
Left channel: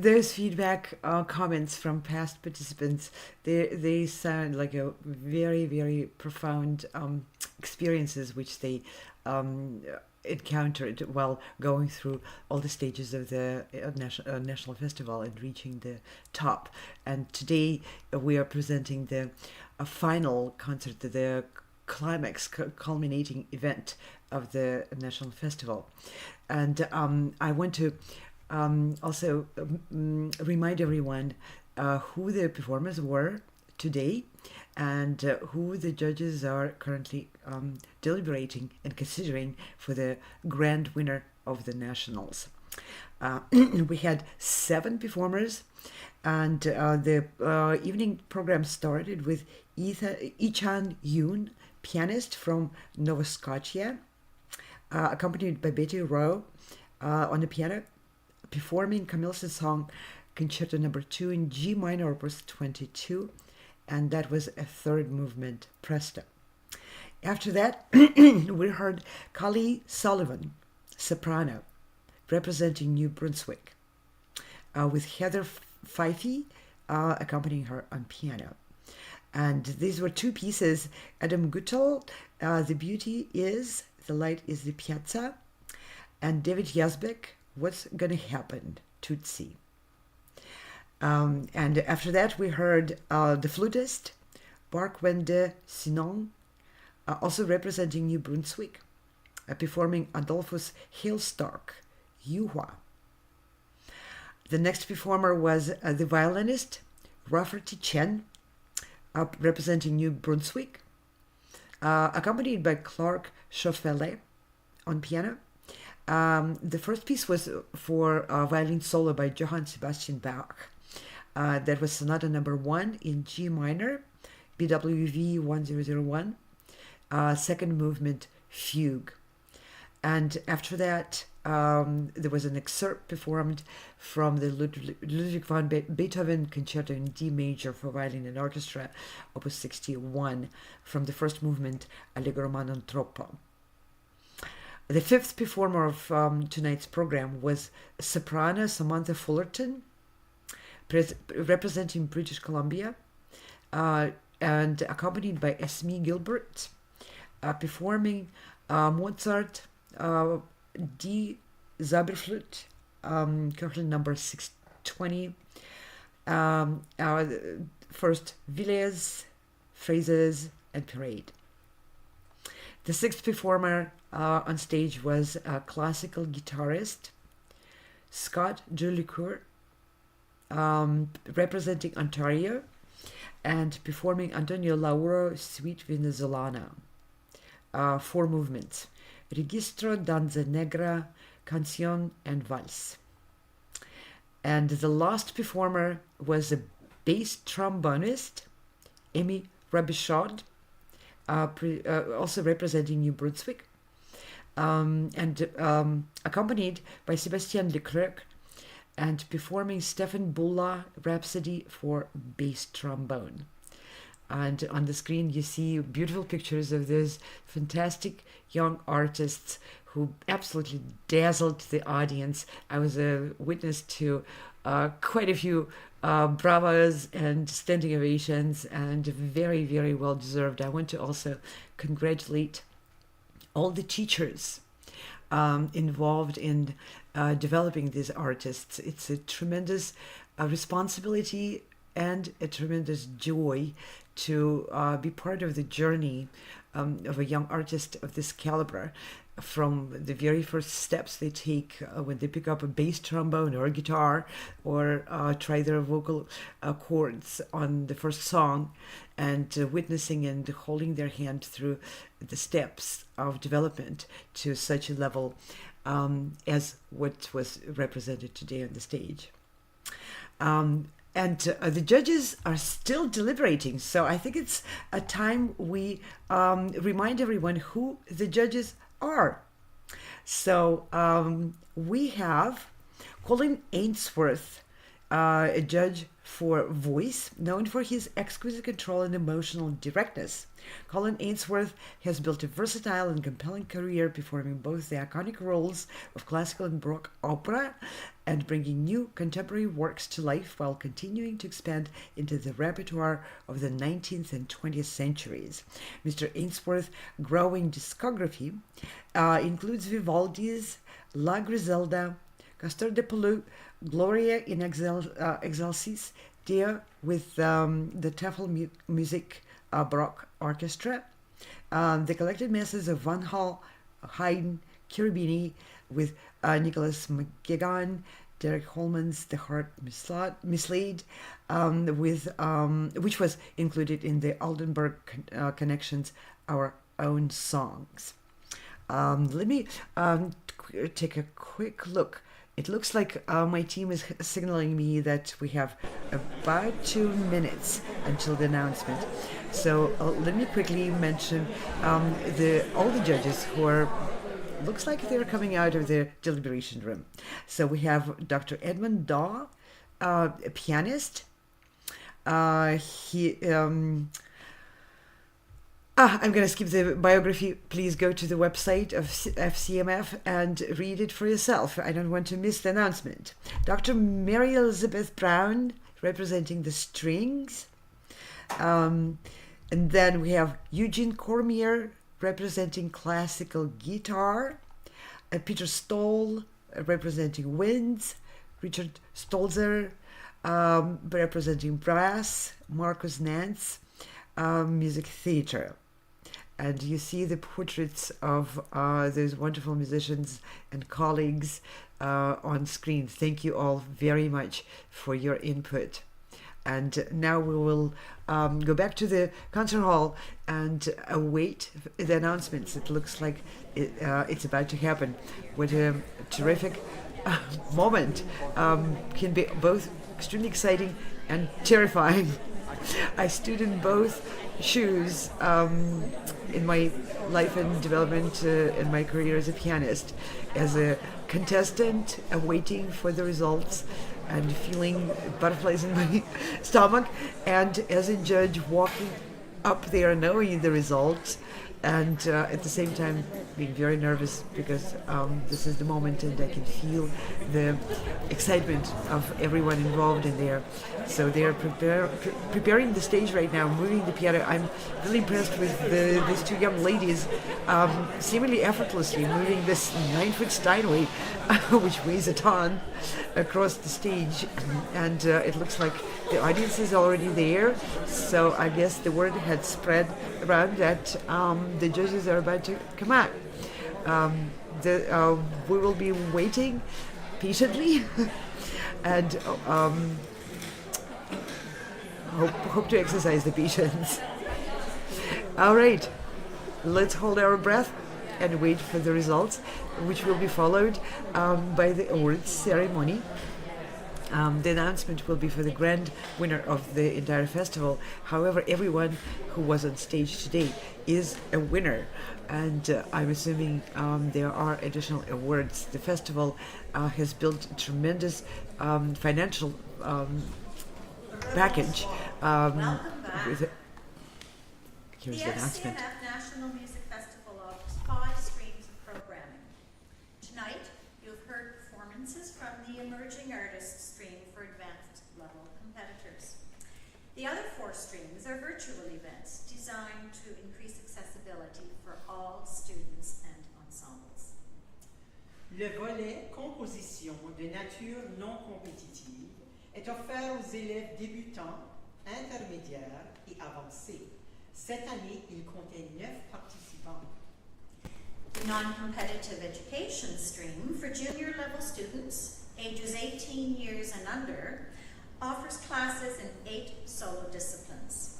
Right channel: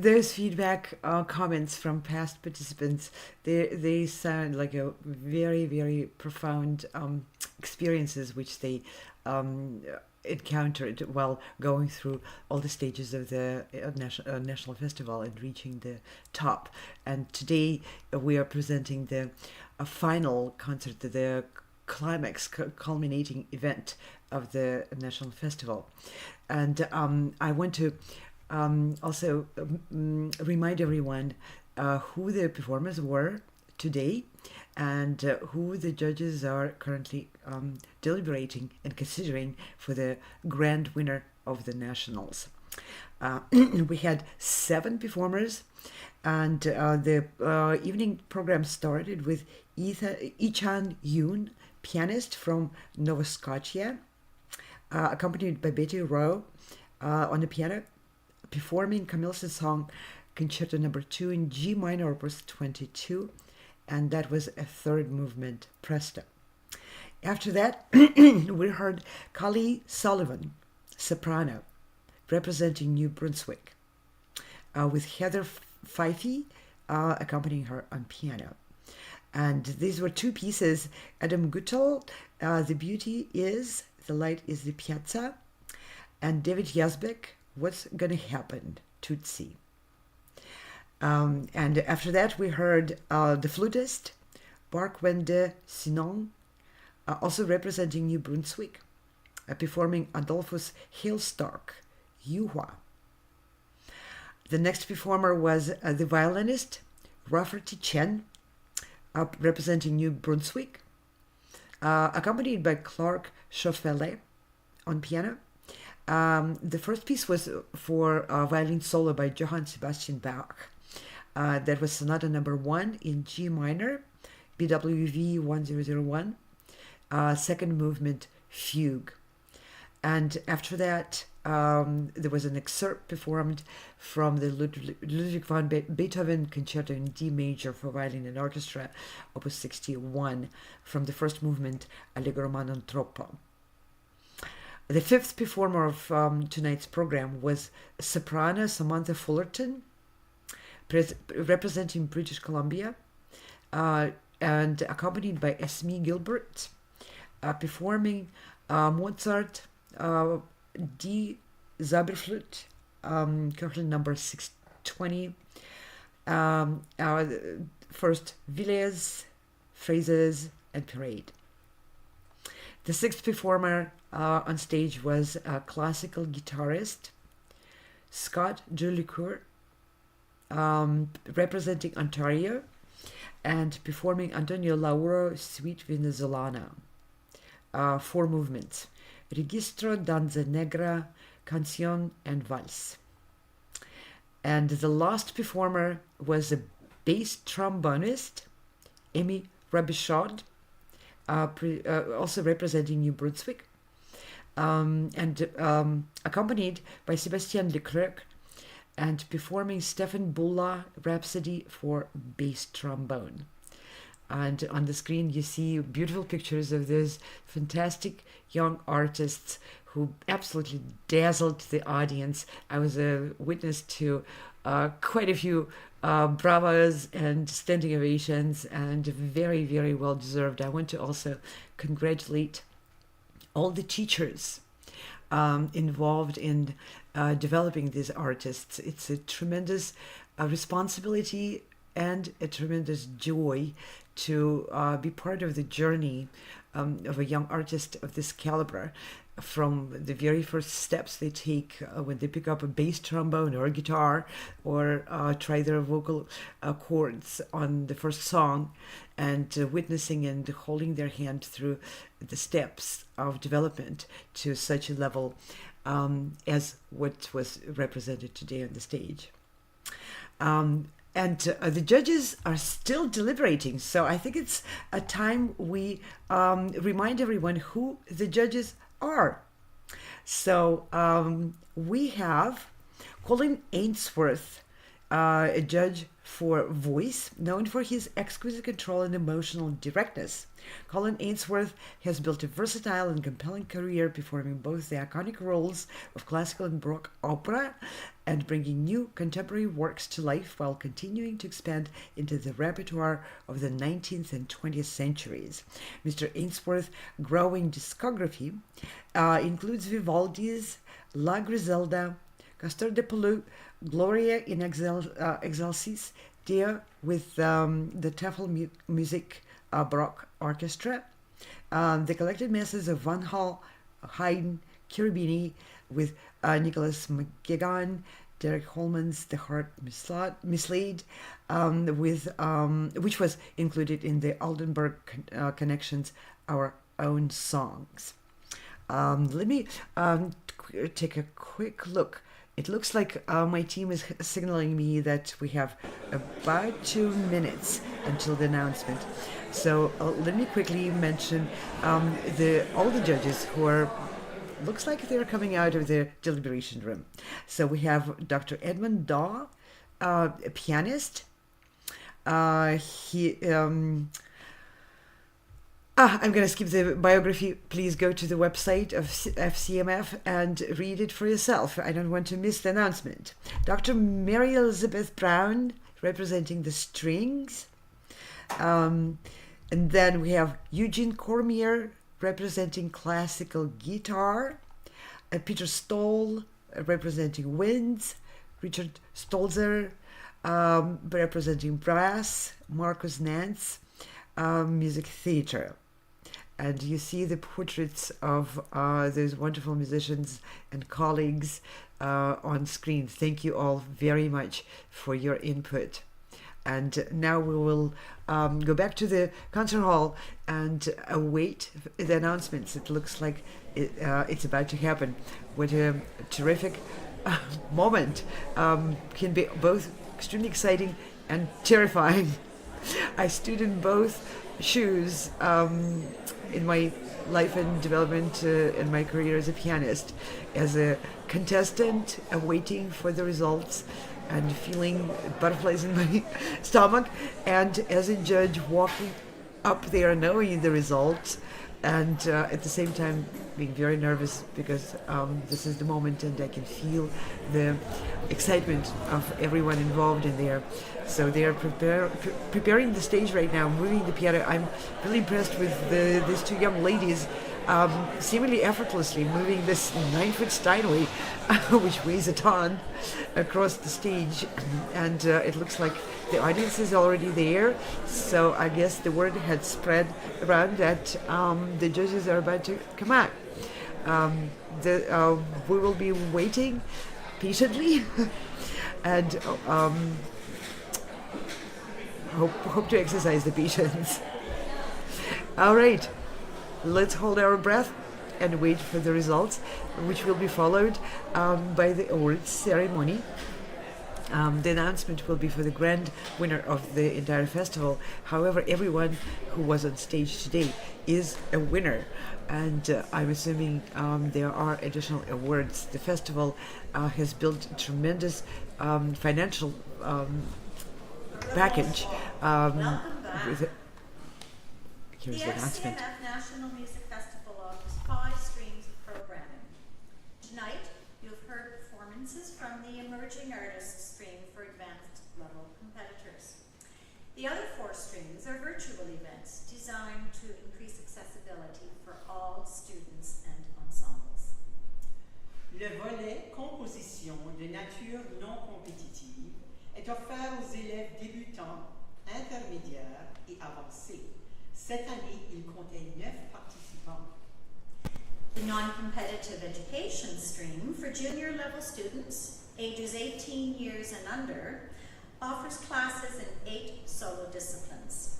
Those feedback comments from past participants, they sound like a very, very profound experiences which they encountered while going through all the stages of the national festival and reaching the top. And today we are presenting the final concert, the climax, culminating event of the national festival. And I want to also remind everyone who the performers were today and who the judges are currently deliberating and considering for the grand winner of the nationals. We had 7 performers, and the evening program started with Echan Yoon, pianist from Nova Scotia, accompanied by Betty Rowe on the piano, performing Camille's song Concerto No. 2 in G minor, opus 22, and that was a third movement, Presto. After that, we heard Caileigh Sullivan, soprano, representing New Brunswick, with Heather Fyffe accompanying her on piano. And these were 2 pieces. Adam Guettel, The Beauty Is, The Light is the Piazza, and David Yazbek, What's Gonna Happen, Tootsie. And after that, we heard the flutist, Bark-Wende Sinon, also representing New Brunswick, performing Adolphus' Hailstork, Yuhwa. The next performer was the violinist, Rafferty Chen, representing New Brunswick, accompanied by Clark Schoffele on piano. The first piece was for violin solo by Johann Sebastian Bach. That was Sonata No. 1 in G minor, BWV 1001, second movement Fugue. And after that, there was an excerpt performed from the Ludwig van Beethoven Concerto in D major for violin and orchestra, Opus 61, from the first movement Allegro non troppo. The fifth performer of tonight's program was soprano Samantha Fullerton, representing British Columbia, and accompanied by Esme Gilbert, performing Mozart D Zauberflöte, currently number 620, first Villes, Phrases, and Parade. The sixth performer on stage was a classical guitarist, Scott Julicourt, representing Ontario, and performing Antonio Lauro Suite Venezolana. 4 movements: Registro, Danza Negra, Canción, and Vals. And the last performer was a bass trombonist, Amy Rabichaud, also representing New Brunswick, and accompanied by Sébastien Leclerc, and performing Stefan Bulla Rhapsody for bass trombone. And on the screen you see beautiful pictures of those fantastic young artists who absolutely dazzled the audience. I was a witness to quite a few bravas and standing ovations, and very, very well deserved. I want to also congratulate all the teachers involved in developing these artists. It's a tremendous responsibility and a tremendous joy to be part of the journey of a young artist of this caliber, from the very first steps they take when they pick up a bass trombone or a guitar, or try their vocal chords on the first song, and witnessing and holding their hand through the steps of development to such a level as what was represented today on the stage. And the judges are still deliberating, so I think it's a time we remind everyone who the judges are. So we have Colin Ainsworth, a judge for voice, known for his exquisite control and emotional directness. Colin Ainsworth has built a versatile and compelling career, performing both the iconic roles of classical and Baroque opera and bringing new contemporary works to life, while continuing to expand into the repertoire of the 19th and 20th centuries. Mr. Ainsworth's growing discography includes Vivaldi's La Griselda, Castor de Pelou, Gloria in Excelsis, Dia with the Tafel Music Baroque Orchestra, the collected masses of Van Hal, Haydn, Cherubini with Nicholas McGuigan, Derek Holman's The Heart Mislaid, which was included in the Oldenburg Connections Our Own Songs. Let me take a quick look. It looks like my team is signaling me that we have about 2 minutes until the announcement. So let me quickly mention all the judges who are, looks like they're coming out of the deliberation room. So we have Dr. Edmund Daw, a pianist. I'm going to skip the biography. Please go to the website of FCMF and read it for yourself. I don't want to miss the announcement. Dr. Mary Elizabeth Brown, representing the strings. And then we have Eugene Cormier, representing classical guitar. Peter Stoll, representing winds. Richard Stolzer, representing brass. Marcus Nance, music theater. And you see the portraits of those wonderful musicians and colleagues on screen. Thank you all very much for your input. And now we will go back to the concert hall and await the announcements. It looks like it's about to happen. What a terrific moment. Can be both extremely exciting and terrifying. I stood in both shoes in my life and development in my career as a pianist, as a contestant, waiting for the results and feeling butterflies in my stomach, and as a judge walking up there knowing the results, and at the same time being very nervous because this is the moment and I can feel the excitement of everyone involved in there. So they are preparing the stage right now, moving the piano. I'm really impressed with these two young ladies seemingly effortlessly moving this 9-foot Steinway, which weighs a ton, across the stage. And it looks like the audience is already there. So I guess the word had spread around that the judges are about to come out. We will be waiting patiently and hope to exercise the patience. All right, let's hold our breath and wait for the results, which will be followed by the awards ceremony. The announcement will be for the grand winner of the entire festival. However, everyone who was on stage today is a winner, and I'm assuming there are additional awards. The festival has built a tremendous financial package. Here's the announcement. The FCMF National Music Festival offers 5 streams of programming. Tonight, you've heard performances from the Emerging Artists stream for advanced level competitors. The other 4 streams are virtual events designed to increase accessibility for all students and ensembles. Le volet composition de nature non compétitive est offert aux élèves débutants, intermédiaires et avancés. Cette année, il comptait 9 participants. The non-competitive education stream for junior level students, ages 18 years and under, offers classes in 8 solo disciplines.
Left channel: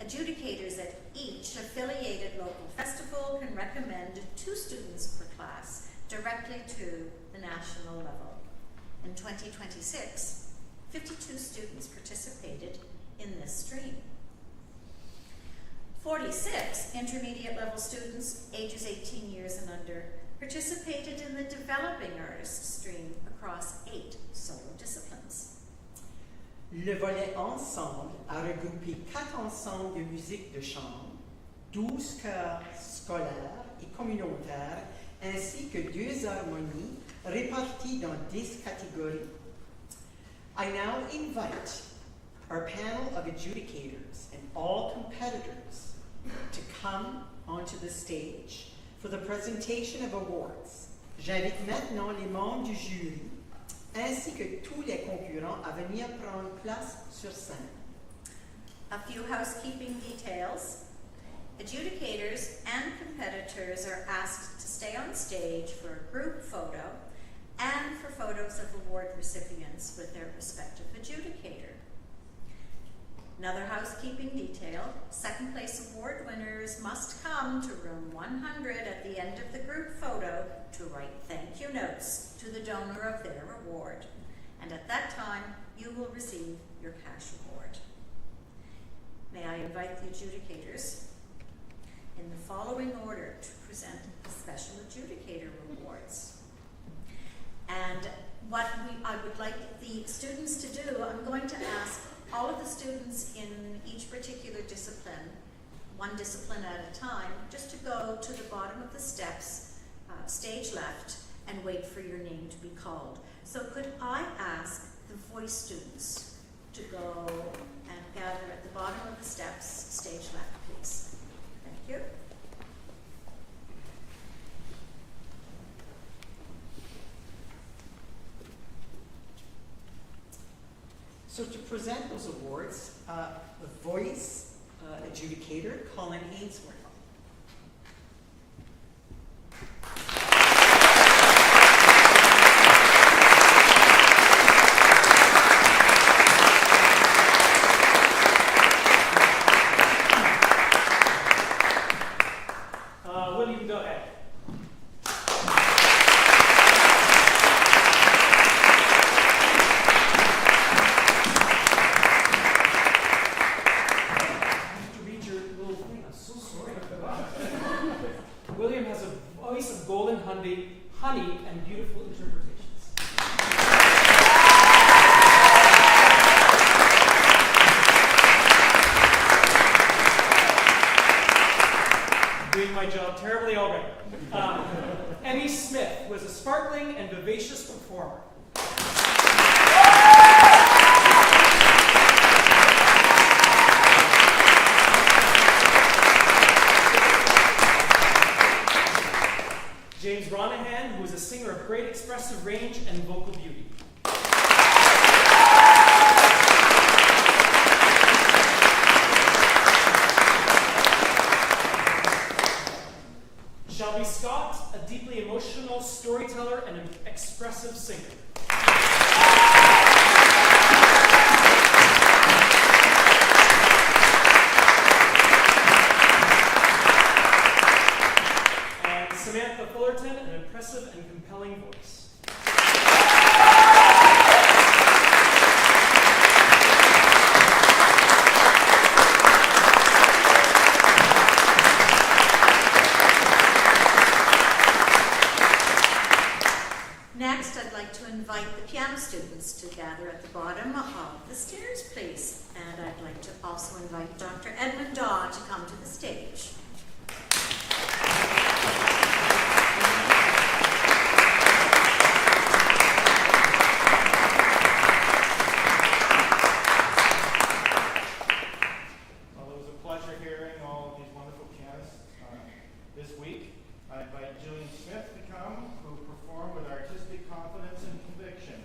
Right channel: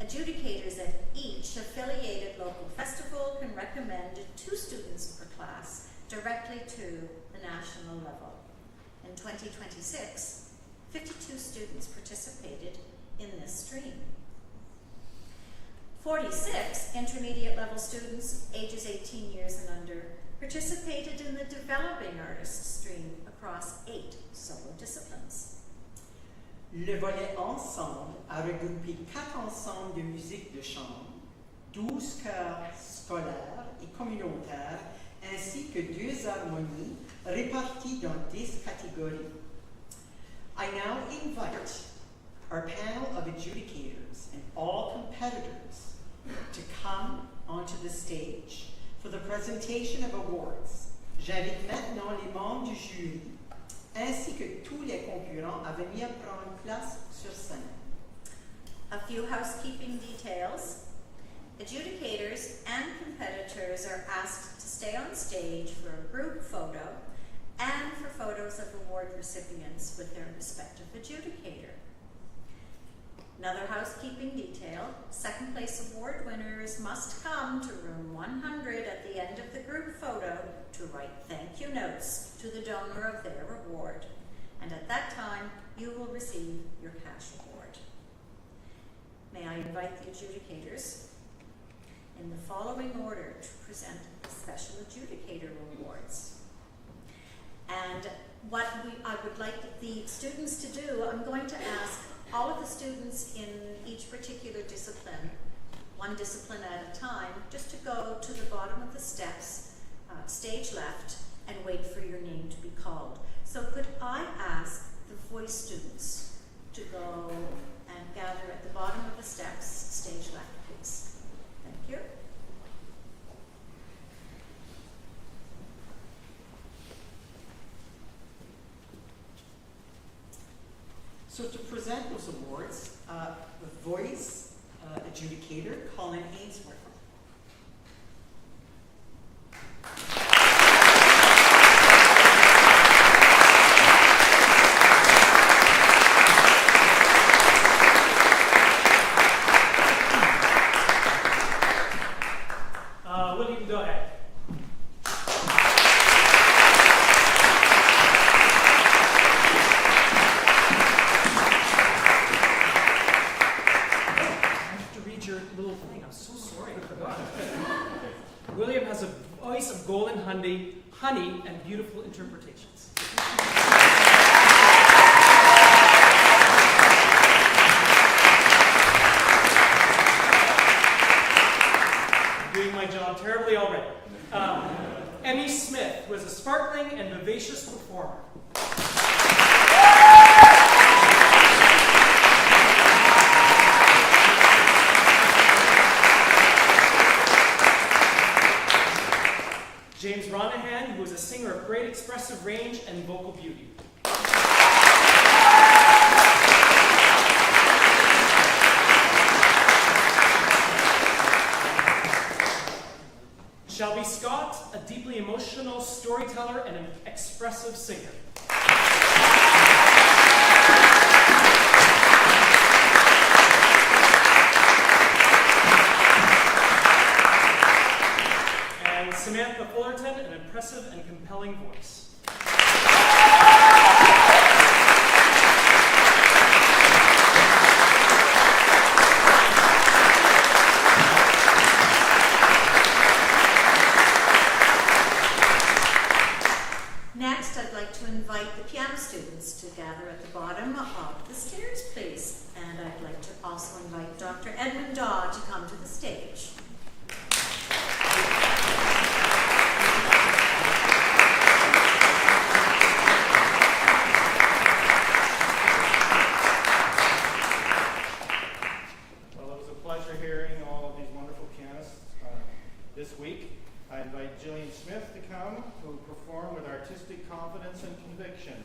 Adjudicators at each affiliated local festival can recommend 2 students per class directly to the national level. In 2026, 52 students participated in this stream. 46 intermediate level students, ages 18 years and under, participated in the Developing Artists stream across 8 solo disciplines. Le volet ensemble a regroupé 4 ensembles de musique de chambre, 12 chœurs scolaires et communautaires, ainsi que 2 harmonies réparties dans 10 catégories. I now invite our panel of adjudicators and all competitors to come onto the stage for the presentation of awards. J'invite maintenant les membres du jury ainsi que tous les concurrents à venir prendre place sur scène. A few housekeeping details. Adjudicators and competitors are asked to stay on stage for a group photo and for photos of award recipients with their respective adjudicator. Another housekeeping detail, second place award winners must come to room 100 at the end of the group photo to write thank you notes to the donor of their award. And at that time, you will receive your cash award. May I invite the adjudicators in the following order to present the special adjudicator awards. And what I would like the students to do, I'm going to ask all of the students in each particular discipline, one discipline at a time, just to go to the bottom of the steps, stage left, and wait for your name to be called. So could I ask the voice students to go and gather at the bottom of the steps, stage left, please. Thank you. So to present those awards, the voice adjudicator, Colin Ainsworth. William, go ahead. Emmy Smith was a sparkling and vivacious performer. James Ronahan, who was a singer of great expressive range and vocal beauty. Shelby Scott, a deeply emotional storyteller and an expressive singer. And Samantha Fullerton, an impressive and compelling voice. Next, I'd like to invite the piano students to gather at the bottom of the stairs, please. And I'd like to also invite Dr. Edmund Daw to come to the stage. Well, it was a pleasure hearing all of these wonderful pianists this week. I invite Jillian Smith to come, who will perform with artistic confidence and conviction.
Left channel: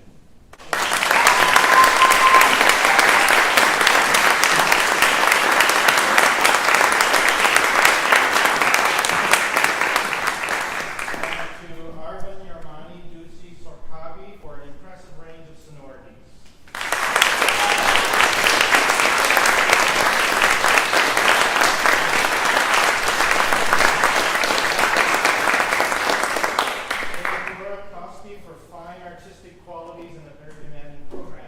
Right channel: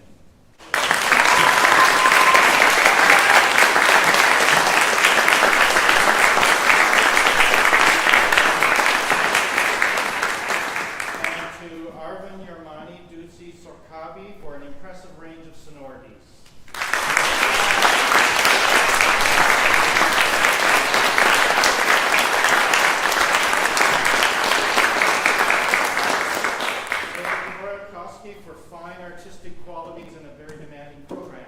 And to Arvin Yarmani Tootsie Sorkabi for an impressive range of sonorities. For fine artistic qualities in a very demanding program.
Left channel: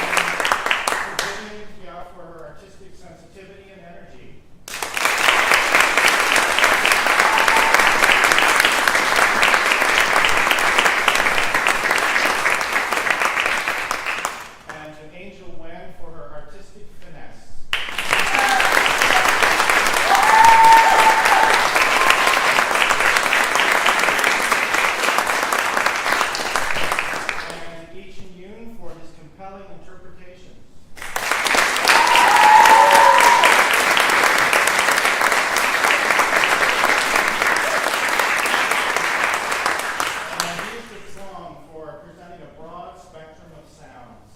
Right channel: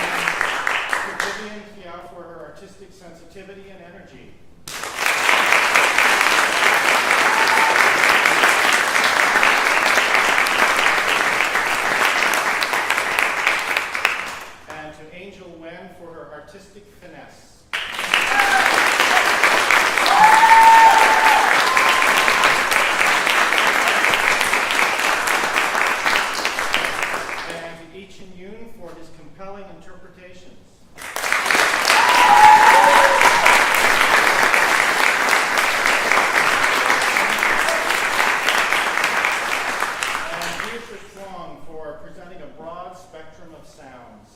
And to Vivian Kia for her artistic sensitivity and energy. And to Angel Wen for her artistic finesse. And Echan Yoon for his compelling interpretations. And Beatrice Wong for presenting a broad spectrum of sounds.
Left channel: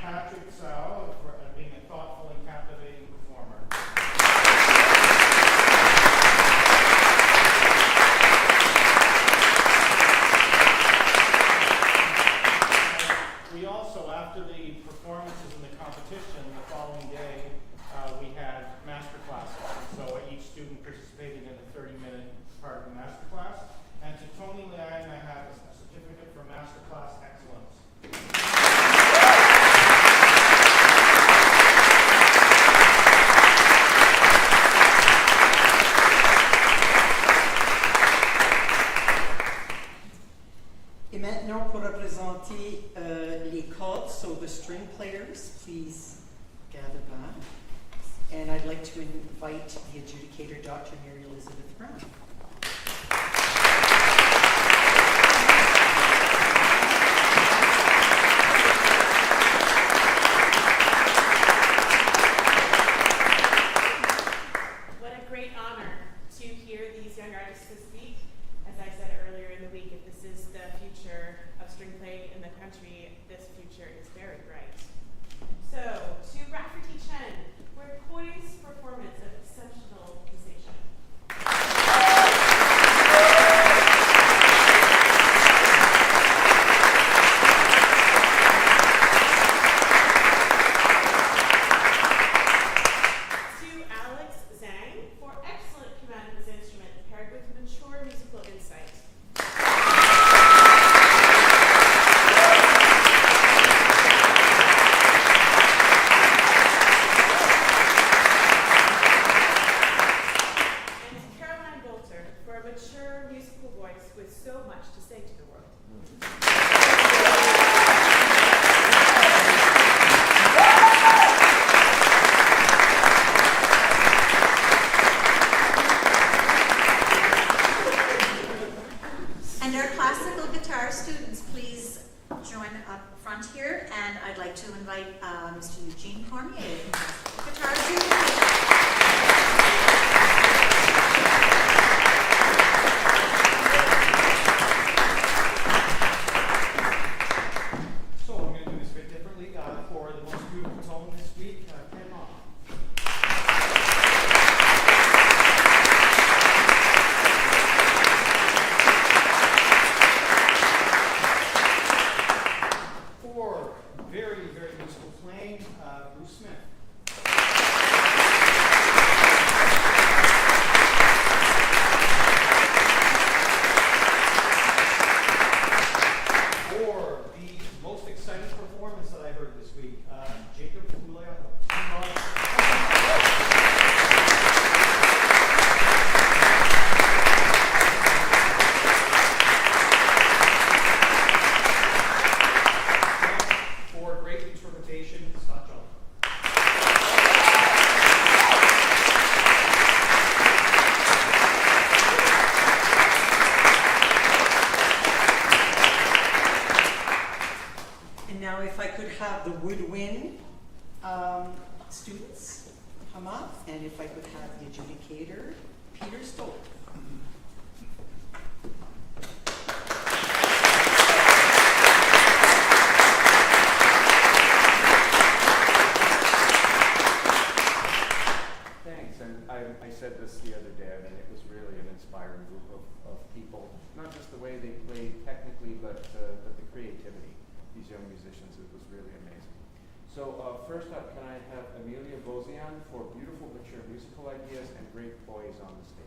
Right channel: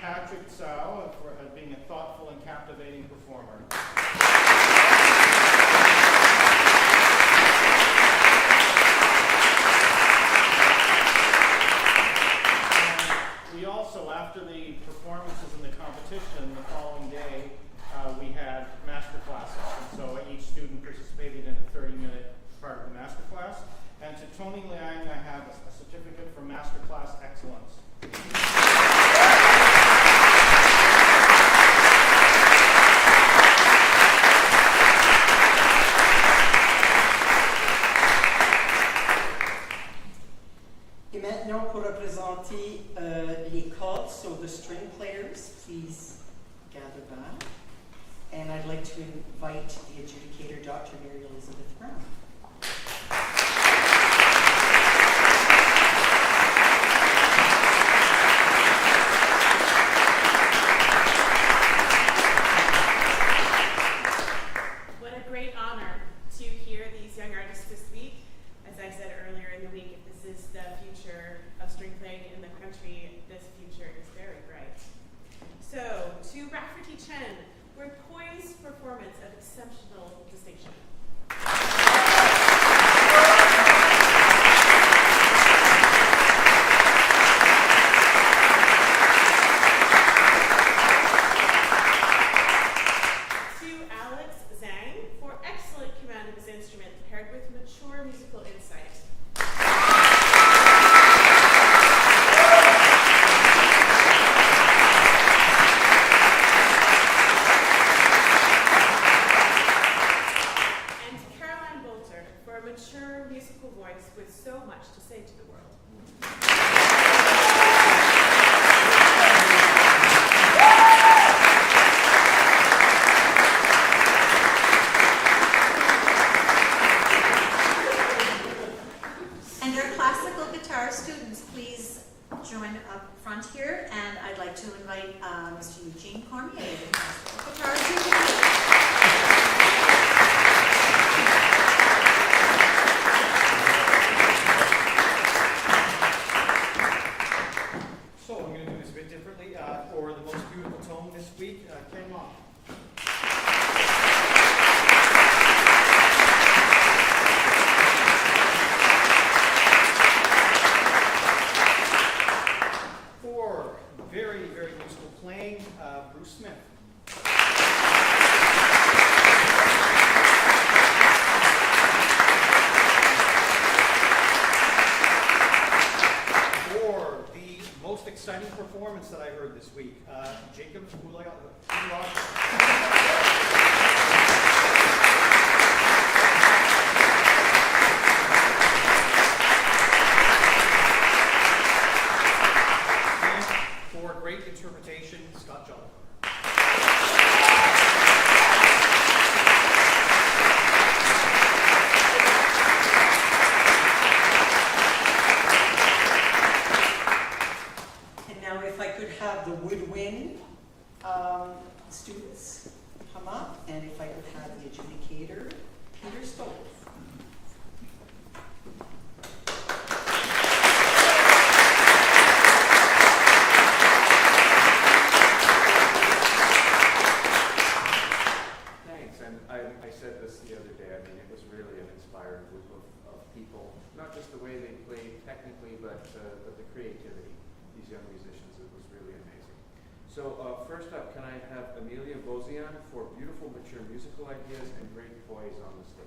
Patrick Tsao for being a thoughtful and captivating performer. We also, after the performances in the competition, the following day, we had master classes. And so each student participated in a 30-minute part of the master class. And to Tony Liang, I have a certificate for master class excellence. Et maintenant, pour représenter les cordes, so the string players, please gather back. And I'd like to invite the adjudicator, Dr. Mary Elizabeth Brown. What a great honor to hear these young artists this week. As I said earlier in the week, if this is the future of string playing in the country, this future is very bright. So, to Rafferty Chen, for poised performance of exceptional distinction. like to invite Mr. Eugene Cormier to guitar duty. The woodwind students come up, and if I could have the adjudicator, Peter Stoll. Thanks, and I said this the other day, I mean, it was really an inspiring group of people, not just the way they played technically, but the creativity, these young musicians, it was really amazing. So first up, can I have Amelia Bozian for beautiful, mature musical ideas and great poise on the stage.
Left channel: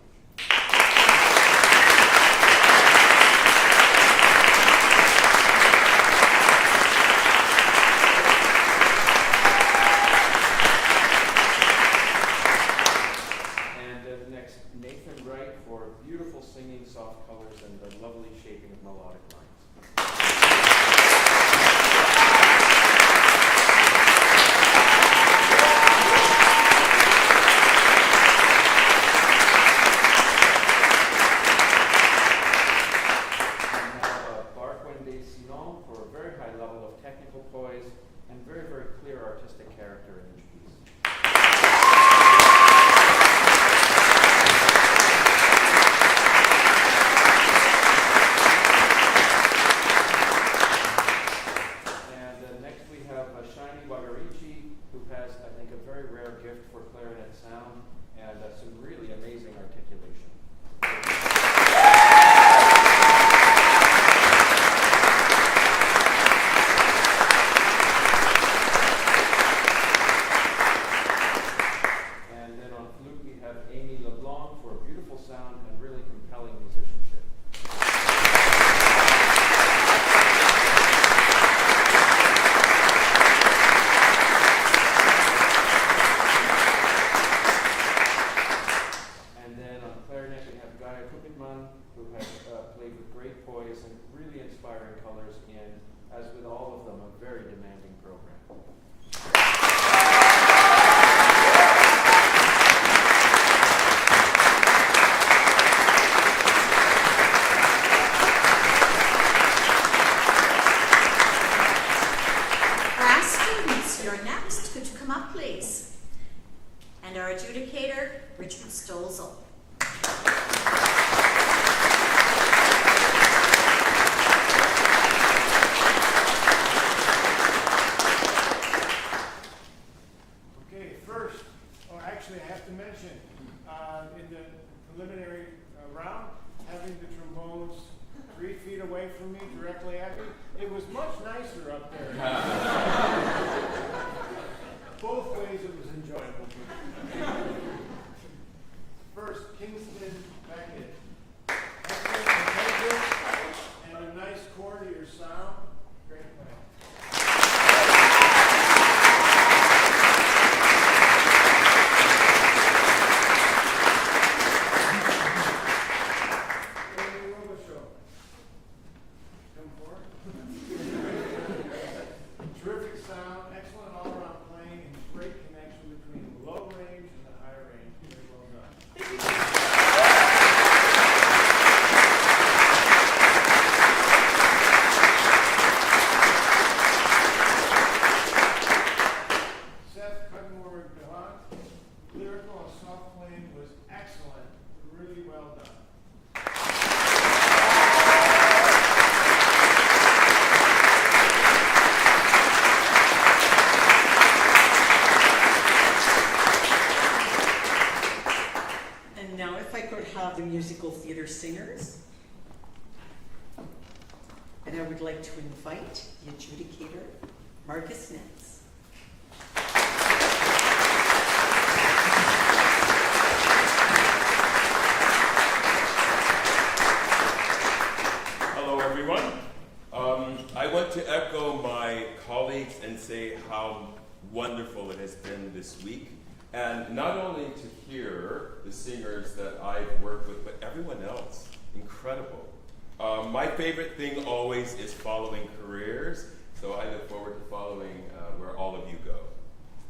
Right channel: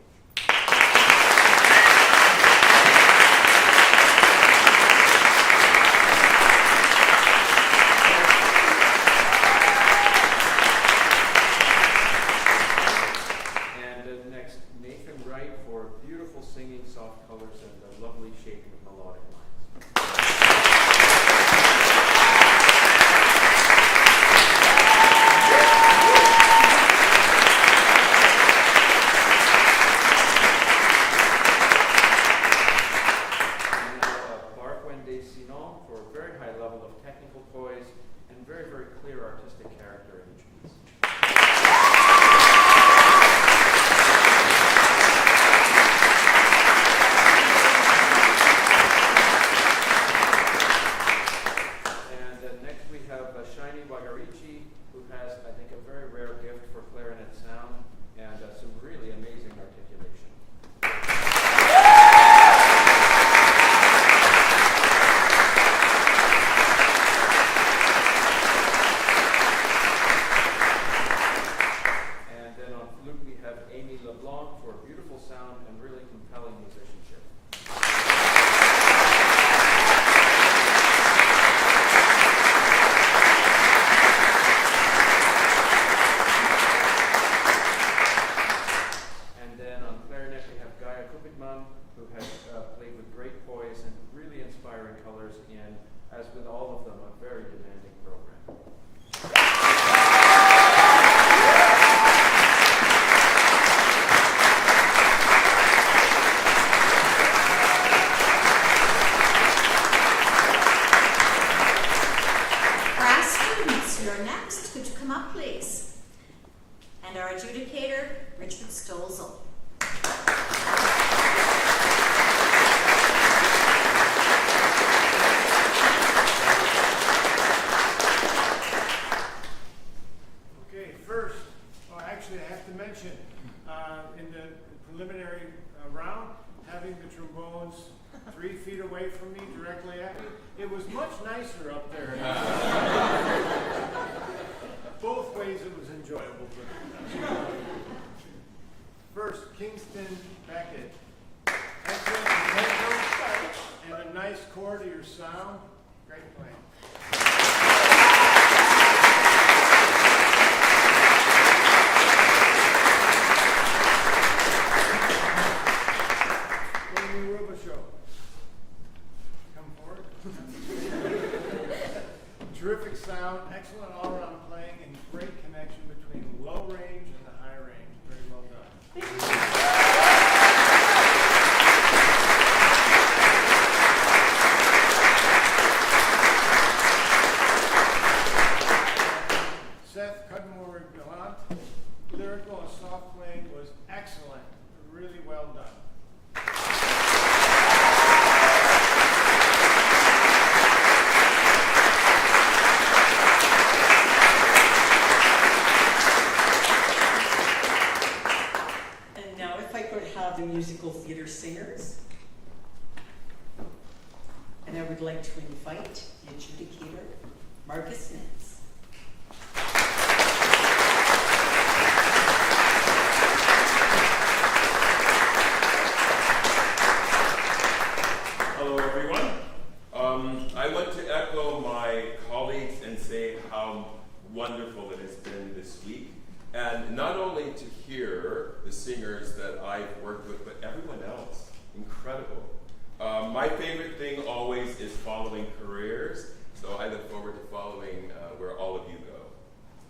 And next, Nathan Wright for beautiful singing, soft colors, and the lovely shaping of melodic lines. Bark-Wende Sinon for a very high level of technical poise and very, very clear artistic character in each piece. And next we have Shiny Wagarichi, who has, I think, a very rare gift for clarinet sound and some really amazing articulation. And then on flute we have Amy LeBlanc for beautiful sound and really compelling musicianship. And then on clarinet we have Gaia Kupitman, who has played with great poise and really inspiring colors in, as with all of them, a very demanding program. Class students, you're next. Could you come up, please? And our adjudicator, Richard Stolzel. Okay, first, actually I have to mention, in the preliminary round, having the trombones 3 feet away from me, directly at me, it was much nicer up there. Both ways it was enjoyable. First, Kingston Beckett. And a nice core to your sound. Great playing. Amy Robichaud. Come forward. Terrific sound, excellent all-around playing, and great connection between low range and the high range. Very well done. the musical theater singers. And I would like to invite the adjudicator, Marcus Nitz. Hello, everyone. I want to echo my colleagues and say how wonderful it has been this week. And not only to hear the singers that I've worked with, but everyone else. Incredible. My favorite thing always is following careers, so I look forward to following where all of you go.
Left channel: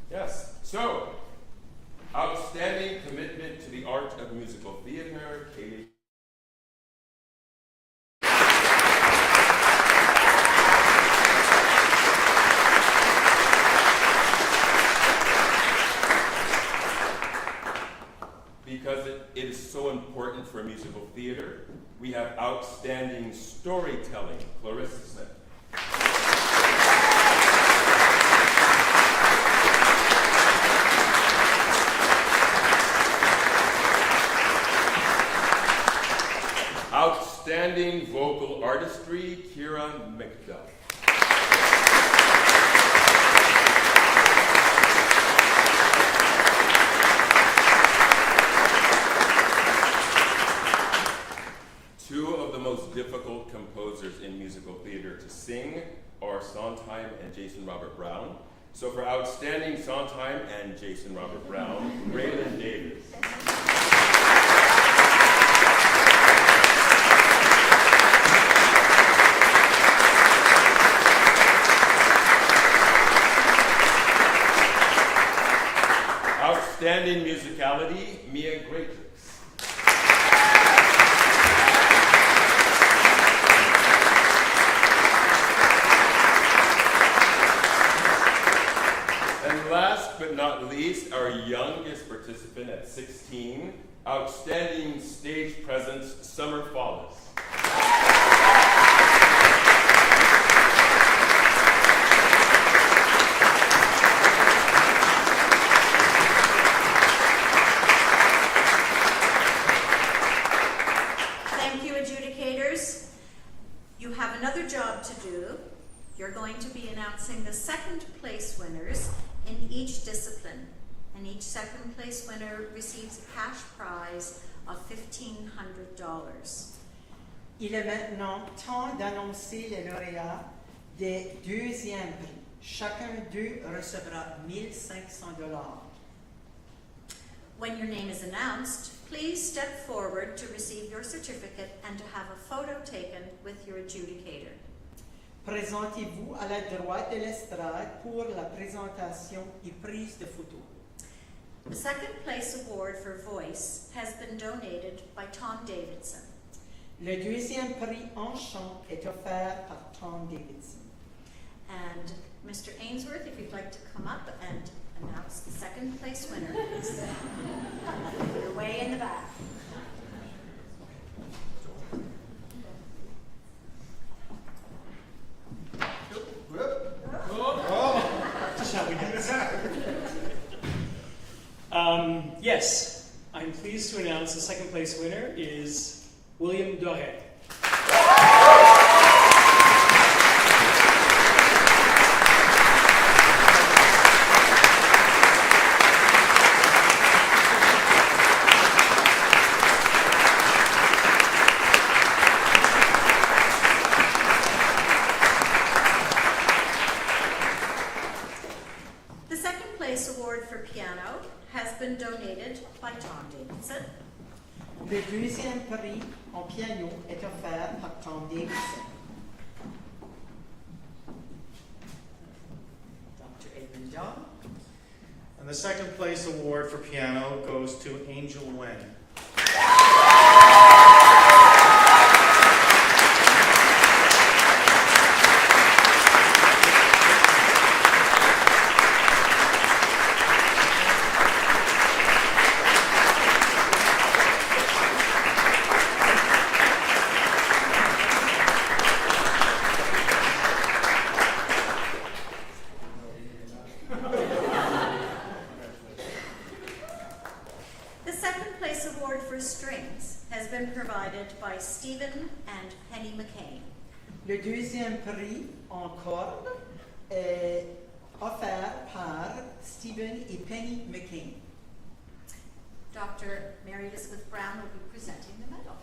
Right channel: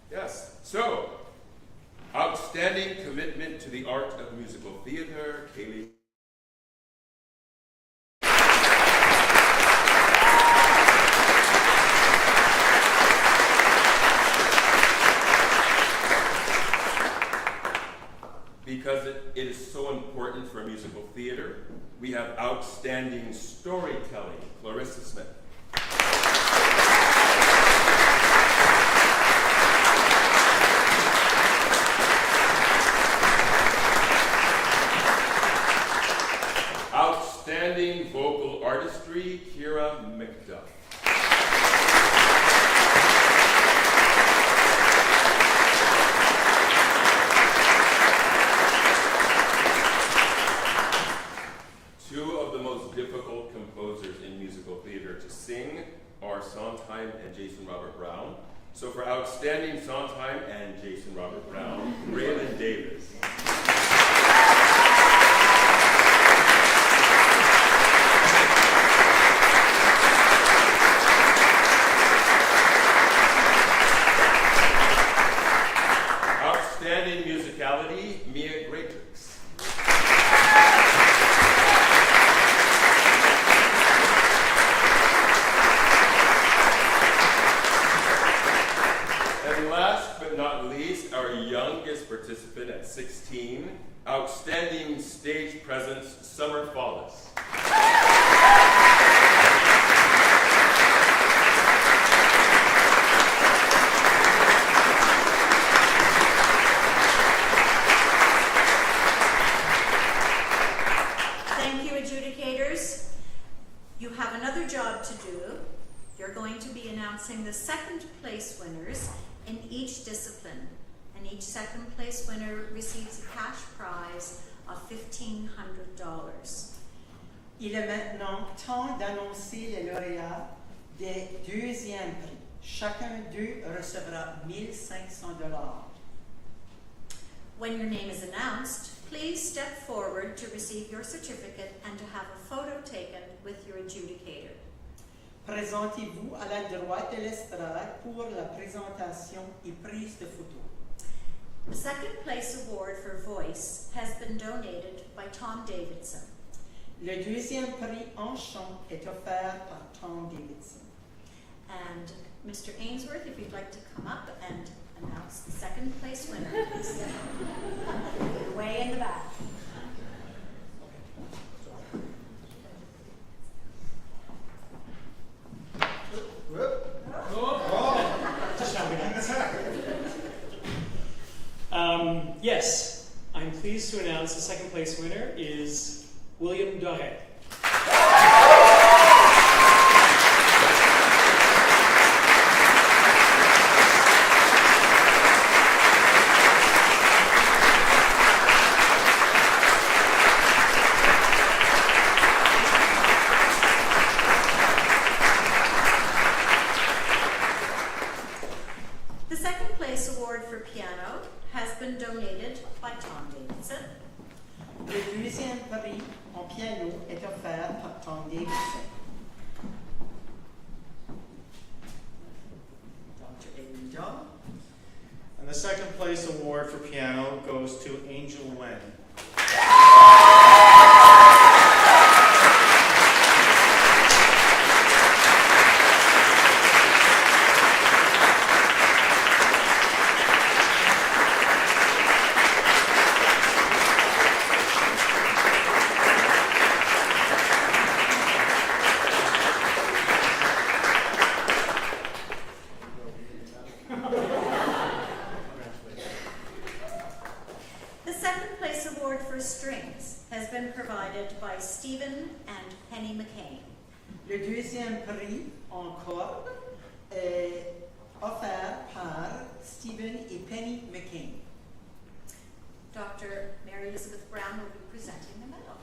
Yes, so, outstanding commitment to the art of musical theater, Caileigh. Because it is so important for musical theater, we have outstanding storytelling, Clarissa Smith. Outstanding vocal artistry, Kira McDuff. Difficult composers in musical theater to sing are Sondheim and Jason Robert Brown. So for outstanding Sondheim and Jason Robert Brown, Raylan Davis. Outstanding musicality, Mia Greatrix. Not least, our youngest participant at 16, outstanding stage presence, Summer Follis. Thank you, adjudicators. You have another job to do. You're going to be announcing the second place winners in each discipline, and each second place winner receives a cash prize of $1,500. Il est maintenant temps d'annoncer les lauréats des deuxièmes prix. Chacun d'eux recevra $1,500. When your name is announced, please step forward to receive your certificate and to have a photo taken with your adjudicator. Présentez-vous à la droite de l'estrade pour la présentation et prise de photos. The second place award for voice has been donated by Tom Davidson. Le deuxième prix en chant est offert par Tom Davidson. And Mr. Ainsworth, if you'd like to come up and announce the second place winner. You're way in the back. Yes, I'm pleased to announce the second place winner is William Doré. The second place award for piano has been donated by Tom Davidson. Le deuxième prix en piano est offert par Tom Davidson. Dr. Adrian John. And the second place award for piano goes to Angel Wen. been provided by Stephen and Penny McCain. Le deuxième prix en corde est offert par Stephen et Penny McCain. Dr. Mary Elizabeth Brown will be presenting the medal.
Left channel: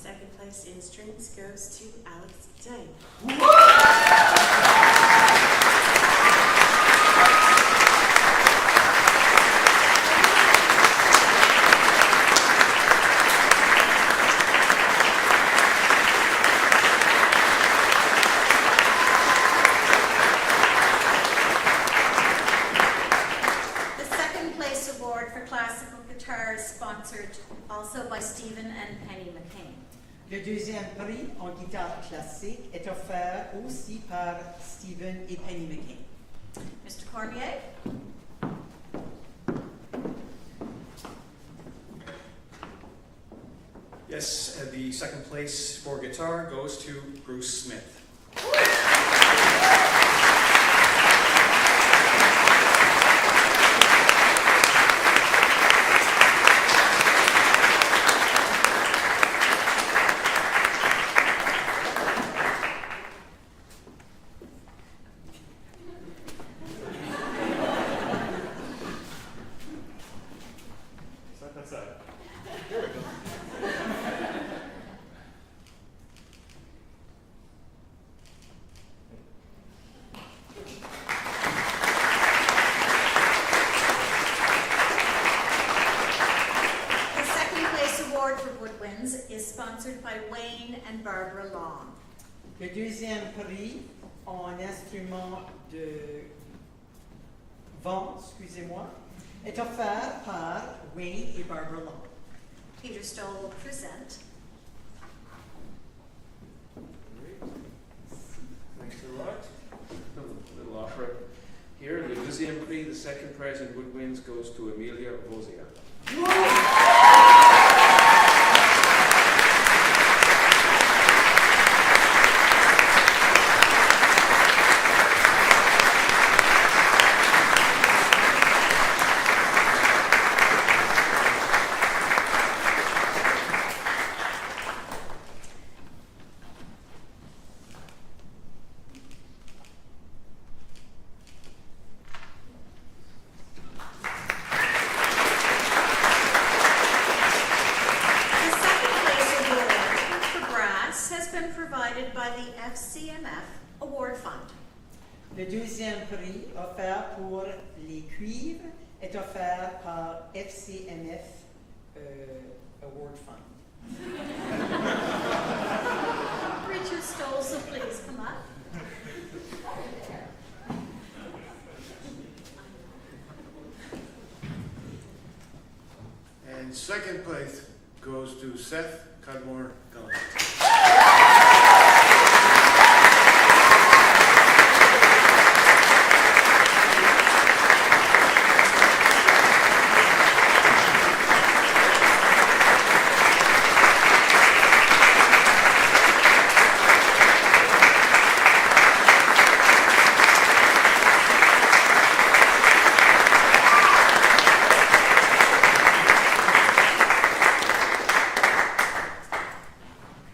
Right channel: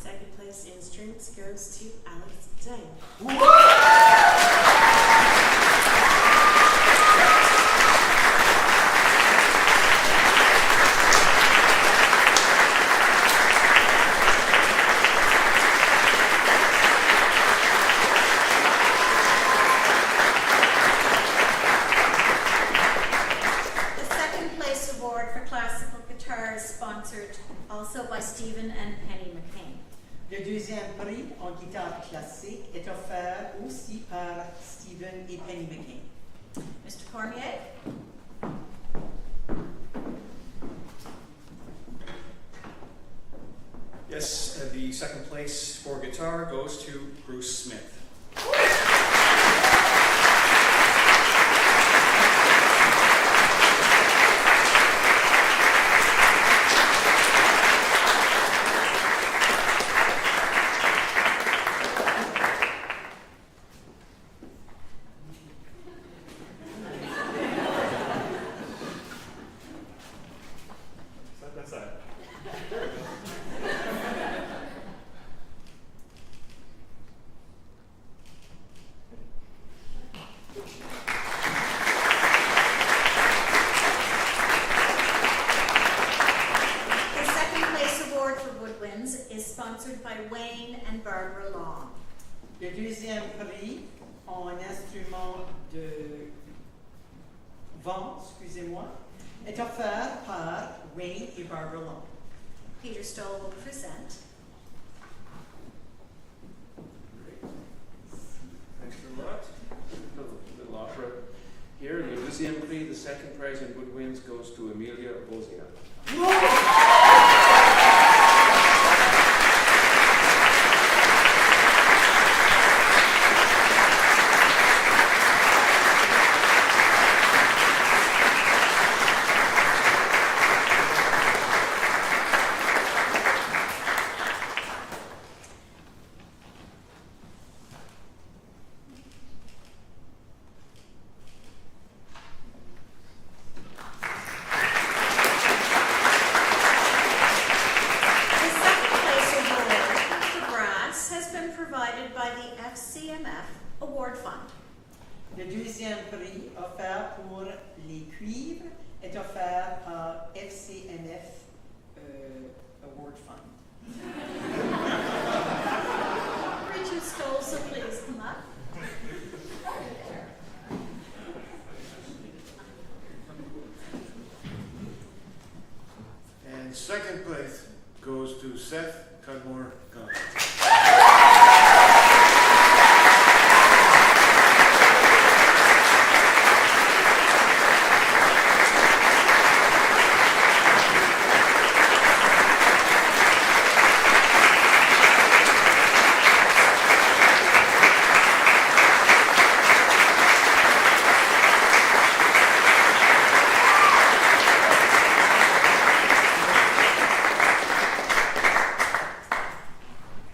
Second place in strings goes to Allison. Also by Stephen and Penny McCain. Le deuxième prix en guitare classique est offert aussi par Stephen et Penny McCain. Mr. Cormier. Yes, the second place for guitar goes to Bruce Smith. Le deuxième prix en instrument de vent, excusez-moi, est offert par Wayne et Barbara Long. Peter Stoll will present. Thanks a lot. A little opera here. Le deuxième prix, the second prize in woodwinds goes to Amelia Bozia. By the FCMF Award Fund. Le deuxième prix offert pour les cuivres est offert par FCMF Award Fund. Richard Stoll, so please come up. And second place goes to Seth Cudmore Gunn.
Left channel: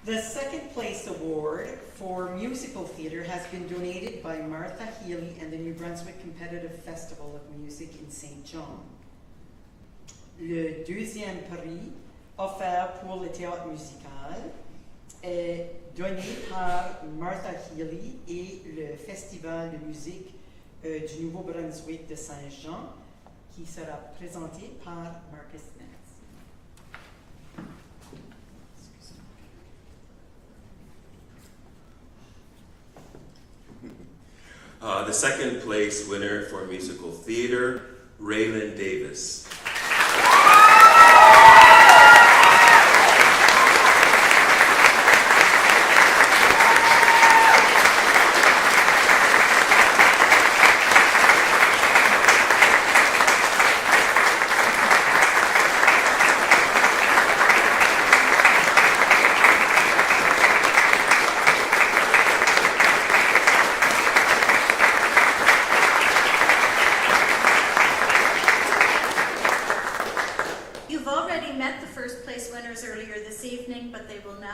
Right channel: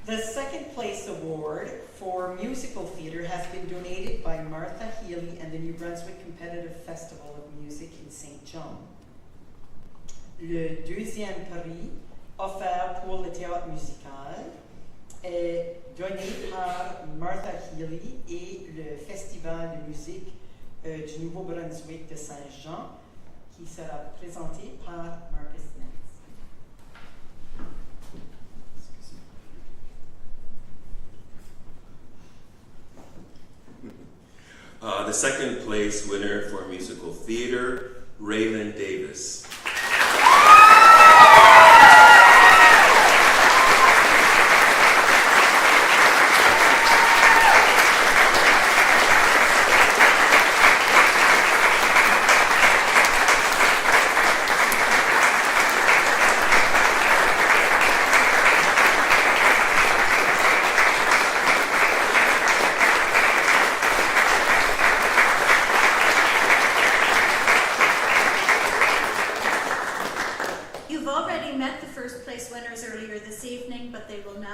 The second place award for musical theatre has been donated by Martha Healy and the New Brunswick Competitive Festival of Music in St. John. Le deuxième prix offert pour le théâtre musical est donné par Martha Healy et le Festival de musique du Nouveau-Brunswick de Saint-Jean, qui sera présenté par Marcus Smith. The second place winner for musical theater, Raylan Davis.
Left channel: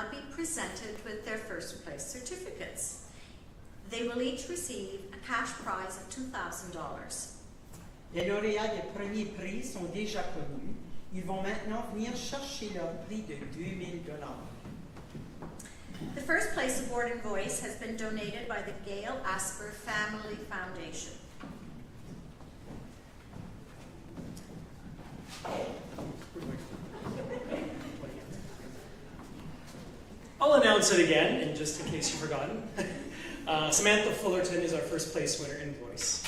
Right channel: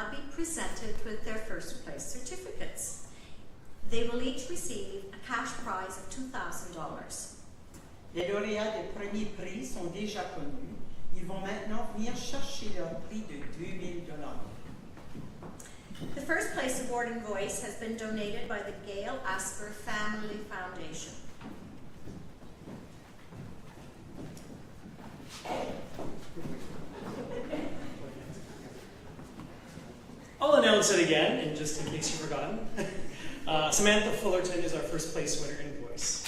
now be presented with their first place certificates. They will each receive a cash prize of $2,000. Les lauréats des premiers prix sont déjà connus. Ils vont maintenant venir chercher leur prix de $2,000. The first place award in voice has been donated by the Gail Asper Family Foundation. I'll announce it again, and just in case you've forgotten. Samantha Fullerton is our first place winner in voice.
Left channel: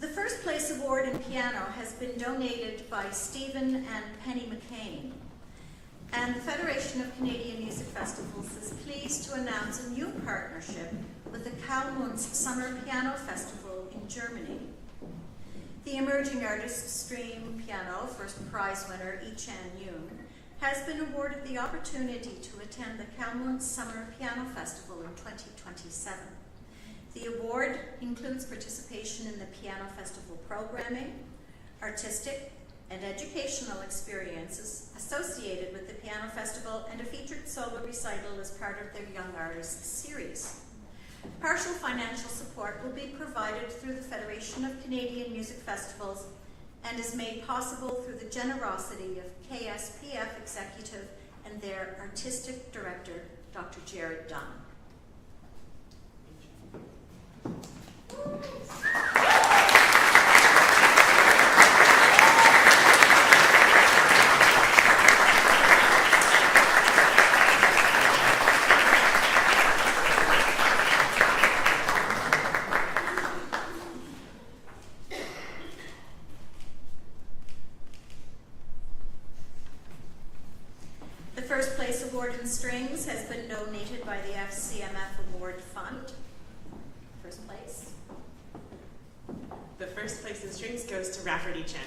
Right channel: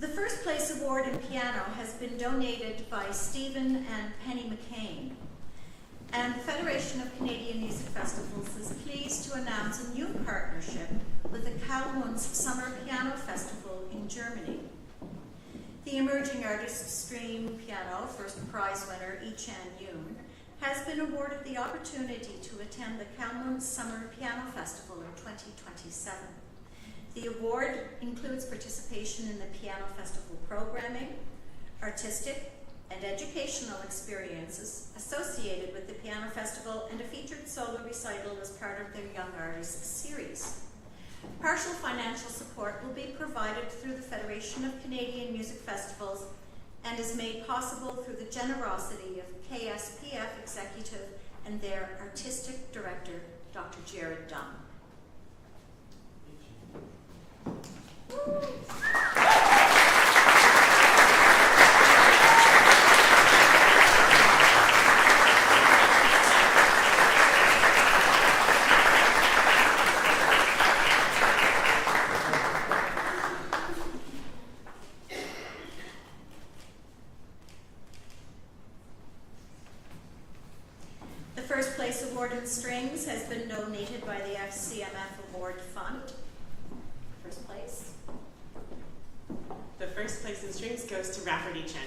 The first place award in piano has been donated by Stephen and Penny McCain. And the Federation of Canadian Music Festivals is pleased to announce a new partnership with the Kalmunds Summer Piano Festival in Germany. The Emerging Artist Stream Piano first prize winner Echan Yoon has been awarded the opportunity to attend the Kalmunds Summer Piano Festival in 2027. The award includes participation in the Piano Festival programming, artistic and educational experiences associated with the Piano Festival, and a featured solo recital as part of their Young Artists series. Partial financial support will be provided through the Federation of Canadian Music Festivals and is made possible through the generosity of KSPF Executive and their Artistic Director, Dr. Jared Dunn. The first place award in strings has been donated by the FCMF Award Fund. First place. The first place in strings goes to Rafferty Chen.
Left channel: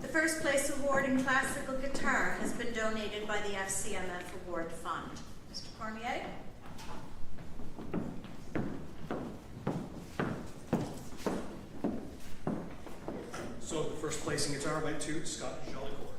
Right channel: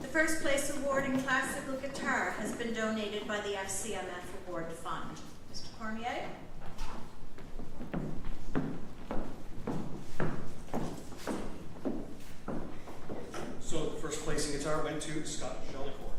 The first place award in classical guitar has been donated by the FCMF Award Fund. Mr. Cormier? So the first place in guitar went to Scott Jellicourt.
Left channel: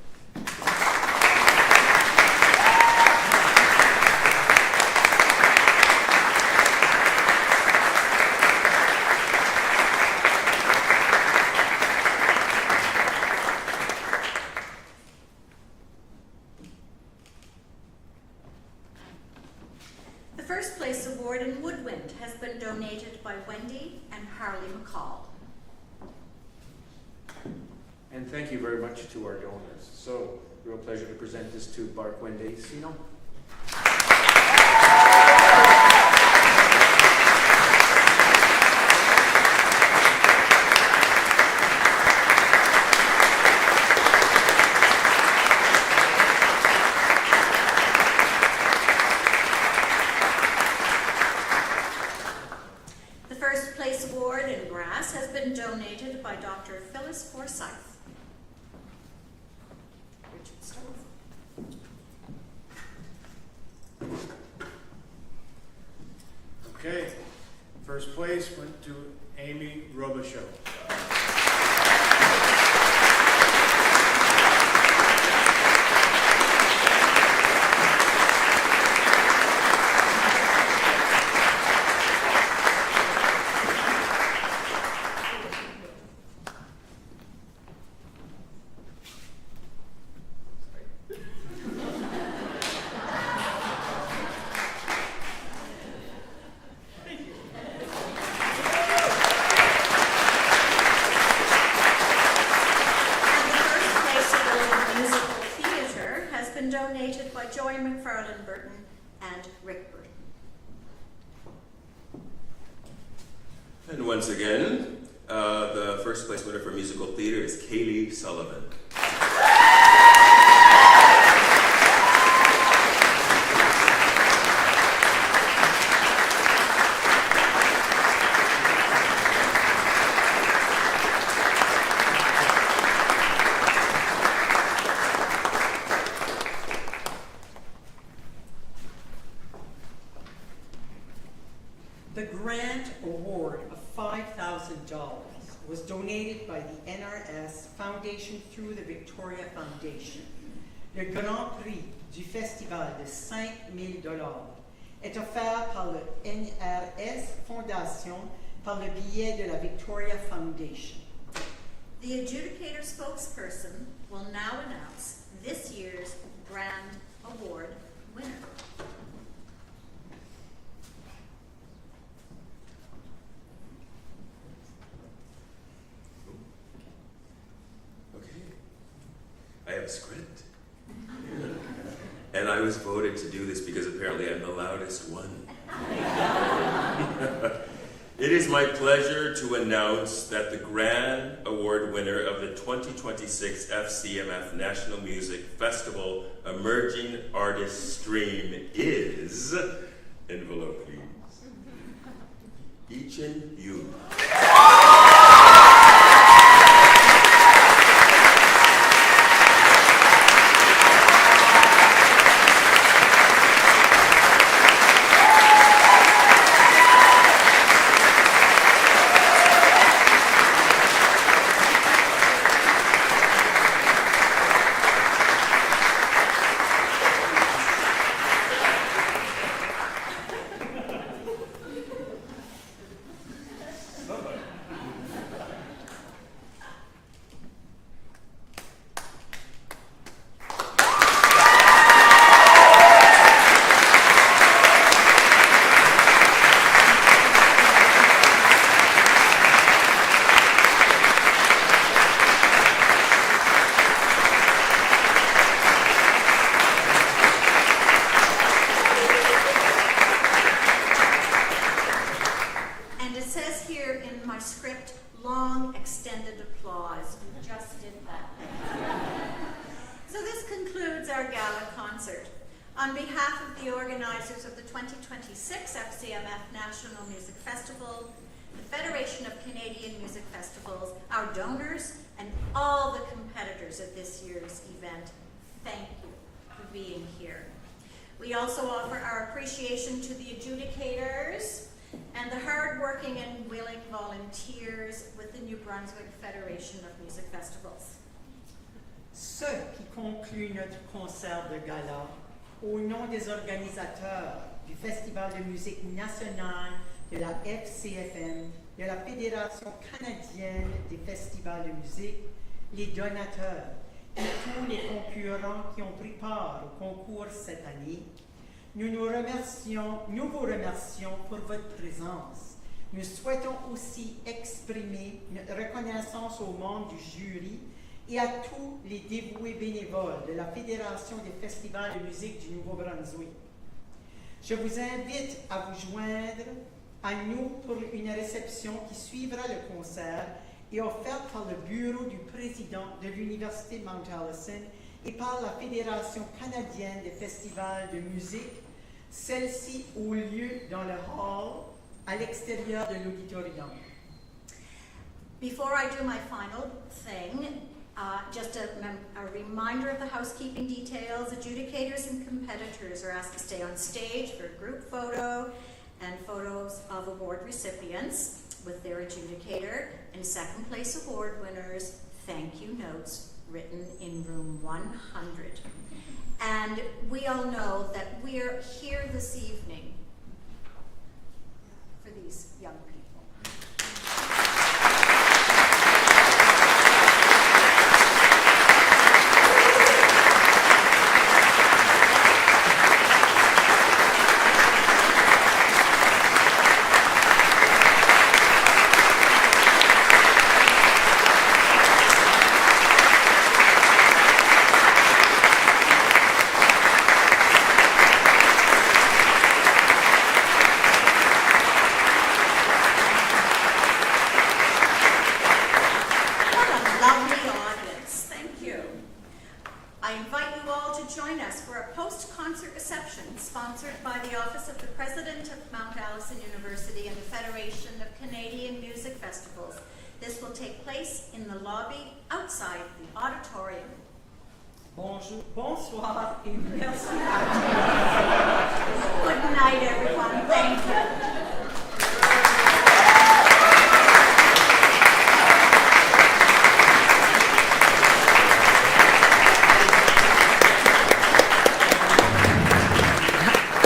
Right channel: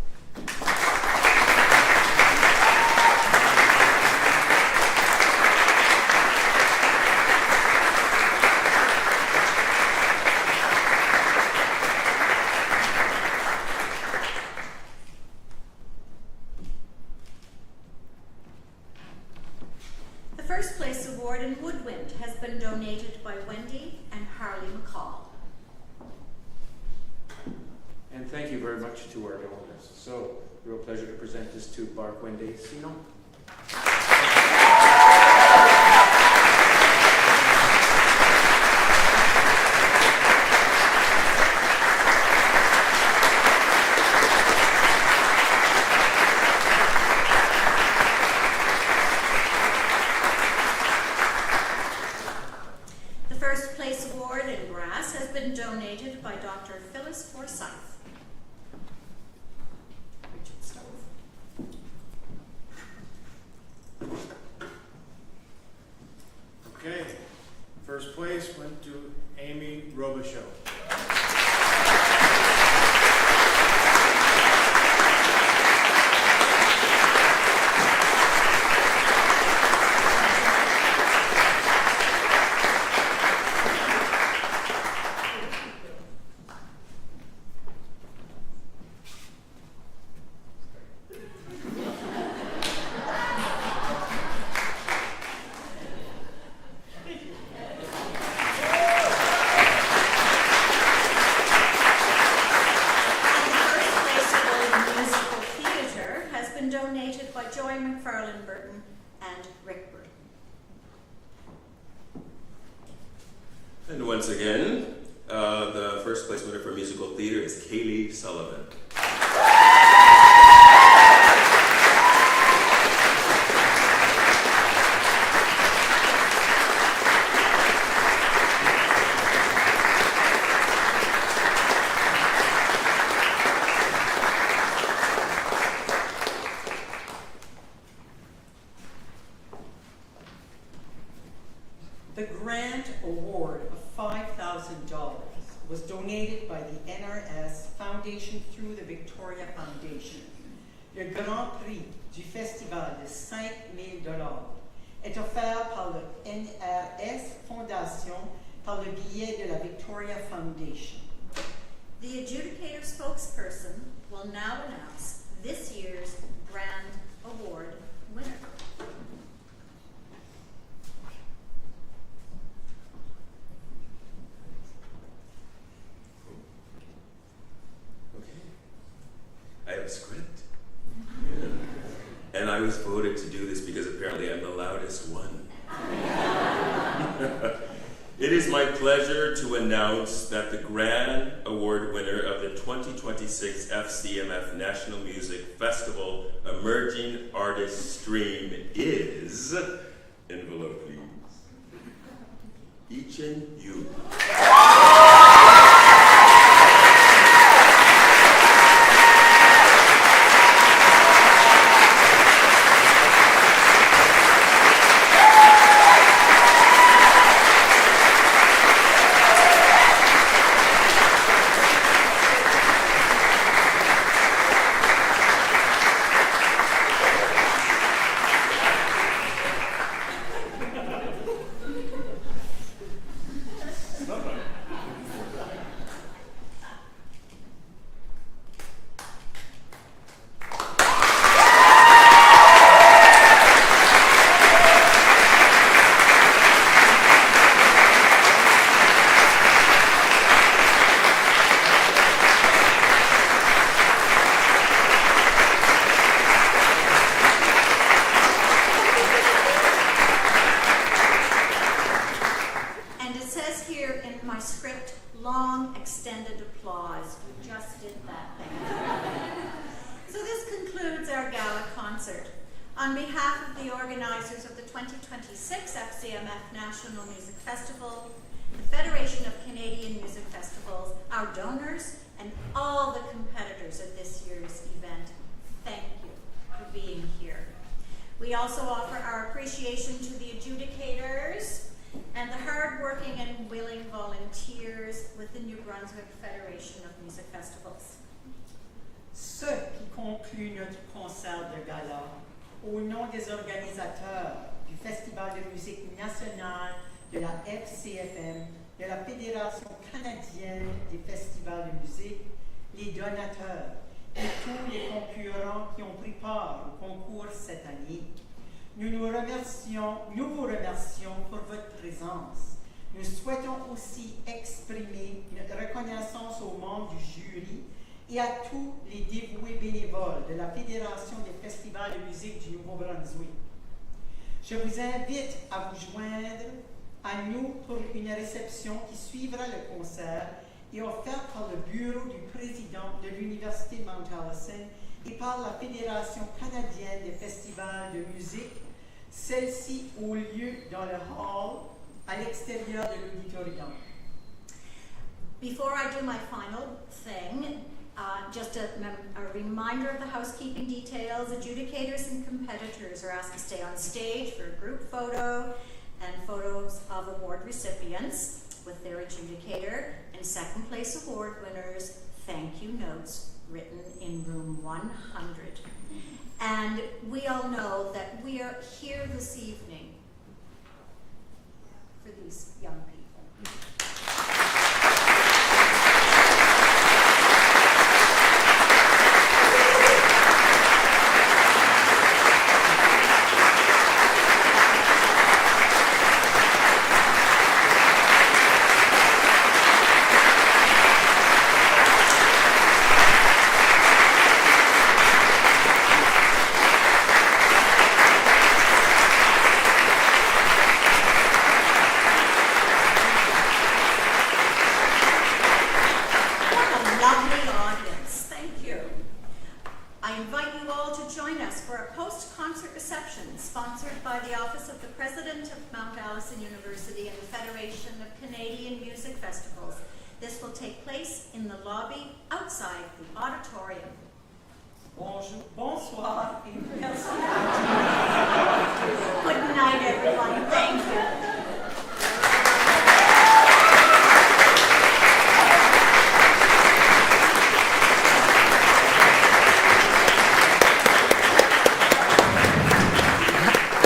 The first place award in woodwind has been donated by Wendy and Harley McCall. And thank you very much to our donors. So, real pleasure to present this to Bark-Wende Sinon. The first place award in brass has been donated by Dr. Phyllis Forsyth. Richard Stove. Okay, first place went to Amy Robichaud. Donated by Joy McFarlane Burton and Rick Burton. And once again, the first place winner for musical theater is Caileigh Sullivan. The grant award of $5,000 was donated by the NRS Foundation through the Victoria Foundation. Le Grand Prix du Festival de $5,000 est offert par le NRS Foundation par le biais de la Victoria Foundation. The adjudicator spokesperson will now announce this year's Grand Award winner. I have a script. And I was voted to do this because apparently I'm the loudest one. It is my pleasure to announce that the Grand Award winner of the 2026 FCMF National Music Festival Emerging Artist Stream is, envelope please, Echan Yoon. On behalf of the organizers of the 2026 FCMF National Music Festival, the Federation of Canadian Music Festivals, our donors, and all the competitors of this year's event, thank you for being here. We also offer our appreciation to the adjudicators and the hard-working and willing volunteers with the New Brunswick Federation of Music Festivals. Ce qui conclut notre concert de gala, au nom des organisateurs du Festival de musique nationale de la FCFM, de la Fédération canadienne des festivals de musique, les donateurs et tous les concurrents qui ont pris part au concours cette année, nous vous remercions pour votre présence. Nous souhaitons aussi exprimer notre reconnaissance aux membres du jury et à tous les dévoués bénévoles de la Fédération des festivals de musique du Nouveau-Brunswick. Je vous invite à vous joindre à nous pour une réception qui suivra le concert et offerte par le bureau du président de l'Université Mount Allison et par la Fédération canadienne des festivals de musique, celle-ci au lieu dans le hall à l'extérieur de l'auditorium. Before I do my final thing, just a reminder of the housekeeping details. Adjudicators and competitors are asked to stay on stage for a group photo and photos of award recipients with their adjudicator, and second place award winners thank you notes written in room 100. And we all know that we are here this evening for these young people. concert reception sponsored by the Office of the President of Mount Allison University and the Federation of Canadian Music Festivals. This will take place in the lobby outside the auditorium. Bonjour, bonsoir, et merci. Good night, everyone. Thank you.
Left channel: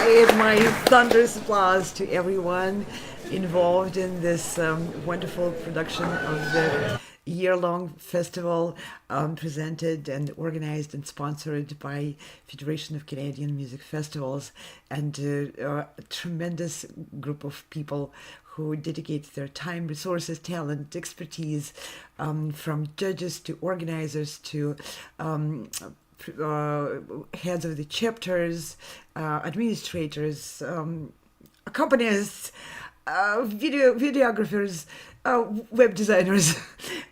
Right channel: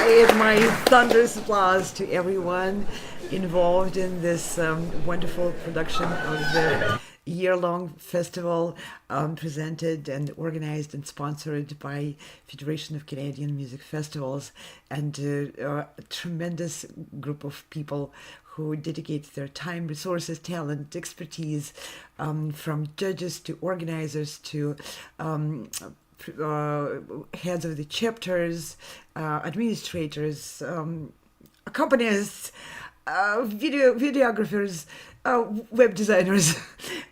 I add my thunderous applause to everyone involved in this wonderful production of the year-long festival presented and organized and sponsored by Federation of Canadian Music Festivals, and a tremendous group of people who dedicate their time, resources, talent, expertise, from judges to organizers to heads of the chapters, administrators, accompanists, videographers, web designers.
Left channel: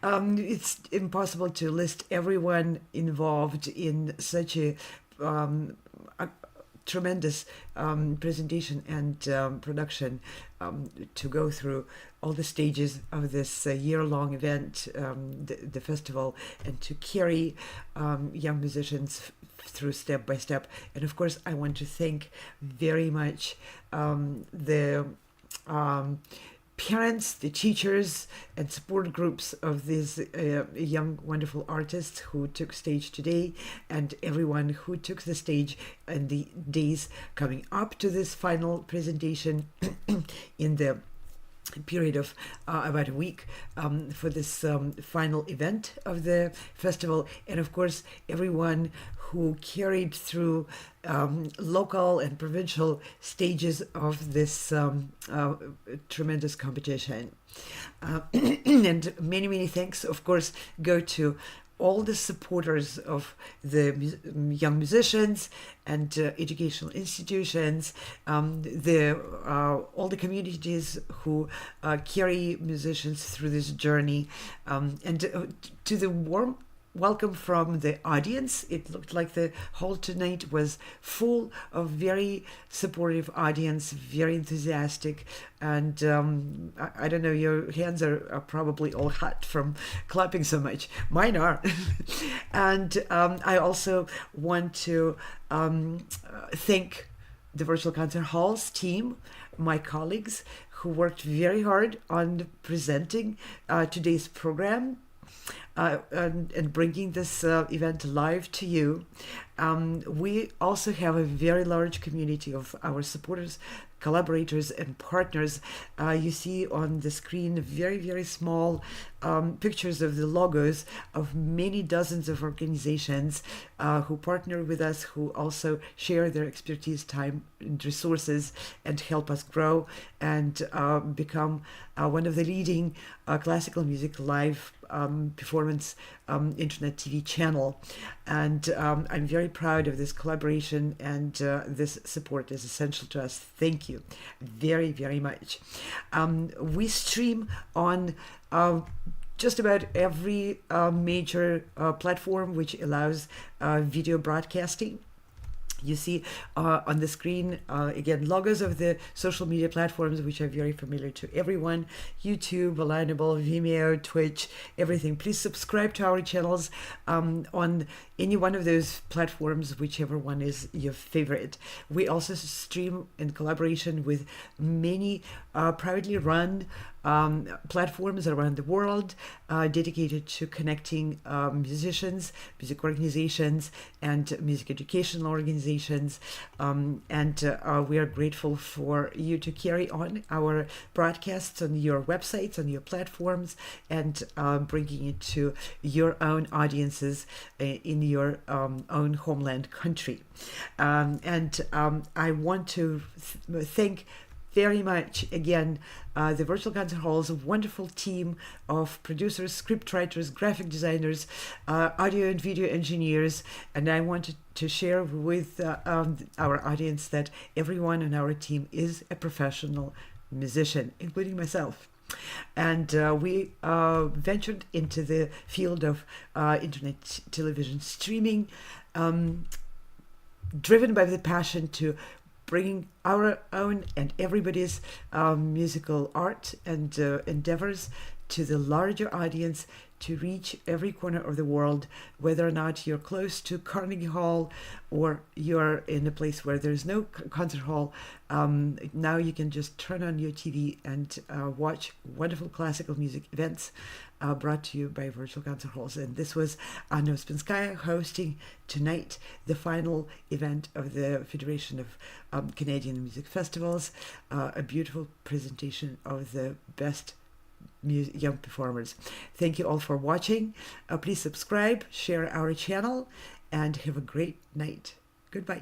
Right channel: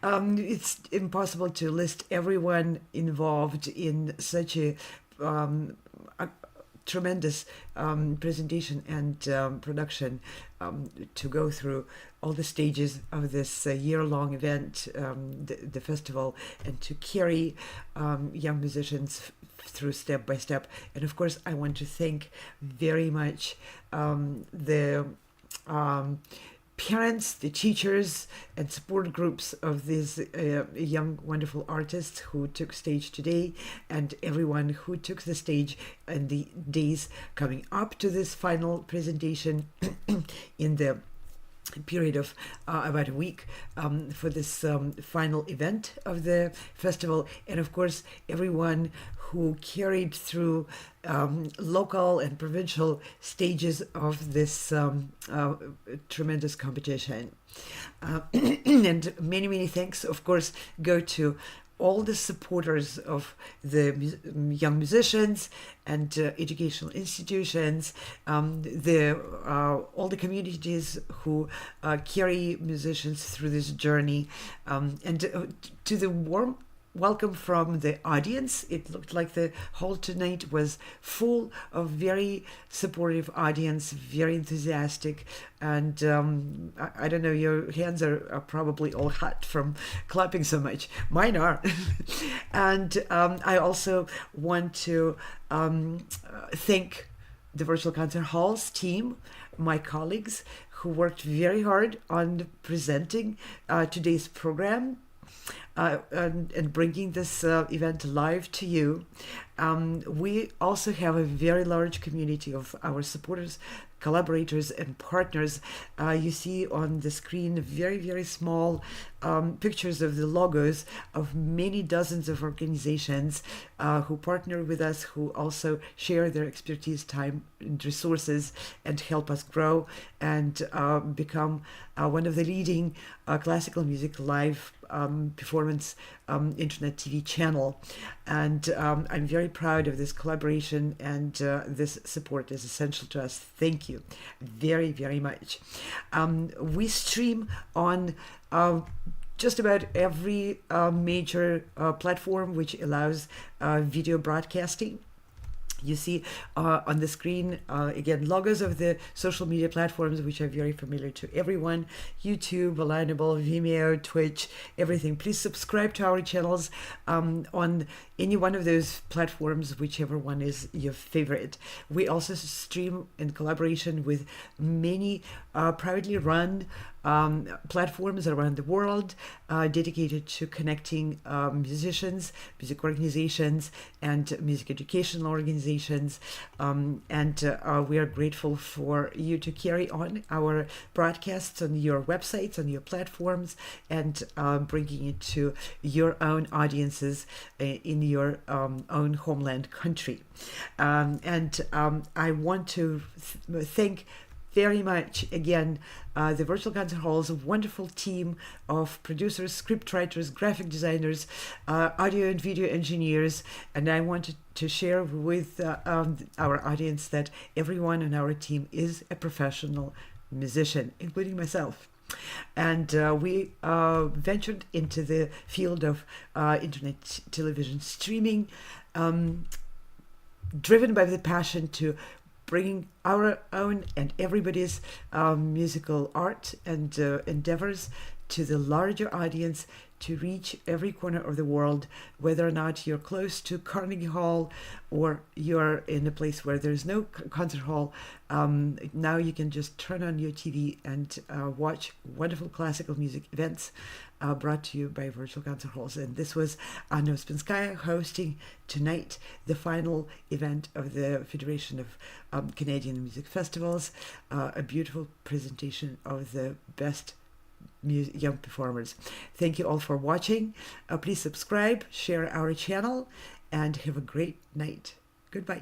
It's impossible to list everyone involved in such a tremendous presentation and production, to go through all the stages of this year-long event, the festival, and to carry young musicians through step by step. And of course, I want to thank very much the parents, the teachers, and support groups of these young, wonderful artists who took stage today, and everyone who took the stage in the days coming up to this final presentation in the period of about a week for this final event of the festival. And of course, everyone who carried through local and provincial stages of this tremendous competition. And many, many thanks, of course, go to all the supporters of the young musicians and educational institutions, all the communities who carry musicians through this journey, and to the warm welcome from the audience. It looked like the hall tonight was full of very supportive audience, very enthusiastic, and I don't know, your hands are probably all hot from clapping so much. Mine are. And I also want to thank the Virtual Concert Halls team, my colleagues who worked very hard on presenting today's program, and bringing this event live to you. We also have a very large community of our supporters, collaborators, and partners. You see on the screen very, very small pictures of the logos of many dozens of organizations who partner with us, who also share their expertise, time, and resources, and help us grow and become one of the leading classical music live performance internet TV channel. And I'm very proud of this collaboration, and this support is essential to us. Thank you very, very much. We stream on just about every major platform which allows video broadcasting. You see on the screen, again, logos of the social media platforms, which are very familiar to everyone: YouTube, Alignable, Vimeo, Twitch, everything. Please subscribe to our channels on any one of those platforms, whichever one is your favorite. We also stream in collaboration with many privately run platforms around the world dedicated to connecting musicians, music organizations, and music educational organizations. And we are grateful for you to carry on our broadcasts on your websites, on your platforms, and bringing it to your own audiences in your own homeland country. And I want to thank very much again the Virtual Concert Hall's wonderful team of producers, script writers, graphic designers, audio and video engineers. And I wanted to share with our audience that everyone on our team is a professional musician, including myself. And we ventured into the field of internet television streaming driven by the passion to bringing our own and everybody's musical art and endeavors to the larger audience, to reach every corner of the world, whether or not you're close to Carnegie Hall or you're in a place where there's no concert hall. Now you can just turn on your TV and watch wonderful classical music events brought to you by virtual concert halls. And this was Anna Uspinskaya hosting tonight the final event of the Federation of Canadian Music Festivals, a beautiful presentation of the best young performers. Thank you all for watching. Please subscribe, share our channel, and have a great night. Goodbye.